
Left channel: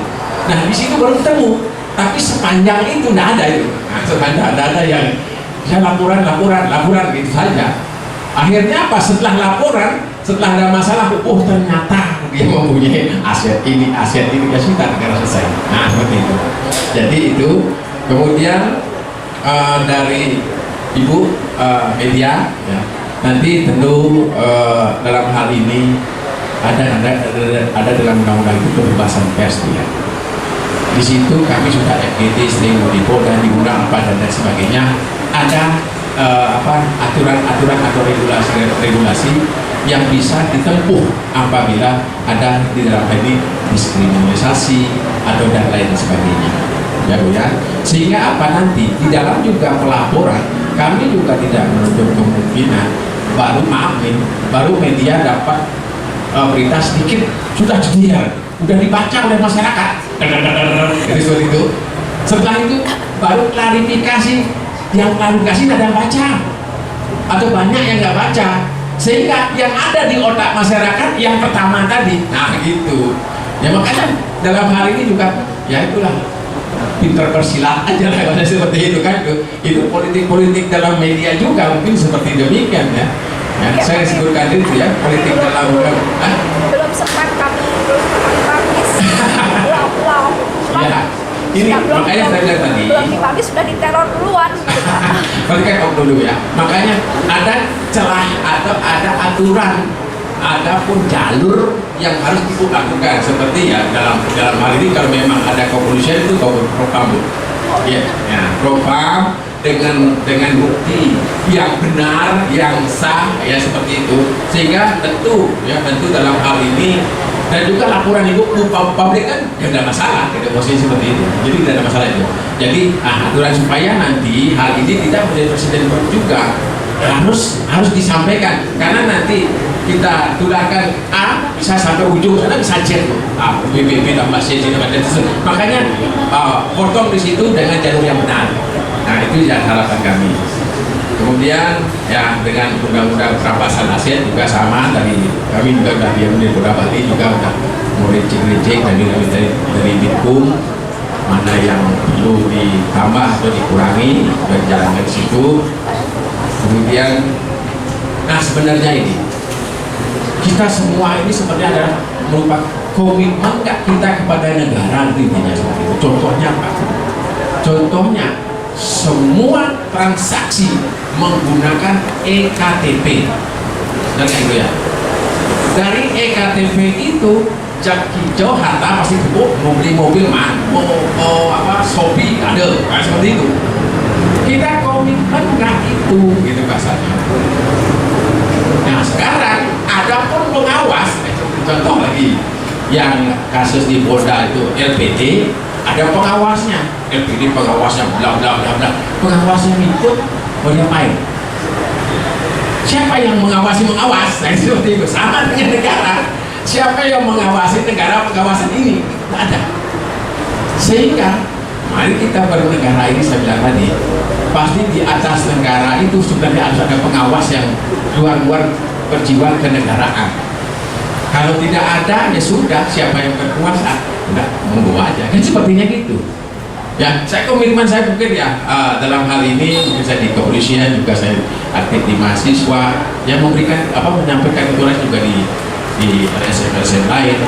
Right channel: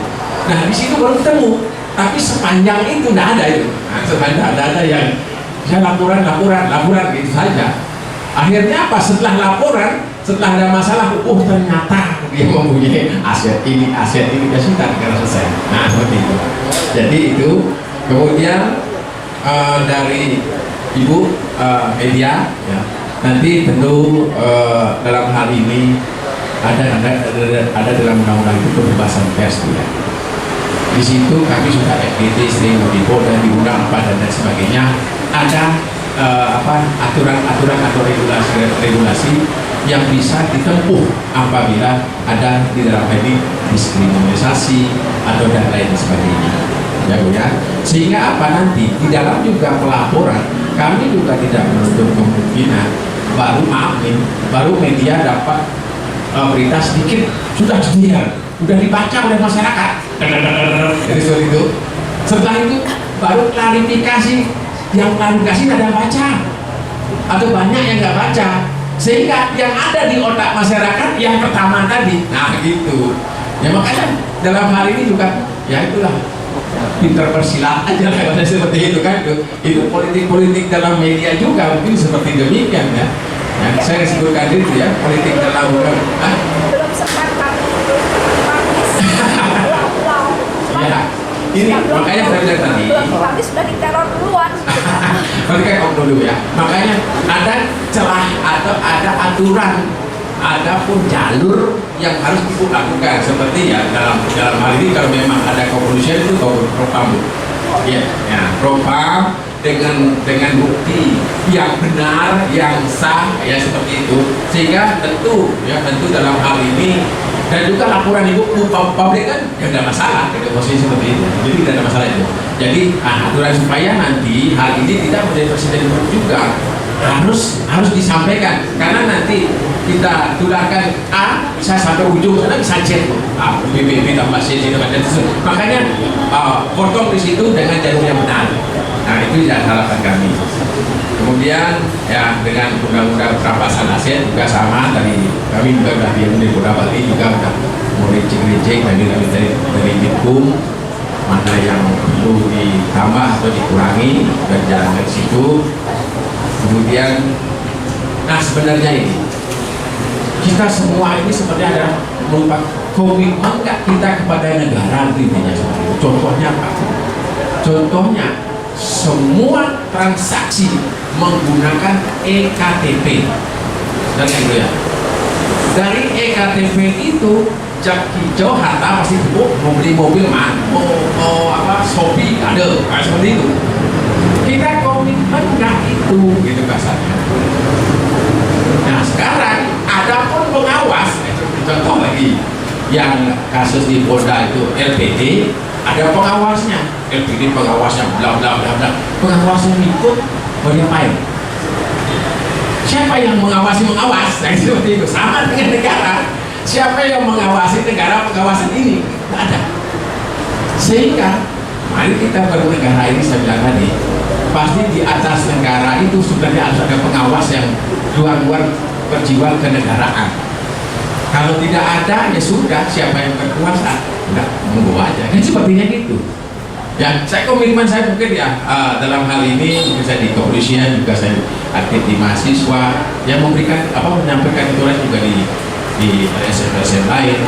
Nah di situ baru ketemu, tapi sepanjang itu tidak ada itu. Nah, sepanjang ada yang saya laporan gitu saja. Akhirnya apa? Setelah laporan, setelah ada masalah, ternyata dia mempunyai aset ini ya sudah, negara selesai. Nah seperti itu. Jadi itu kemudian dari Ibu media ya, nanti tentu dalam hal ini ada dalam undang-undang itu kebebasan pers ya. Di situ kami sudah FGT sering mengimbau dan diundang dan sebagainya. Ada aturan-aturan atau regulasi yang bisa ditempuh apabila ada di dalam ini diskriminasi atau dan lain sebagainya. Ya Bu ya. Sehingga apa nanti di dalam juga pelaporan kami juga tidak menutup kemungkinan baru media dapat berita sedikit sudah udah dibaca oleh masyarakat. Jadi seperti itu. Setelah itu baru klarifikasi, yang klarifikasi tidak ada baca atau banyak yang nggak baca, sehingga yang ada di otak masyarakat yang pertama tadi. Nah gitu. Ya makanya dalam hal ini juga ya itulah pinter bersilat aja lah seperti itu kan. Itu politik dalam media juga mungkin seperti demikian ya. Saya sebutkan itu ya, politik dalam belum sempat kami ya, ini makanya saya bilang tadi belum dipublish sudah diteror duluan. Berarti kan dulu ya. Makanya ada celah atau ada aturan, ada pun jalur yang harus dilakukan, seperti ya dalam hal ini kalau memang ada kepolisian itu propam ya, propam dengan bukti yang benar, yang sah ya seperti itu, sehingga tentu dalam hal ini dan juga laporan itu publik kan ya tidak masalah, tidak posisi seperti itu, jadi tidak ada masalah itu. Jadi aturan supaya nanti hal ini tidak menjadi presiden juga harus disampaikan, karena nanti kita tularkan A bisa sampai ujung sana bisa Z BBB tambah C makanya potong di situ dengan jalur yang benar. Nah itu yang harapan kami. Kemudian ya dengan undang-undang perampasan aset juga sama, dari kami juga sudah dari beberapa kali juga sudah mulai cek dari Bitkum mana yang perlu ditambah atau dikurangi dan jalan ke situ. Kemudian nah sebenarnya ini kita semua ini sebenarnya adalah merupakan komitmen nggak kita kepada negara, intinya seperti itu. Contohnya apa? Contohnya semua transaksi menggunakan EKTP dan itu ya. Dari EKTP itu jak hijau harta pasti mau beli mobil mau Shopee ada seperti itu. Kita komitmen nggak itu gitu kasarnya. Nah sekarang ada pun pengawas, contoh lagi yang kasus di Polda itu LPD, ada pengawasnya, LPD pengawasnya bla bla bla bla, pengawasnya ikut mau diapain? Siapa yang mengawasi mengawas? Nah seperti itu, sama dengan negara. Siapa yang mengawasi negara pengawasan ini? Tidak ada. Sehingga mari kita bernegara ini, saya bilang tadi, pasti di atas negara itu sebenarnya harus ada pengawas yang luar berjiwa kenegaraan. Kalau tidak ada ya sudah, siapa yang berkuasa udah monggo aja. Kan sepertinya gitu. Ya, saya komitmen saya mungkin ya dalam hal ini mungkin saya di kepolisian juga saya aktif di mahasiswa yang memberikan menyampaikan itulah juga di LSM lain.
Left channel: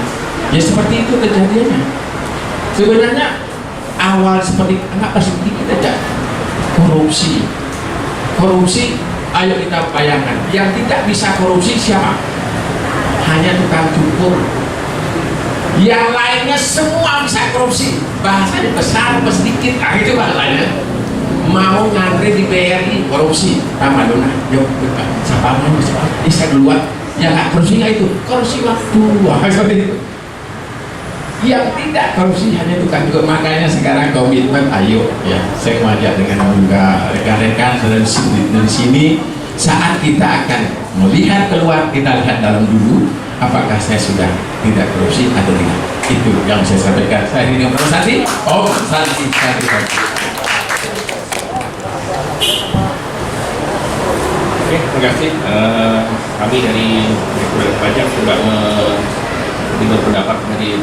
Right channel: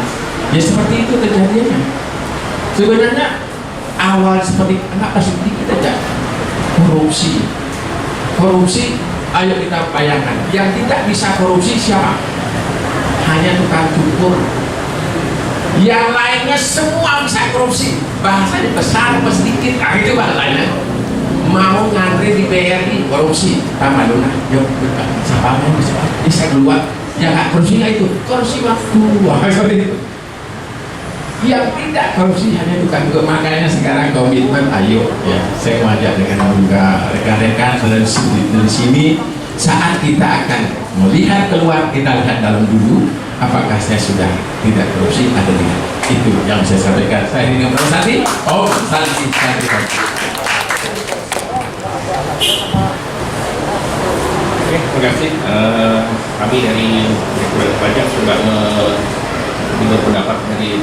Ya seperti itu kejadiannya. Sebenarnya awal seperti anak sedikit aja korupsi, ayo kita bayangkan yang tidak bisa korupsi siapa? Hanya tukang cukur. Yang lainnya semua bisa korupsi, bahasanya besar apa sedikit, itu bahasanya. Mau ngantri di BRI korupsi, tambah dona, yuk siapa bisa keluar, ya nggak korupsi nggak itu, korupsi waktu, seperti itu. Yang tidak korupsi hanya tukang cukur. Makanya sekarang komitmen, ayo ya saya mengajak dengan juga rekan-rekan dari sini saat kita akan melihat keluar, kita lihat dalam dulu, apakah saya sudah tidak korupsi atau tidak. Itu yang saya sampaikan. Saya ini Om Sandi. Om Sandi. Oke, terima kasih. Kami dari Direktorat Pajak juga berpendapat dari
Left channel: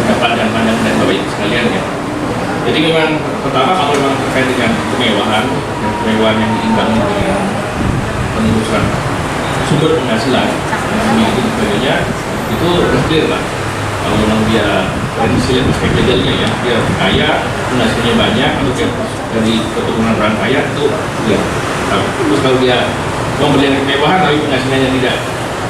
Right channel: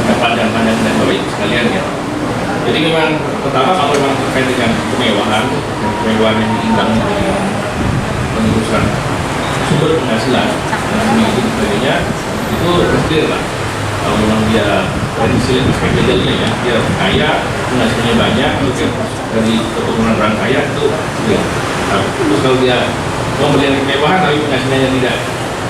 pendapat dan pandangan dan Bapak Ibu sekalian ya. Jadi memang pertama kalau memang terkait dengan kemewahan yang diimbangi dengan penelusuran sumber penghasilan dan sebagainya, itu clear lah. Kalau memang dia dari sisi aspek legalnya ya, dia kaya, penghasilannya banyak, atau dari keturunan orang kaya, itu clear. Terus kalau dia memberikan kemewahan tapi penghasilannya tidak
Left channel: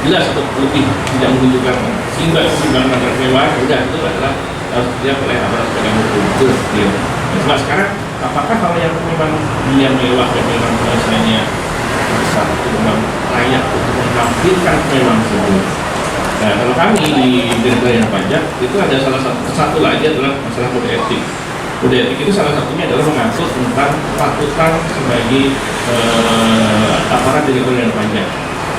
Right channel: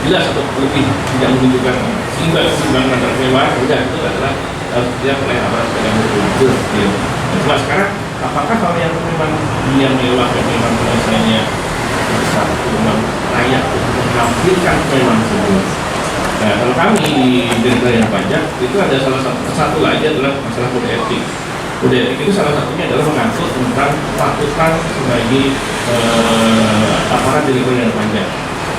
jelas atau lebih tidak menunjukkan seimbang antara kemewahan, udah itu adalah harus dia oleh aparat penegak hukum. Itu clear. Nah, sekarang apakah kalau yang memang dia mewah dan memang penghasilannya besar itu memang layak untuk menampilkan kemewahan tersebut? Nah, kalau kami di Direktorat Pajak itu ada salah satu lagi adalah masalah kode etik. Kode etik itu salah satunya adalah mengatur tentang kepatutan sebagai aparat Direktorat Pajak.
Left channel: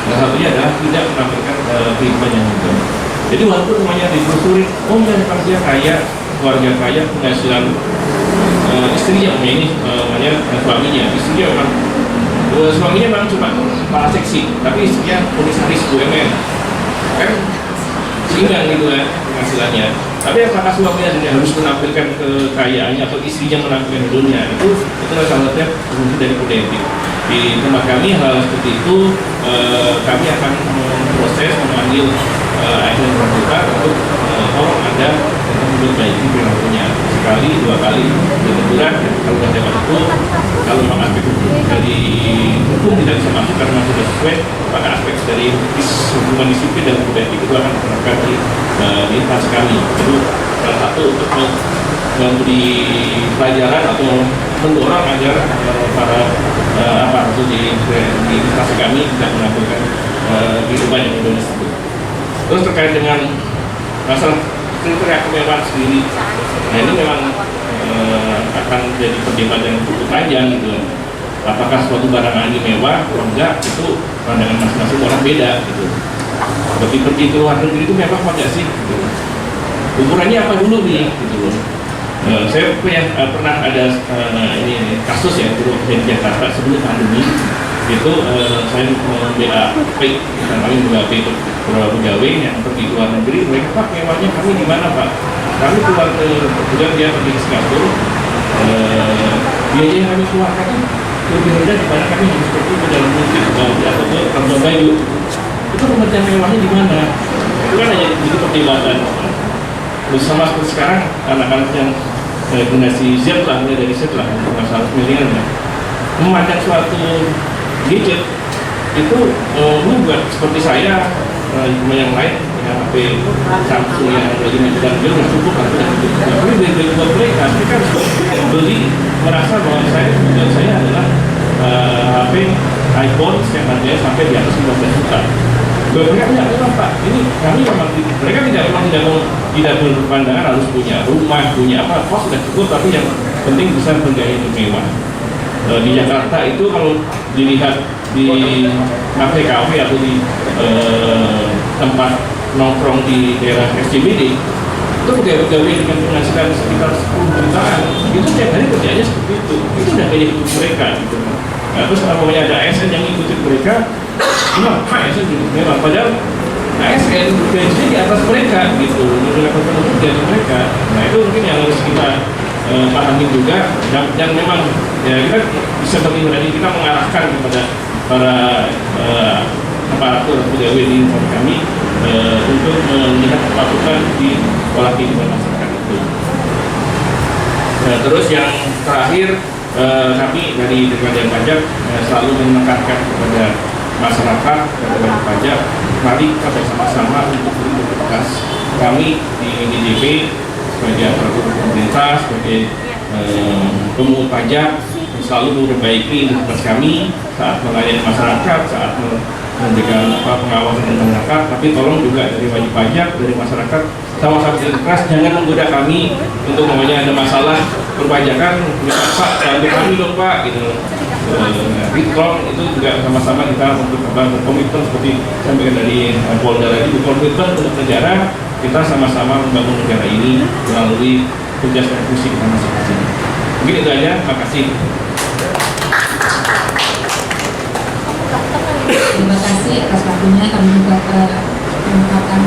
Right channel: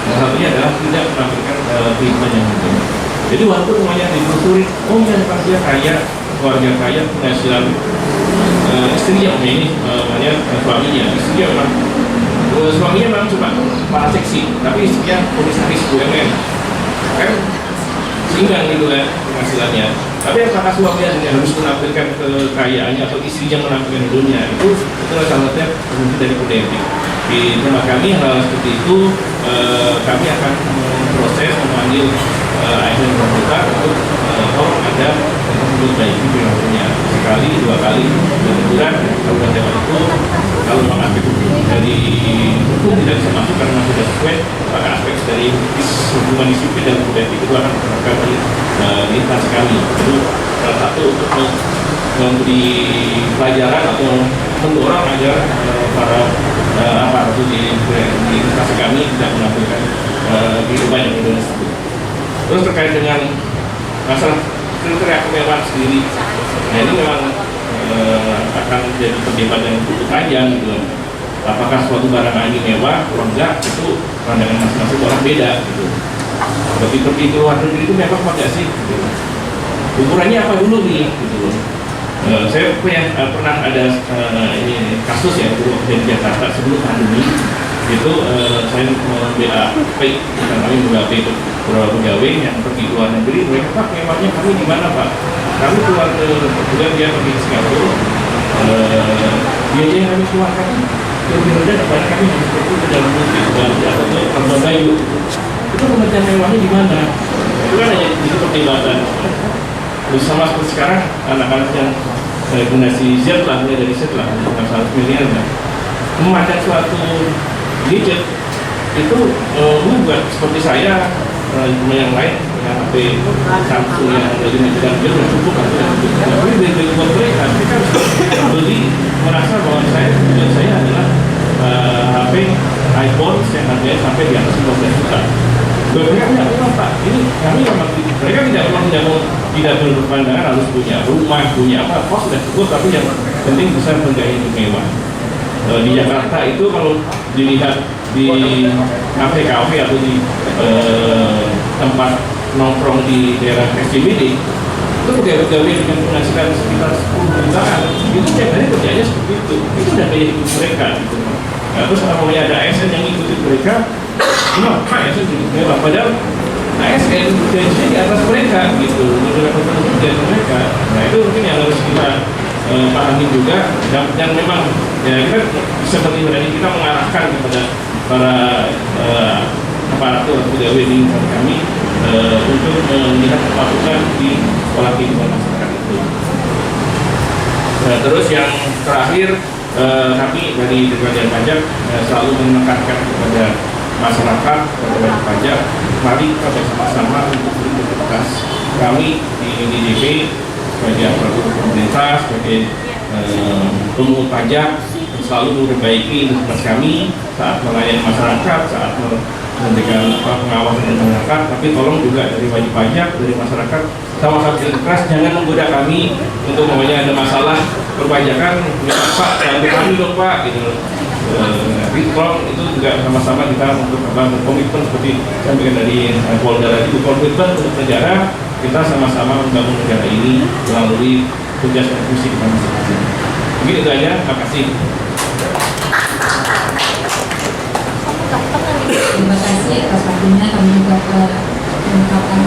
Salah satunya adalah tidak menampilkan kehidupan yang hukum. Jadi walaupun semuanya ditelusuri, oh ya dia kaya, keluarga kaya, penghasilan istrinya ini namanya suaminya, istrinya memang suaminya memang cuma kepala seksi, tapi istrinya komisaris BUMN. Kan seimbang gitu ya penghasilannya. Tapi apakah suaminya harus menampilkan kekayaannya atau istrinya menampilkan hidupnya, itu salah satunya fungsi dari kode etik. Di tempat kami hal seperti itu kami akan proses memanggil ASN bersangkutan untuk tolong ada memperbaiki perilakunya sekali, dua kali, dan kemudian kalau ada itu kalau memang aspek dari hukum tidak bisa masuk karena masih sudah sesuai, maka aspek dari hubungan disiplin dan kode etik itu akan diterapkan di instansi kami. Itu salah satu untuk memberi pelajaran atau mendorong agar para aparatur di instansi kami tidak menampilkan kehidupan yang Indonesia tersebut. Terus terkait dengan masalah kriteria kemewahan sendiri, nah ini memang akan jadi perdebatan yang cukup panjang gitu. Apakah suatu barang ini mewah atau enggak, itu pandangan masing-masing orang beda gitu. Tapi pergi ke luar negeri itu mewah apa enggak sih? Gitu. Ukurannya apa dulu nih? Gitu loh. Saya pernah ada ini kasus ya dulu di Jakarta sebelum pandemi itu saya BAP, kami BAP itu beberapa pegawai yang pergi ke luar negeri, mereka Pak mewahnya kami di mana Pak? Kami keluar ke kemudian dia pergi ke Singapura, biaya yang kami keluarkan lebih rendah daripada kami harus pergi ke dalam negeri atau ke Labuan Bajo. Itu pengertian mewahnya di mana? Itu kan hanya jadi perdebatan. Bersama seperti sekarang anak-anak yang generasi Z lah, mulai dari Z lah, masalah milenial ya, memandang suatu gadget itu buat seperti saya yang lain yang HP Samsung yang lagi menjual dia udah cukup atau udah cukup. Tapi dari buat mereka beli merasa bahwa saya adalah HP iPhone yang harganya sampai di atas 15 juta. Mereka tidak Pak, ini kami memang mereka tidak berpandangan harus punya rumah, punya apa, kos sudah cukup, tapi yang penting bisa bergaya hidup mewah. Di Jakarta itu kalau dilihat di kafe-kafe atau di tempat nongkrong di daerah SCBD itu pegawai dengan penghasilan sekitar 10 jutaan itu tiap hari kerjanya seperti itu udah gaya hidup mereka gitu. Nah, terus namanya ada ASN yang ikutin mereka, kenapa ASN hidup mewah? Padahal ASN gajinya di atas mereka gitu, level penduduk dari mereka. Nah itu mungkin yang harus kita pahami juga, dan memang ya kita seperti tadi kita mengarahkan kepada para aparatur pegawai di kami untuk melihat kepatutan di pola kehidupan masyarakat itu. Nah, terus yang terakhir kami dari Direktorat Pajak selalu menekankan kepada masyarakat, kepada wajib pajak, mari kita bersama-sama untuk berintegritas. Kami di NDJP sebagai aparatur pemerintah, sebagai pemungut pajak selalu memperbaiki integritas kami saat melayani masyarakat, saat memberikan pengawasan masyarakat. Tapi tolong juga dari wajib pajak, dari masyarakat sama-sama berintegritas, jangan menggoda kami untuk ada masalah perpajakan, Pak, bantu kami dong Pak, gitu. recall itu juga sama-sama kita untuk komitmen seperti sampaikan dari Polda tadi, komitmen untuk negara, kita sama-sama membangun negara ini melalui tugas dan fungsi kita masing-masing. Mungkin itu aja, makasih. Terima kasih atas waktunya. Kami juga mengucapkan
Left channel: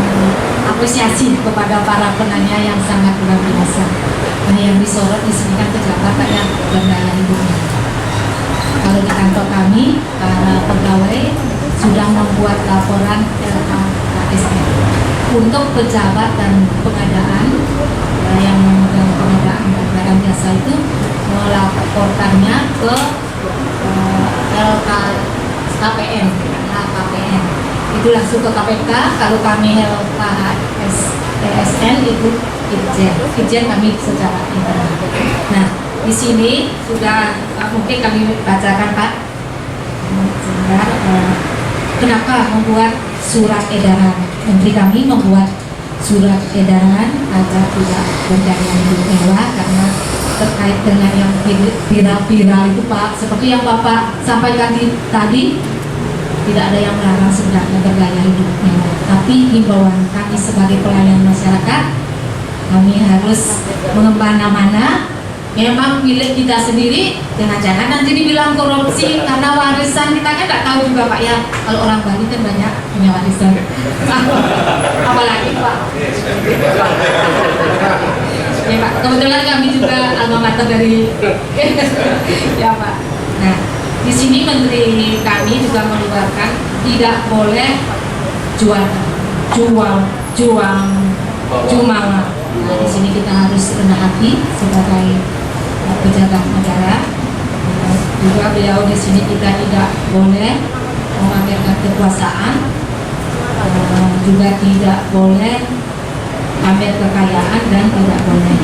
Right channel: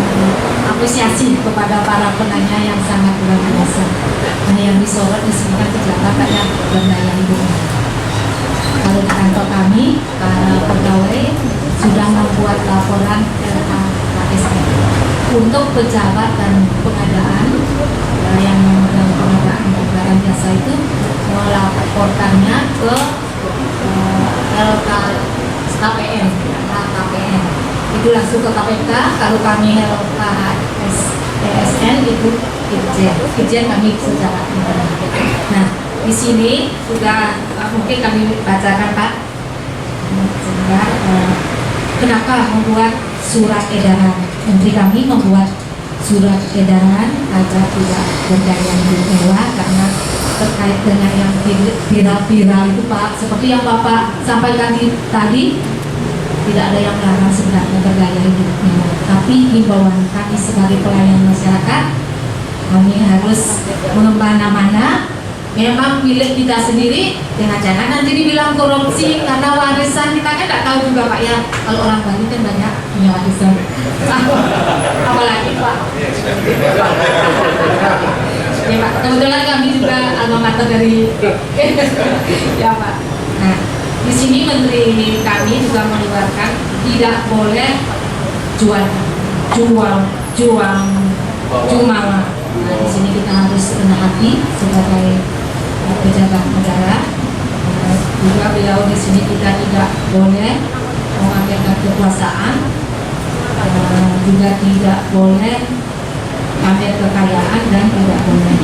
apresiasi kepada para penanya yang sangat luar biasa. Nah, yang disorot di sini kan pejabat dan gaya hidupnya. Kalau di kantor kami, para pegawai sudah membuat laporan LKSN untuk pejabat dan pengadaan yang memegang pengadaan barang jasa itu melaporkannya ke LKPN. Itu langsung ke KPK. Kalau kami LKSN itu Itjen kami secara internal. Nah, di sini sudah mungkin kami bacakan Pak. Kenapa membuat surat edaran? Menteri kami membuat surat edaran agar tidak berdaya hidup mewah karena terkait dengan yang viral-viral itu Pak, seperti yang Bapak sampaikan tadi, tidak ada yang melarang sebenarnya bergaya hidup mewah. Tapi himbauan kami sebagai pelayan masyarakat, kami harus mengembang-mana memang milik kita sendiri, jangan-jangan nanti dibilang korupsi karena warisan. Kita kan tidak tahu juga Pak ya, kalau orang Bali kan banyak punya warisan. Apalagi Pak. Ya Pak, kebetulan kami juga alma mater dari ya Pak. Nah, di sini Menteri kami juga mengeluarkan tidak boleh jual. Nah, di sini kita harus rendah hati sebagai pejabat negara. Juga beliau di sini kita tidak boleh memamerkan kekuasaan, juga tidak boleh pamer kekayaan dan tidak boleh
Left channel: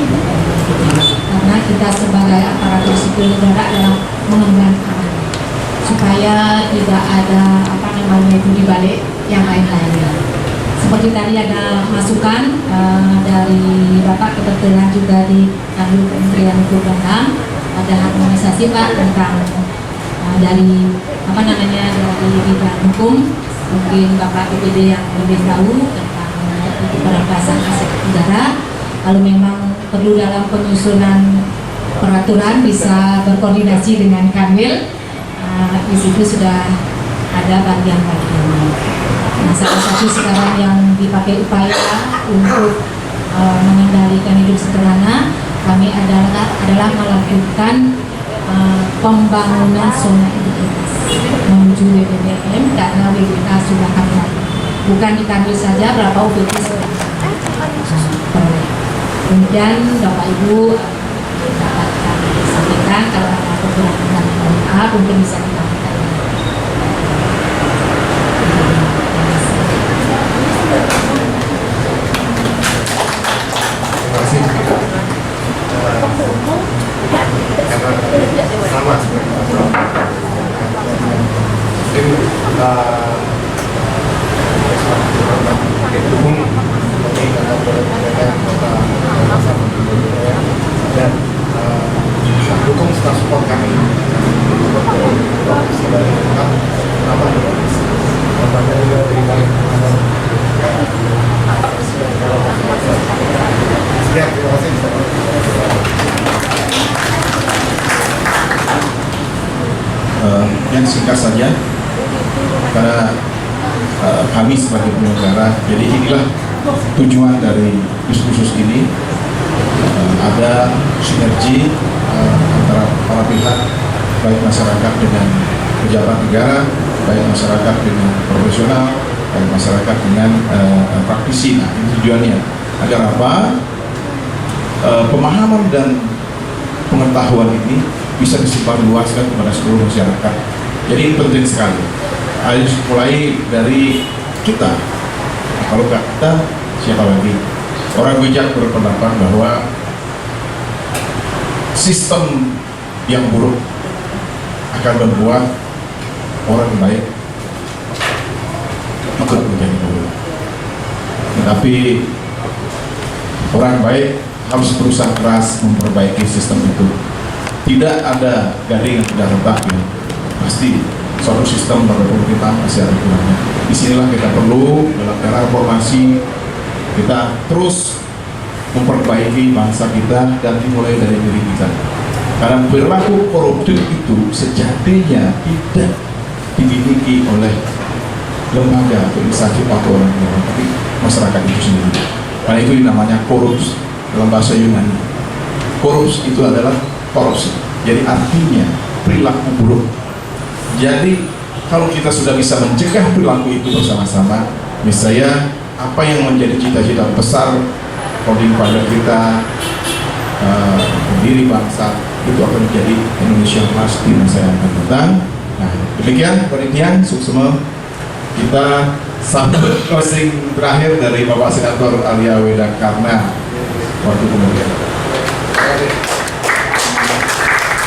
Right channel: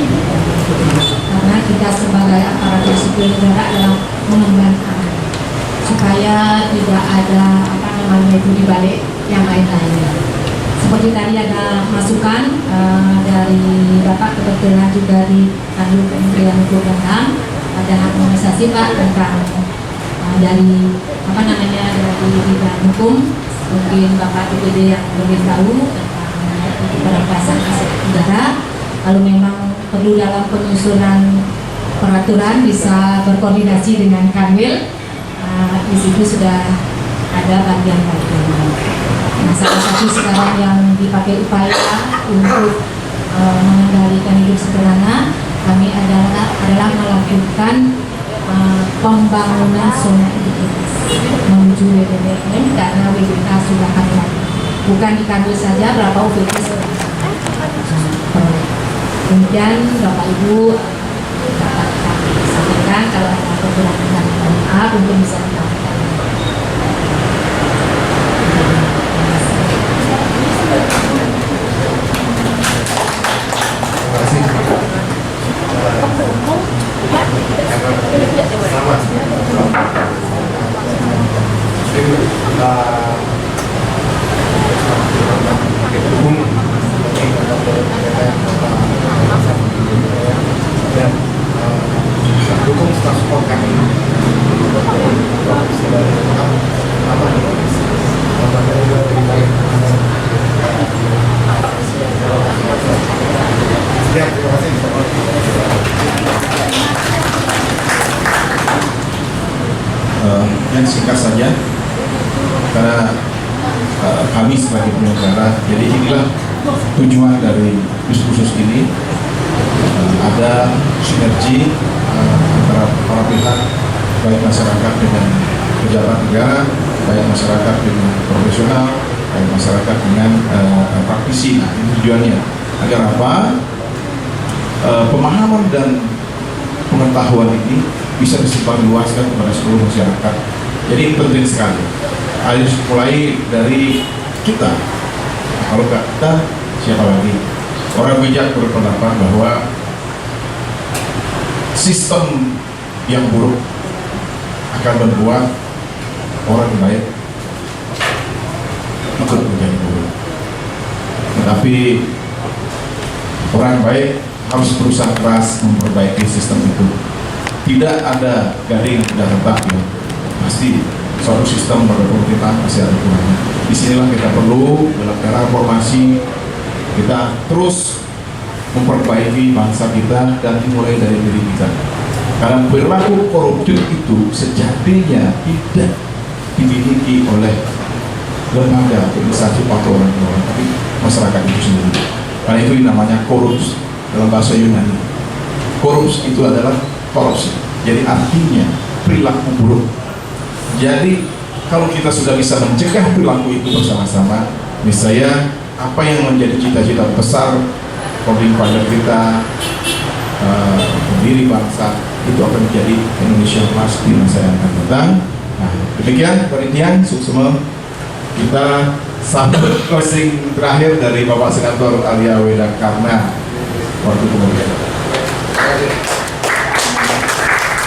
karena kita sebagai aparatur sipil negara adalah mengemban amanah supaya tidak ada itu dibalik yang lain-lainnya. Seperti tadi ada masukan dari Bapak, kebetulan juga di Kementerian Hukum dan HAM ada harmonisasi Pak tentang dari dari bidang hukum, mungkin Bapak DPD yang lebih tahu tentang perampasan aset negara. Kalau memang perlu dalam penyusunan peraturan bisa berkoordinasi dengan Kanwil, di situ sudah ada bagian-bagian. Nah, salah satu sekarang yang dipakai upaya untuk mengendalikan hidup sederhana kami adalah melakukan pembangunan zona integritas menuju WBBM karena WBK sudah ada. Bukan di Kanwil saja, berapa UPT sudah peroleh. Kemudian Bapak Ibu dapat kami sampaikan kalau ada kekurangan, mohon maaf, mungkin bisa dilakukan. dan dukung support kami yang singkat saja karena kami sebagai penyelenggara, jadi inilah tujuan dari khusus ini, ada sinergi antara para pihak, baik masyarakat dengan pejabat negara, baik masyarakat dengan profesional, baik masyarakat dengan praktisi. Nah, ini tujuannya agar apa? Pemahaman dan pengetahuan ini bisa disebarluaskan kepada seluruh masyarakat. Jadi ini penting sekali. Harus mulai dari kita. Kalau nggak kita, siapa lagi? Orang bijak berpendapat bahwa sistem yang buruk akan membuat orang baik ikut menjadi buruk. Tetapi orang baik harus berusaha keras memperbaiki sistem itu. Tidak ada garing yang tidak retak ya. pasti suatu sistem pada pemerintahan masih ada kurangnya. Disinilah kita perlu dalam era reformasi kita terus memperbaiki bangsa kita dan dimulai dari diri kita. Karena perilaku koruptif itu sejatinya tidak dimiliki oleh lembaga atau instansi atau orang lain, tapi masyarakat itu sendiri. Karena itu namanya korups dalam bahasa Yunani. Korups itu adalah korupsi. Jadi artinya perilaku buruk. Jadi kalau kita sudah bisa mencegah perilaku itu bersama-sama, misalnya apa yang menjadi cita-cita besar holding father kita, pendiri bangsa, itu akan menjadi Indonesia emas di masa yang akan datang. Nah, demikian penelitian suksema kita sampai closing terakhir dari Bapak Senator Alia Weda Karna waktu kemudian.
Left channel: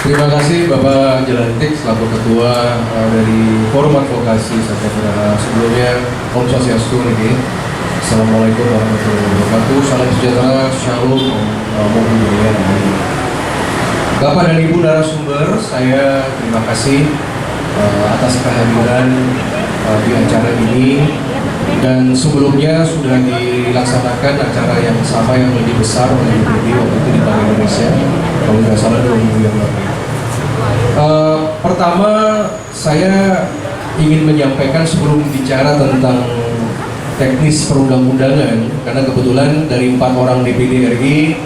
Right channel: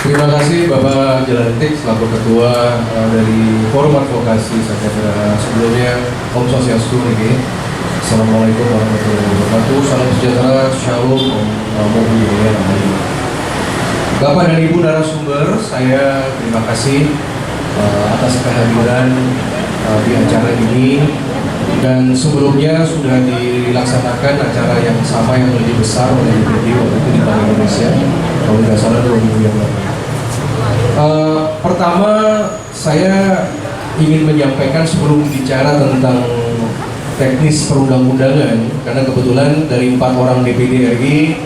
Terima kasih Bapak Jelantik selaku Ketua dari Forum Advokasi Sakya. Sebelumnya Om Swastiastu niki. Assalamualaikum warahmatullahi wabarakatuh. Salam sejahtera, shalom, Om Budaya. Bapak dan Ibu narasumber, saya terima kasih atas kehadiran di acara ini. Dan sebelumnya sudah dilaksanakan acara yang sama yang lebih besar oleh IPD waktu itu di Bank Indonesia, kalau tidak salah 2 minggu yang lalu. Pertama, saya ingin menyampaikan sebelum bicara tentang teknis perundang-undangan, karena kebetulan dari 4 orang DPD RI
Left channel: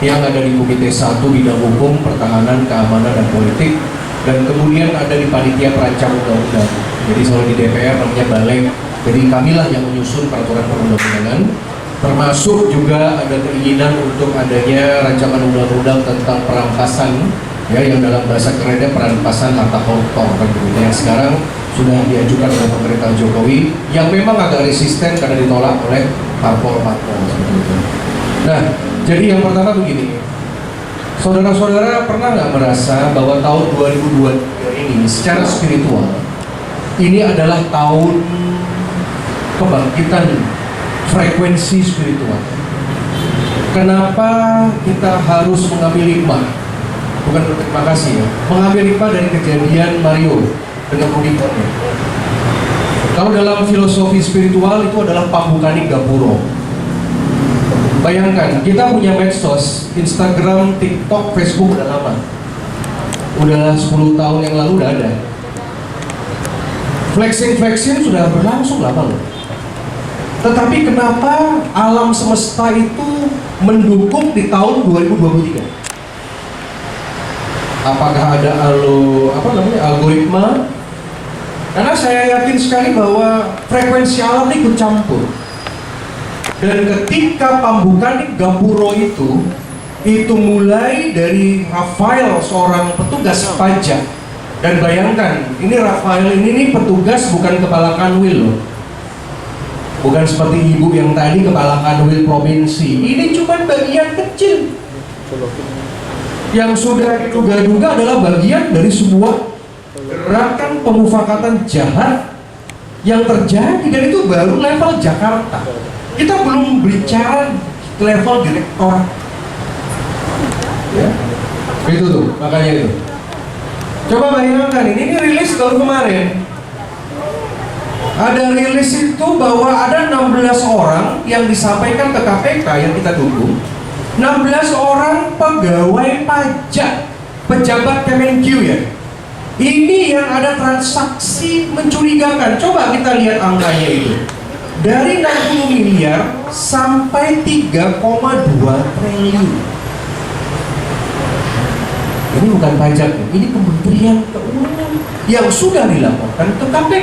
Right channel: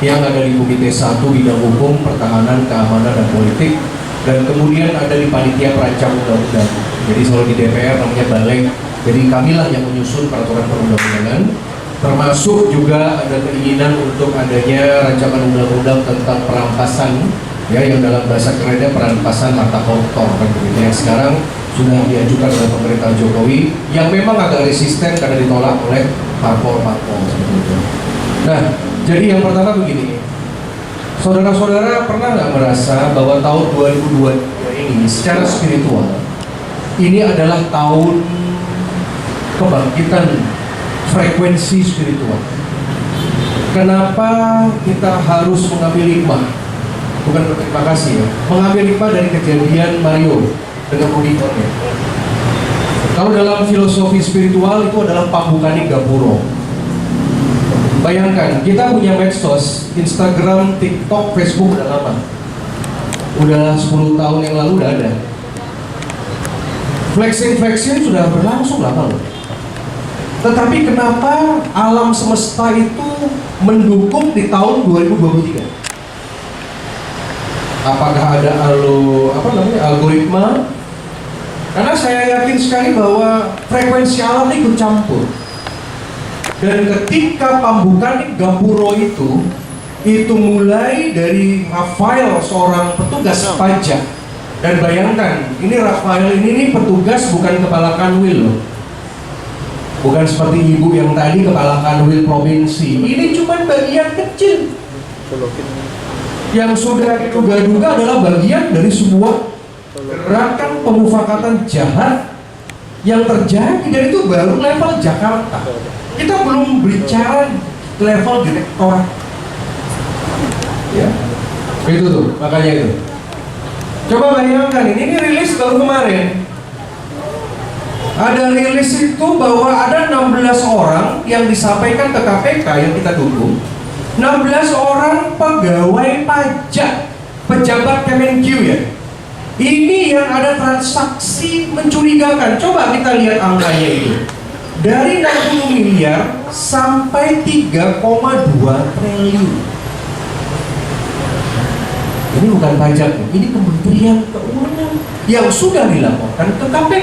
yang ada di Komite 1 Bidang Hukum, Pertahanan, Keamanan, dan Politik, dan kemudian ada di Panitia Perancang Undang-Undang. Jadi selalu di DPR namanya Balek. Jadi kamilah yang menyusun peraturan perundang-undangan, termasuk juga ada keinginan untuk adanya rancangan undang-undang tentang perampasan, ya, yang dalam bahasa kerennya perampasan harta koruptor, kan begitu, yang sekarang sudah diajukan oleh pemerintah Jokowi, yang memang agak resisten karena ditolak oleh parpol-parpol seperti itu. Nah, jadi yang pertama begini, saudara-saudara pernah nggak merasa bahwa tahun 2023 ini secara spiritual ini adalah tahun kebangkitan frekuensi spiritual? Kenapa kita harus mengambil hikmah? Bukan berterima kasih ya, mengambil hikmah dari kejadian Mario dengan Unicorn. Kalau dalam filosofi spiritual itu adalah pambukaning gapuro. Bayangkan, kita punya medsos, Instagram, TikTok, Facebook udah lama. Udah 10 tahun yang lalu udah ada. Flexing sudah berlangsung lama loh. Tetapi kenapa alam semesta itu mendukung di tahun 2023? Apakah ada algoritma? Karena saya yakin sekali bahwa frekuensi alam ikut campur. Dan ketika pambukan gapuro itu mulai dari Rafael, seorang petugas pajak. Dan bayangkan, ini Rafael ini petugas bukan kepala kanwil loh. Bukan seperti ibu yang tadi kepala kanwil provinsi. Ini cuma bagian kecil. Yang sudah diduga-duga adalah bagian dari sebuah gerakan pemufakatan jahat yang terjadi, dan itu baru level Jakarta. Kita belum bicara level direktorat. Ya, itu tuh, makanya itu. Coba bayangkan, ini rilis baru kemarin. Ada rilis itu bahwa ada 16 orang yang disampaikan ke KPK yang kita tunggu. 16 orang pegawai pajak, pejabat Kemenq ya. Ini yang ada transaksi mencurigakan. Coba kita lihat angkanya itu. Dari 60 miliar sampai 3,2 triliun. Ini bukan pajak, ini Kementerian Keuangan yang sudah dilaporkan ke KPK.